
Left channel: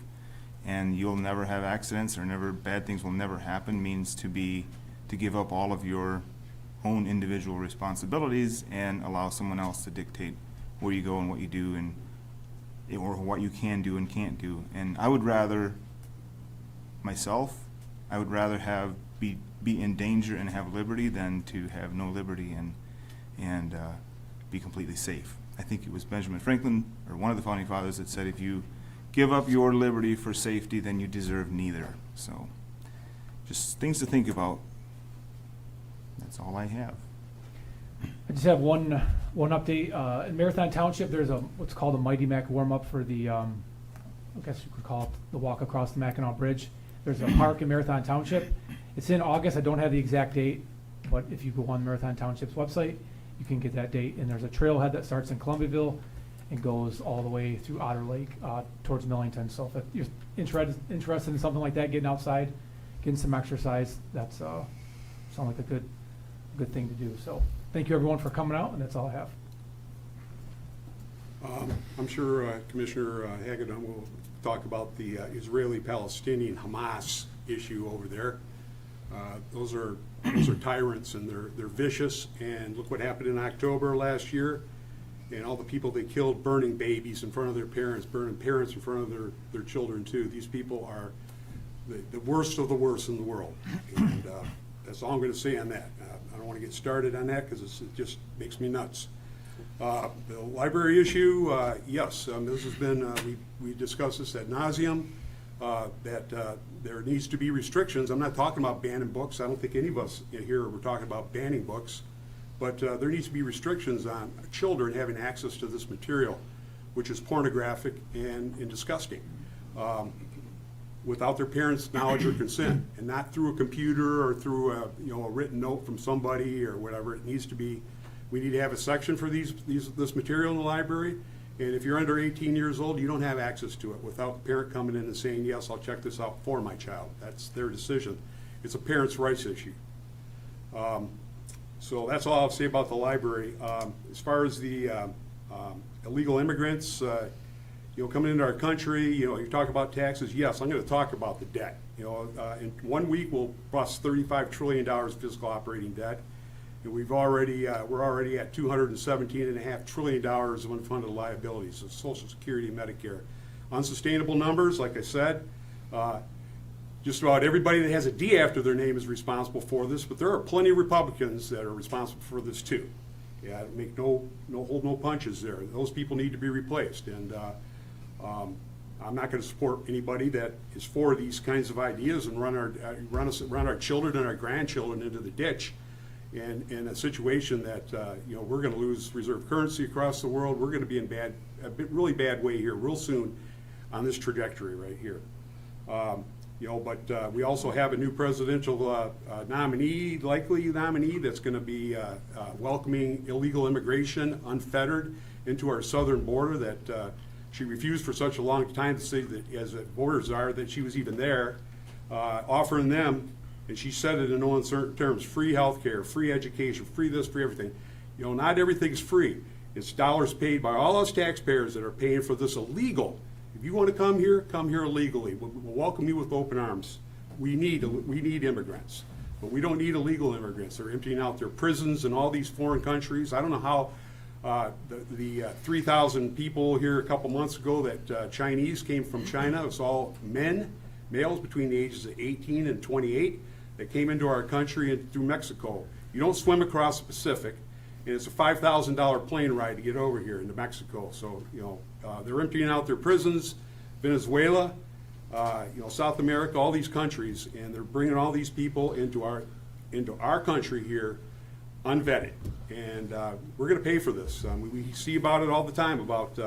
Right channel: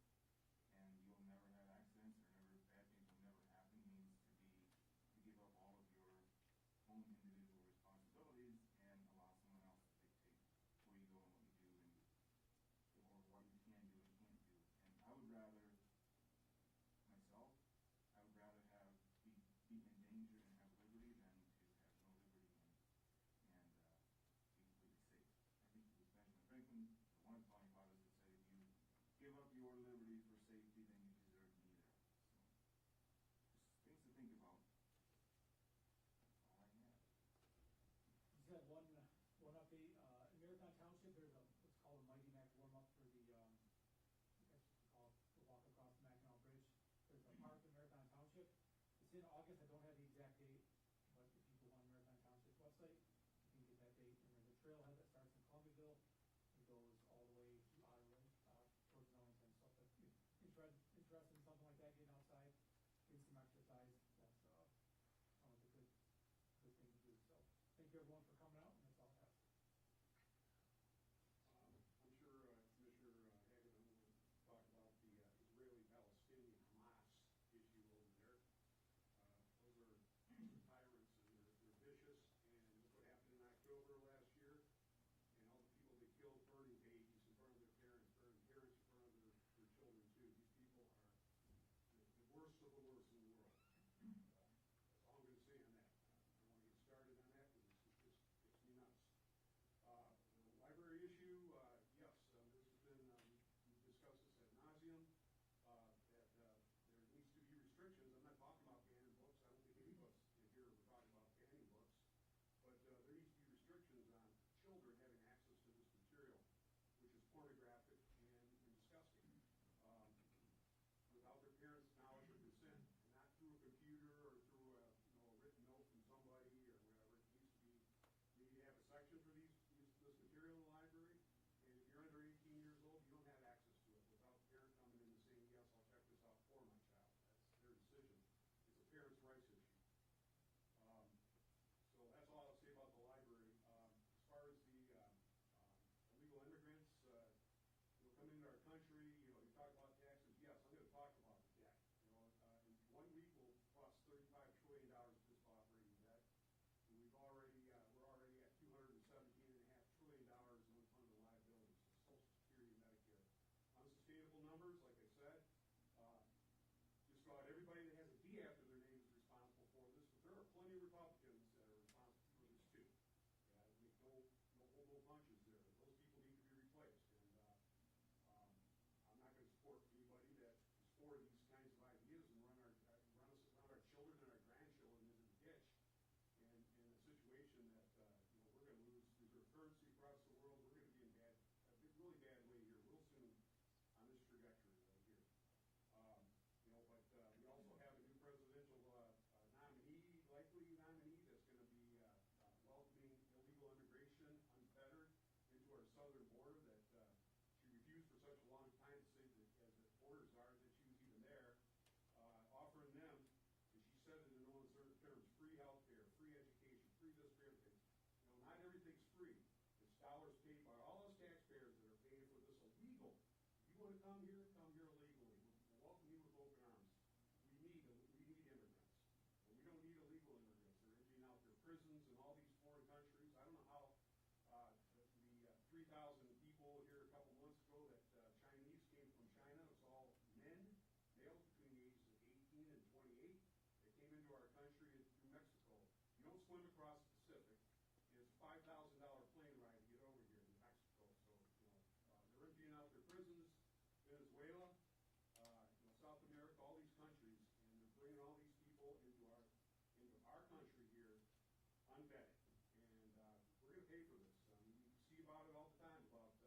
and you'll never have accidents or never bad things will never happen means to give up all of your own individual responsibilities and allow someone else to dictate where you go and what you do and or what you can do and can't do. And I would rather be in danger and have liberty than to have no liberty and be completely safe. I think it was Benjamin Franklin, or one of the founding fathers, that said, if you give up your liberty for safety, then you deserve neither. So just things to think about. That's all I have. I just have one update. In Marathon Township, there's what's called a Mighty Mac warm-up for the, I guess you could call it the walk across the Mackinac Bridge. There's a park in Marathon Township. It's in August. I don't have the exact date, but if you go on Marathon Township's website, you can get that date. And there's a trailhead that starts in Columbiaville and goes all the way through Otter Lake towards Millington. So if you're interested in something like that, getting outside, getting some exercise, that's sounds like a good thing to do. So thank you everyone for coming out, and that's all I have. I'm sure Commissioner Hagedorn will talk about the Israeli-Palestinian Hamas issue over there. Those are tyrants, and they're vicious. And look what happened in October last year, and all the people they killed, burning babies in front of their parents, burning parents in front of their children too. These people are the worst of the worst in the world, and that's all I'm going to say on that. I don't want to get started on that because it just makes me nuts. The library issue, yes, this has been, we discussed this ad nauseum, that there needs to be restrictions. I'm not talking about banning books. I don't think any of us here were talking about banning books, but there needs to be restrictions on children having access to this material, which is pornographic and disgusting, without their parents' knowledge or consent, and not through a computer or through a written note from somebody or whatever. It needs to be. We need to have a section for this material in the library, and if you're under 18 years old, you don't have access to it without the parent coming in and saying, yes, I'll check this out for my child. That's their decision. It's a parent's rights issue. So that's all I'll say about the library. As far as the illegal immigrants, coming into our country, you talk about taxes. Yes, I'm going to talk about the debt. In 1 week we'll bust $35 trillion fiscal operating debt. And we're already at $217.5 trillion of unfunded liabilities of Social Security and Medicare. Unsustainable numbers, like I said. Just about everybody that has a D after their name is responsible for this, but there are plenty of Republicans that are responsible for this too. Yeah, make hold no punches there. Those people need to be replaced, and I'm not going to support anybody that is for these kinds of ideas and run our children and our grandchildren into the ditch. And in a situation that we're going to lose reserve currency across the world, we're going to be in a really bad way here real soon on this trajectory right here. But we also have a new presidential likely nominee that's going to be welcoming illegal immigration unfettered into our southern border. That she refused for such a long time to say that as borders are that she was even there, offering them. And she said it in no uncertain terms: free health care, free education, free this, free everything. Not everything's free. It's dollars paid by all us taxpayers that are paying for this illegal. If you want to come here illegally. We'll welcome you with open arms. We need immigrants, but we don't need illegal immigrants. They're emptying out their prisons in all these foreign countries. I don't know how the 3,000 people here a couple months ago that Chinese came from China. It was all males between the ages of 18 and 28. That came into our country and through Mexico. You don't swim across the Pacific, and it's a $5,000 plane ride to get over here into Mexico. So they're emptying out their prisons, Venezuela, South America, all these countries, and they're bringing all these people into our country here, unvetted, and we're going to pay for this. We see about it all the time about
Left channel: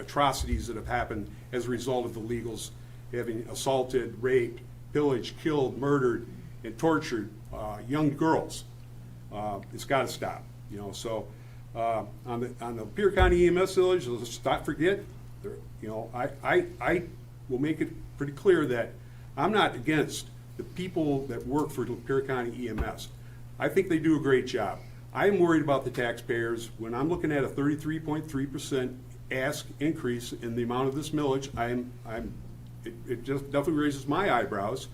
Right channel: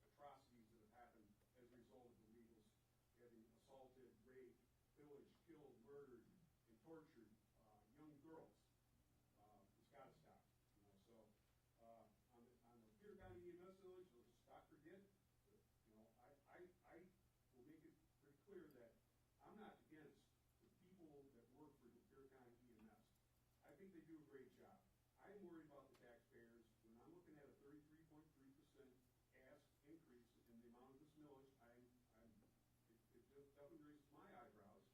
atrocities that have happened as a result of the illegals having assaulted, raped, pillaged, killed, murdered, and tortured young girls. It's got to stop. You know, so on the Lapeer County EMS village, let's not forget. You know, I will make it pretty clear that I'm not against the people that work for Lapeer County EMS. I think they do a great job. I'm worried about the taxpayers. When I'm looking at a 33.3% ask increase in the amount of this millage, it just definitely raises my eyebrows.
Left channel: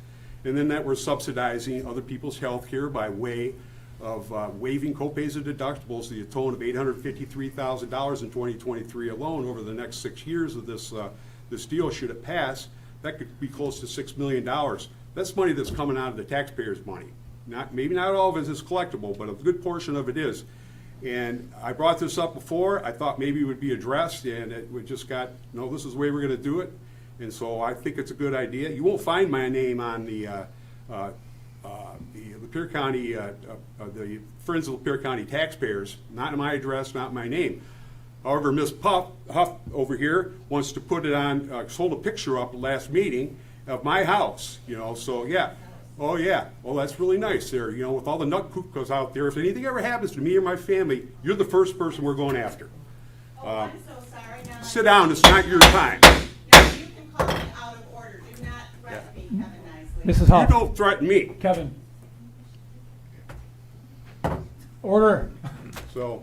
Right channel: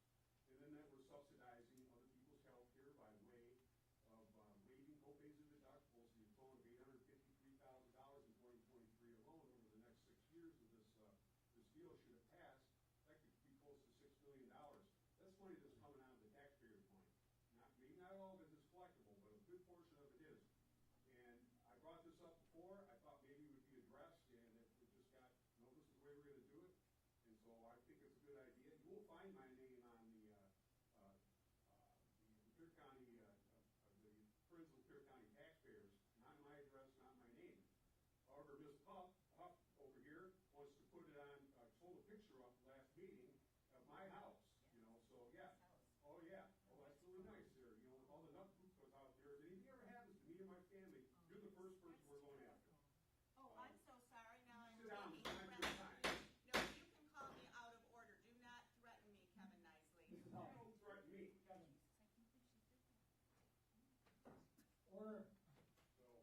And then that we're subsidizing other people's health care by way of waiving copays and deductibles to the tone of $853,000 in 2023 alone. Over the next 6 years of this deal, should it pass, that could be close to $6 million. That's money that's coming out of the taxpayers' money. Maybe not all of it is collectible, but a good portion of it is. And I brought this up before. I thought maybe it would be addressed, and we just got, no, this is the way we're going to do it. And so I think it's a good idea. You won't find my name on the Lapeer County, the Friends of Lapeer County Taxpayers, not my address, not my name. However, Ms. Huff over here wants to put it on, sold a picture up last meeting of my house, you know, so yeah. Oh yeah, well that's really nice there, you know, with all the nut poop goes out there. If anything ever happens to me or my family, you're the first person we're going after. I'm so sorry now. Sit down, it's not your time. You can call me out of order. Do not threaten me, Kevin Nicely. Mrs. Huff. You don't threaten me. Kevin. Order. So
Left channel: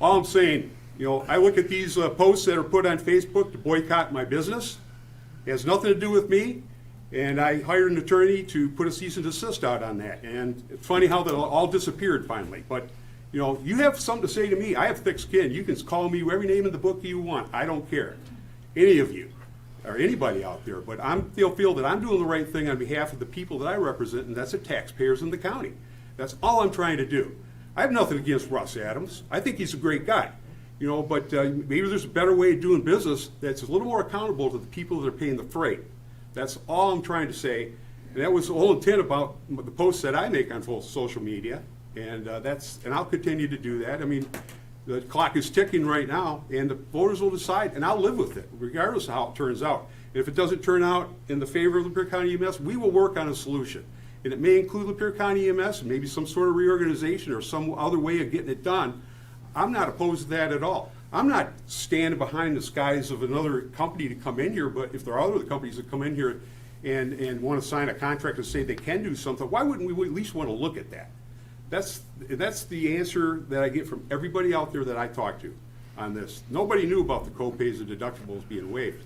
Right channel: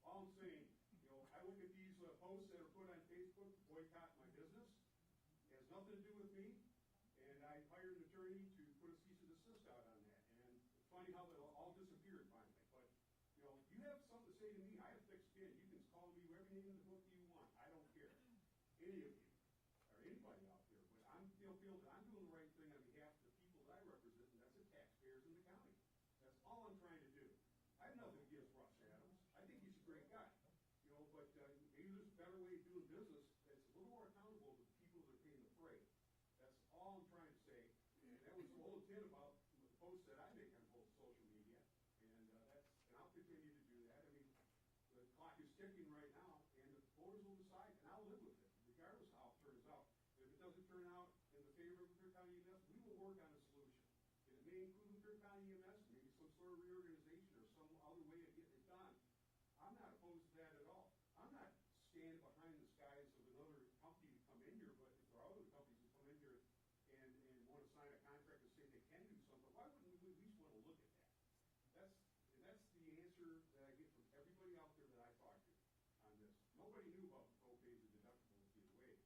all I'm saying, you know, I look at these posts that are put on Facebook to boycott my business. It has nothing to do with me. And I hired an attorney to put a cease and desist out on that. And it's funny how that all disappeared finally. But, you know, you have something to say to me. I have thick skin. You can call me every name in the book you want. I don't care. Any of you or anybody out there. But I feel that I'm doing the right thing on behalf of the people that I represent, and that's the taxpayers in the county. That's all I'm trying to do. I have nothing against Russ Adams. I think he's a great guy. You know, but maybe there's a better way of doing business that's a little more accountable to the people that are paying the freight. That's all I'm trying to say, and that was the whole intent about the posts that I make on social media, and and I'll continue to do that. I mean, the clock is ticking right now, and the voters will decide, and I'll live with it, regardless of how it turns out. And if it doesn't turn out in the favor of Lapeer County EMS, we will work on a solution, and it may include Lapeer County EMS and maybe some sort of reorganization or some other way of getting it done. I'm not opposed to that at all. I'm not standing behind the skies of another company to come in here, but if there are other companies that come in here and want to sign a contract and say they can do something, why wouldn't we at least want to look at that? That's the answer that I get from everybody out there that I talk to on this. Nobody knew about the co-pays and deductibles being waived.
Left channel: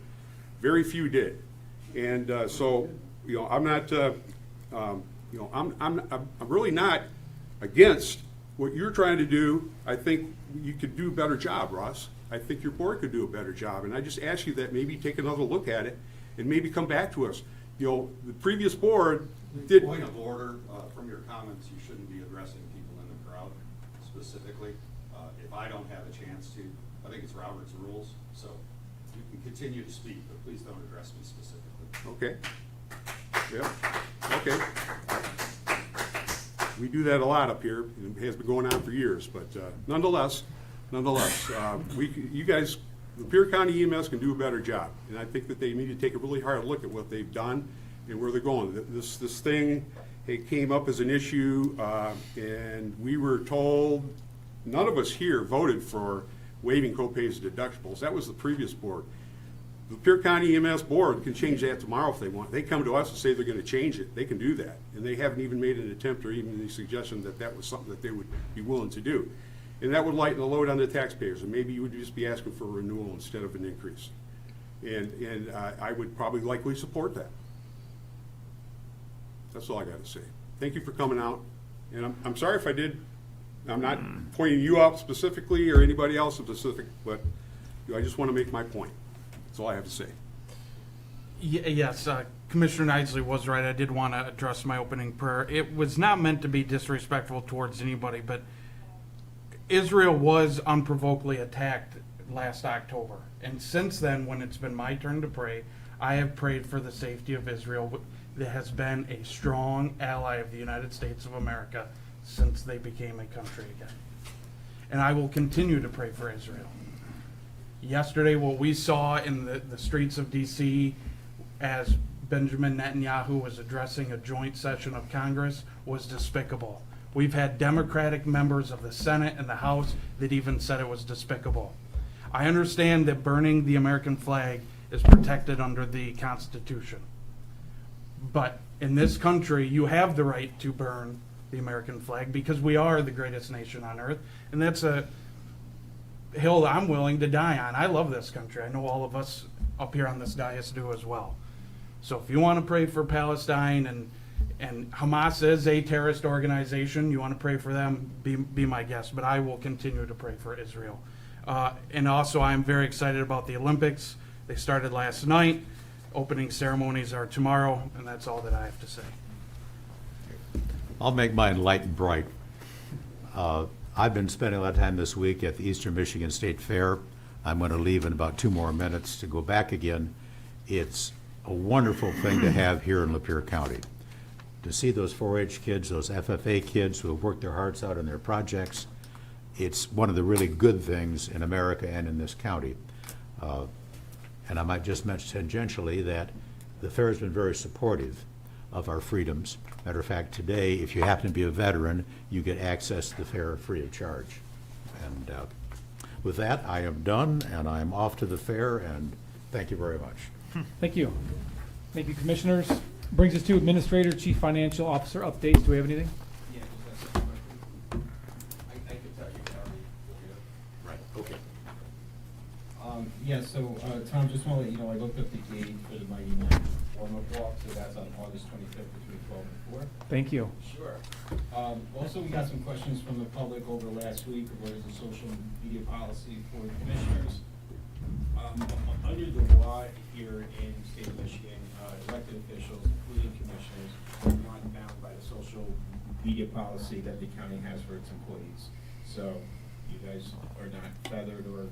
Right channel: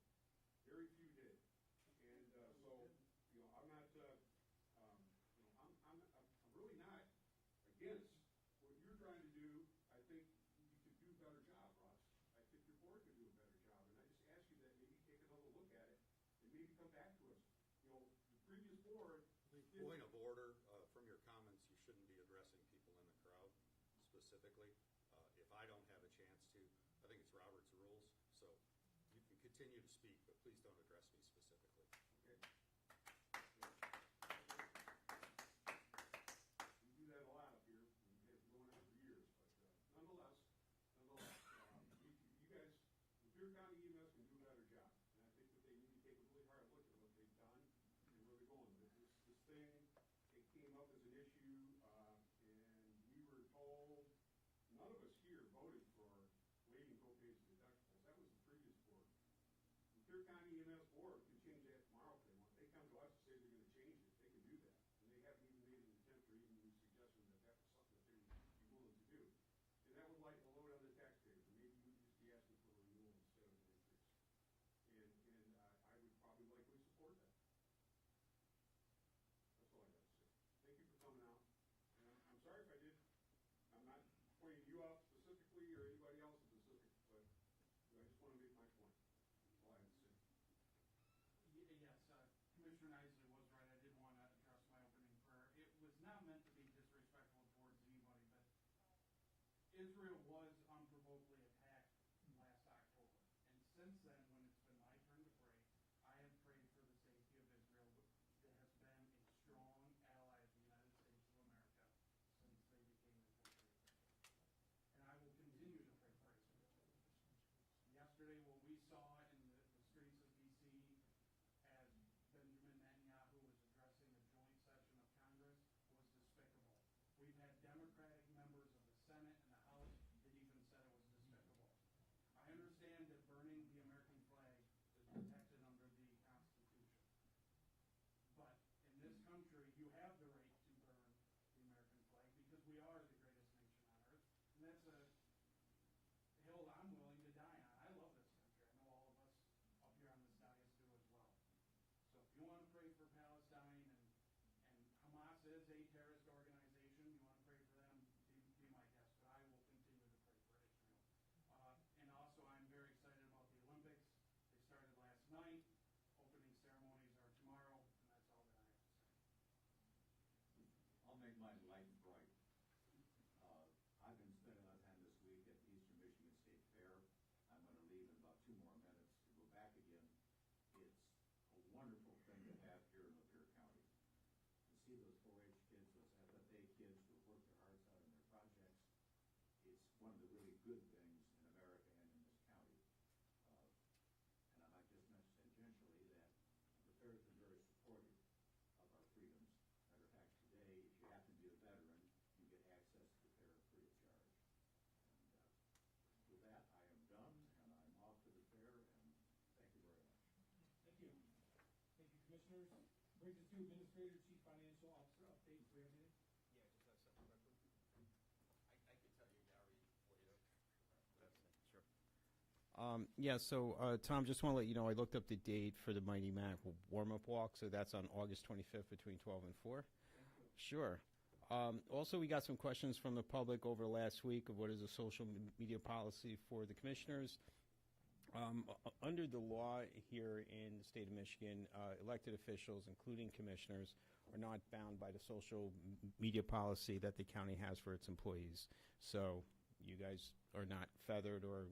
Very few did. And so, you know, I'm not, you know, I'm really not against what you're trying to do. I think you could do a better job, Ross. I think your board could do a better job. And I just ask you that maybe take another look at it and maybe come back to us. You know, the previous board did. Point of order, from your comments, you shouldn't be addressing people in the crowd specifically. If I don't have a chance to, I think it's Robert's rules, so you can continue to speak, but please don't address me specifically. Okay. Yeah, okay. We do that a lot up here. It has been going on for years, but nonetheless, you guys, Lapeer County EMS can do a better job. And I think that they need to take a really hard look at what they've done and where they're going. This thing, it came up as an issue, and we were told, none of us here voted for waiving copays and deductibles. That was the previous board. The Lapeer County EMS board can change that tomorrow if they want. They come to us and say they're going to change it. They can do that. And they haven't even made an attempt or even the suggestion that that was something that they would be willing to do. And that would lighten the load on the taxpayers. And maybe you would just be asking for a renewal instead of an increase. And I would probably likely support that. That's all I got to say. Thank you for coming out. And I'm sorry if I did. I'm not pointing you out specifically or anybody else specific, but I just want to make my point. That's all I have to say. Yes, Commissioner Knisley was right. I did want to address my opening prayer. It was not meant to be disrespectful towards anybody, but Israel was unprovokedly attacked last October. And since then, when it's been my turn to pray, I have prayed for the safety of Israel. That has been a strong ally of the United States of America since they became a country again. And I will continue to pray for Israel. Yesterday, what we saw in the streets of D.C., as Benjamin Netanyahu was addressing a joint session of Congress was despicable. We've had Democratic members of the Senate and the House that even said it was despicable. I understand that burning the American flag is protected under the Constitution. But in this country, you have the right to burn the American flag because we are the greatest nation on earth. And that's a hill that I'm willing to die on. I love this country. I know all of us up here on this dais do as well. So if you want to pray for Palestine, and Hamas is a terrorist organization, you want to pray for them, be my guest. But I will continue to pray for Israel. And also, I'm very excited about the Olympics. They started last night. Opening ceremonies are tomorrow, and that's all that I have to say. I'll make mine light and bright. I've been spending a lot of time this week at the Eastern Michigan State Fair. I'm going to leave in about 2 more minutes to go back again. It's a wonderful thing to have here in Lapeer County. To see those 4-H kids, those FFA kids who have worked their hearts out on their projects, it's one of the really good things in America and in this county. And I might just mention tangentially that the fair has been very supportive of our freedoms. Matter of fact, today, if you happen to be a veteran, you get access to the fair free of charge. And with that, I am done, and I'm off to the fair, and thank you very much. Thank you. Thank you, commissioners. Brings us to Administrator, Chief Financial Officer updates. Do we have anything? Yeah, just ask a question. I could tell you, Gary. Right, okay. Yeah, so, Tom, just wanna let you know, I looked up the date for the Mighty Nine warm-up walk, so that's on August 25th between 12 and 4. Thank you. Sure. Also, we got some questions from the public over last week, of where's the social media policy for the commissioners. Under the law here in the state of Michigan, elected officials, including commissioners, are not bound by the social media policy that the county has for its employees. So you guys are not feathered or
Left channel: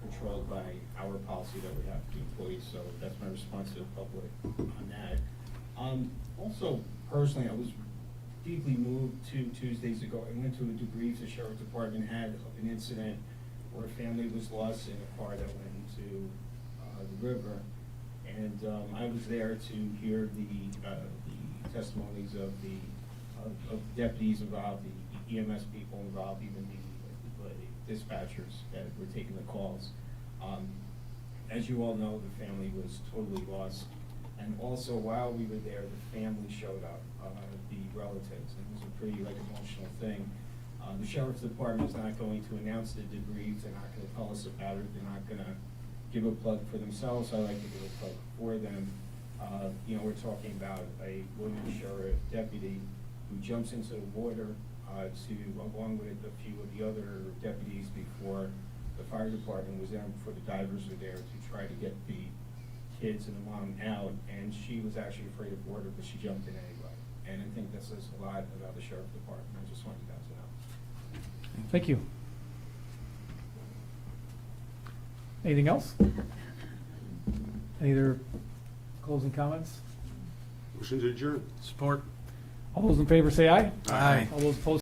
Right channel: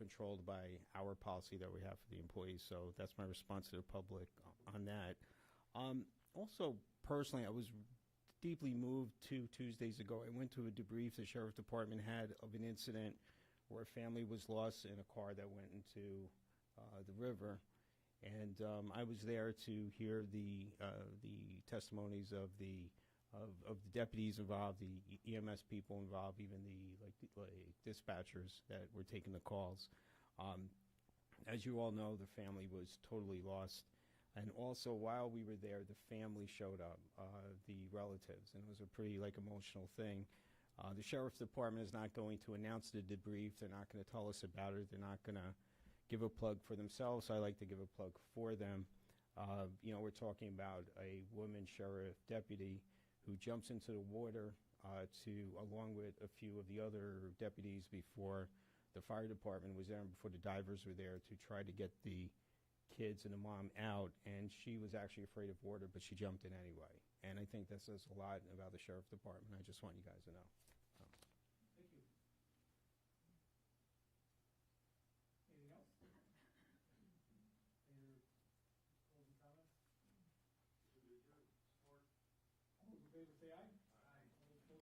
controlled by our policy that we have for the employees, so that's my response to the public on that. Also, personally, I was deeply moved 2 Tuesdays ago. I went to a debrief the sheriff's department had of an incident where a family was lost in a car that went into the river. And I was there to hear the testimonies of the deputies involved, the EMS people involved, even the dispatchers that were taking the calls. As you all know, the family was totally lost. And also, while we were there, the family showed up, the relatives, and it was a pretty emotional thing. The sheriff's department is not going to announce the debrief. They're not going to tell us about it. They're not going to give a plug for themselves. I like to give a plug for them. We're talking about a woman sheriff deputy who jumps into the water along with a few of the other deputies before the fire department was there, before the divers were there to try to get the kids and the mom out. And she was actually afraid of water, but she jumped in anyway. And I think that says a lot about the sheriff's department. I just want you guys to know. Thank you. Anything else? Any other closing comments? Motion to adjourn. Support. All those in favor say aye. Aye. All those opposed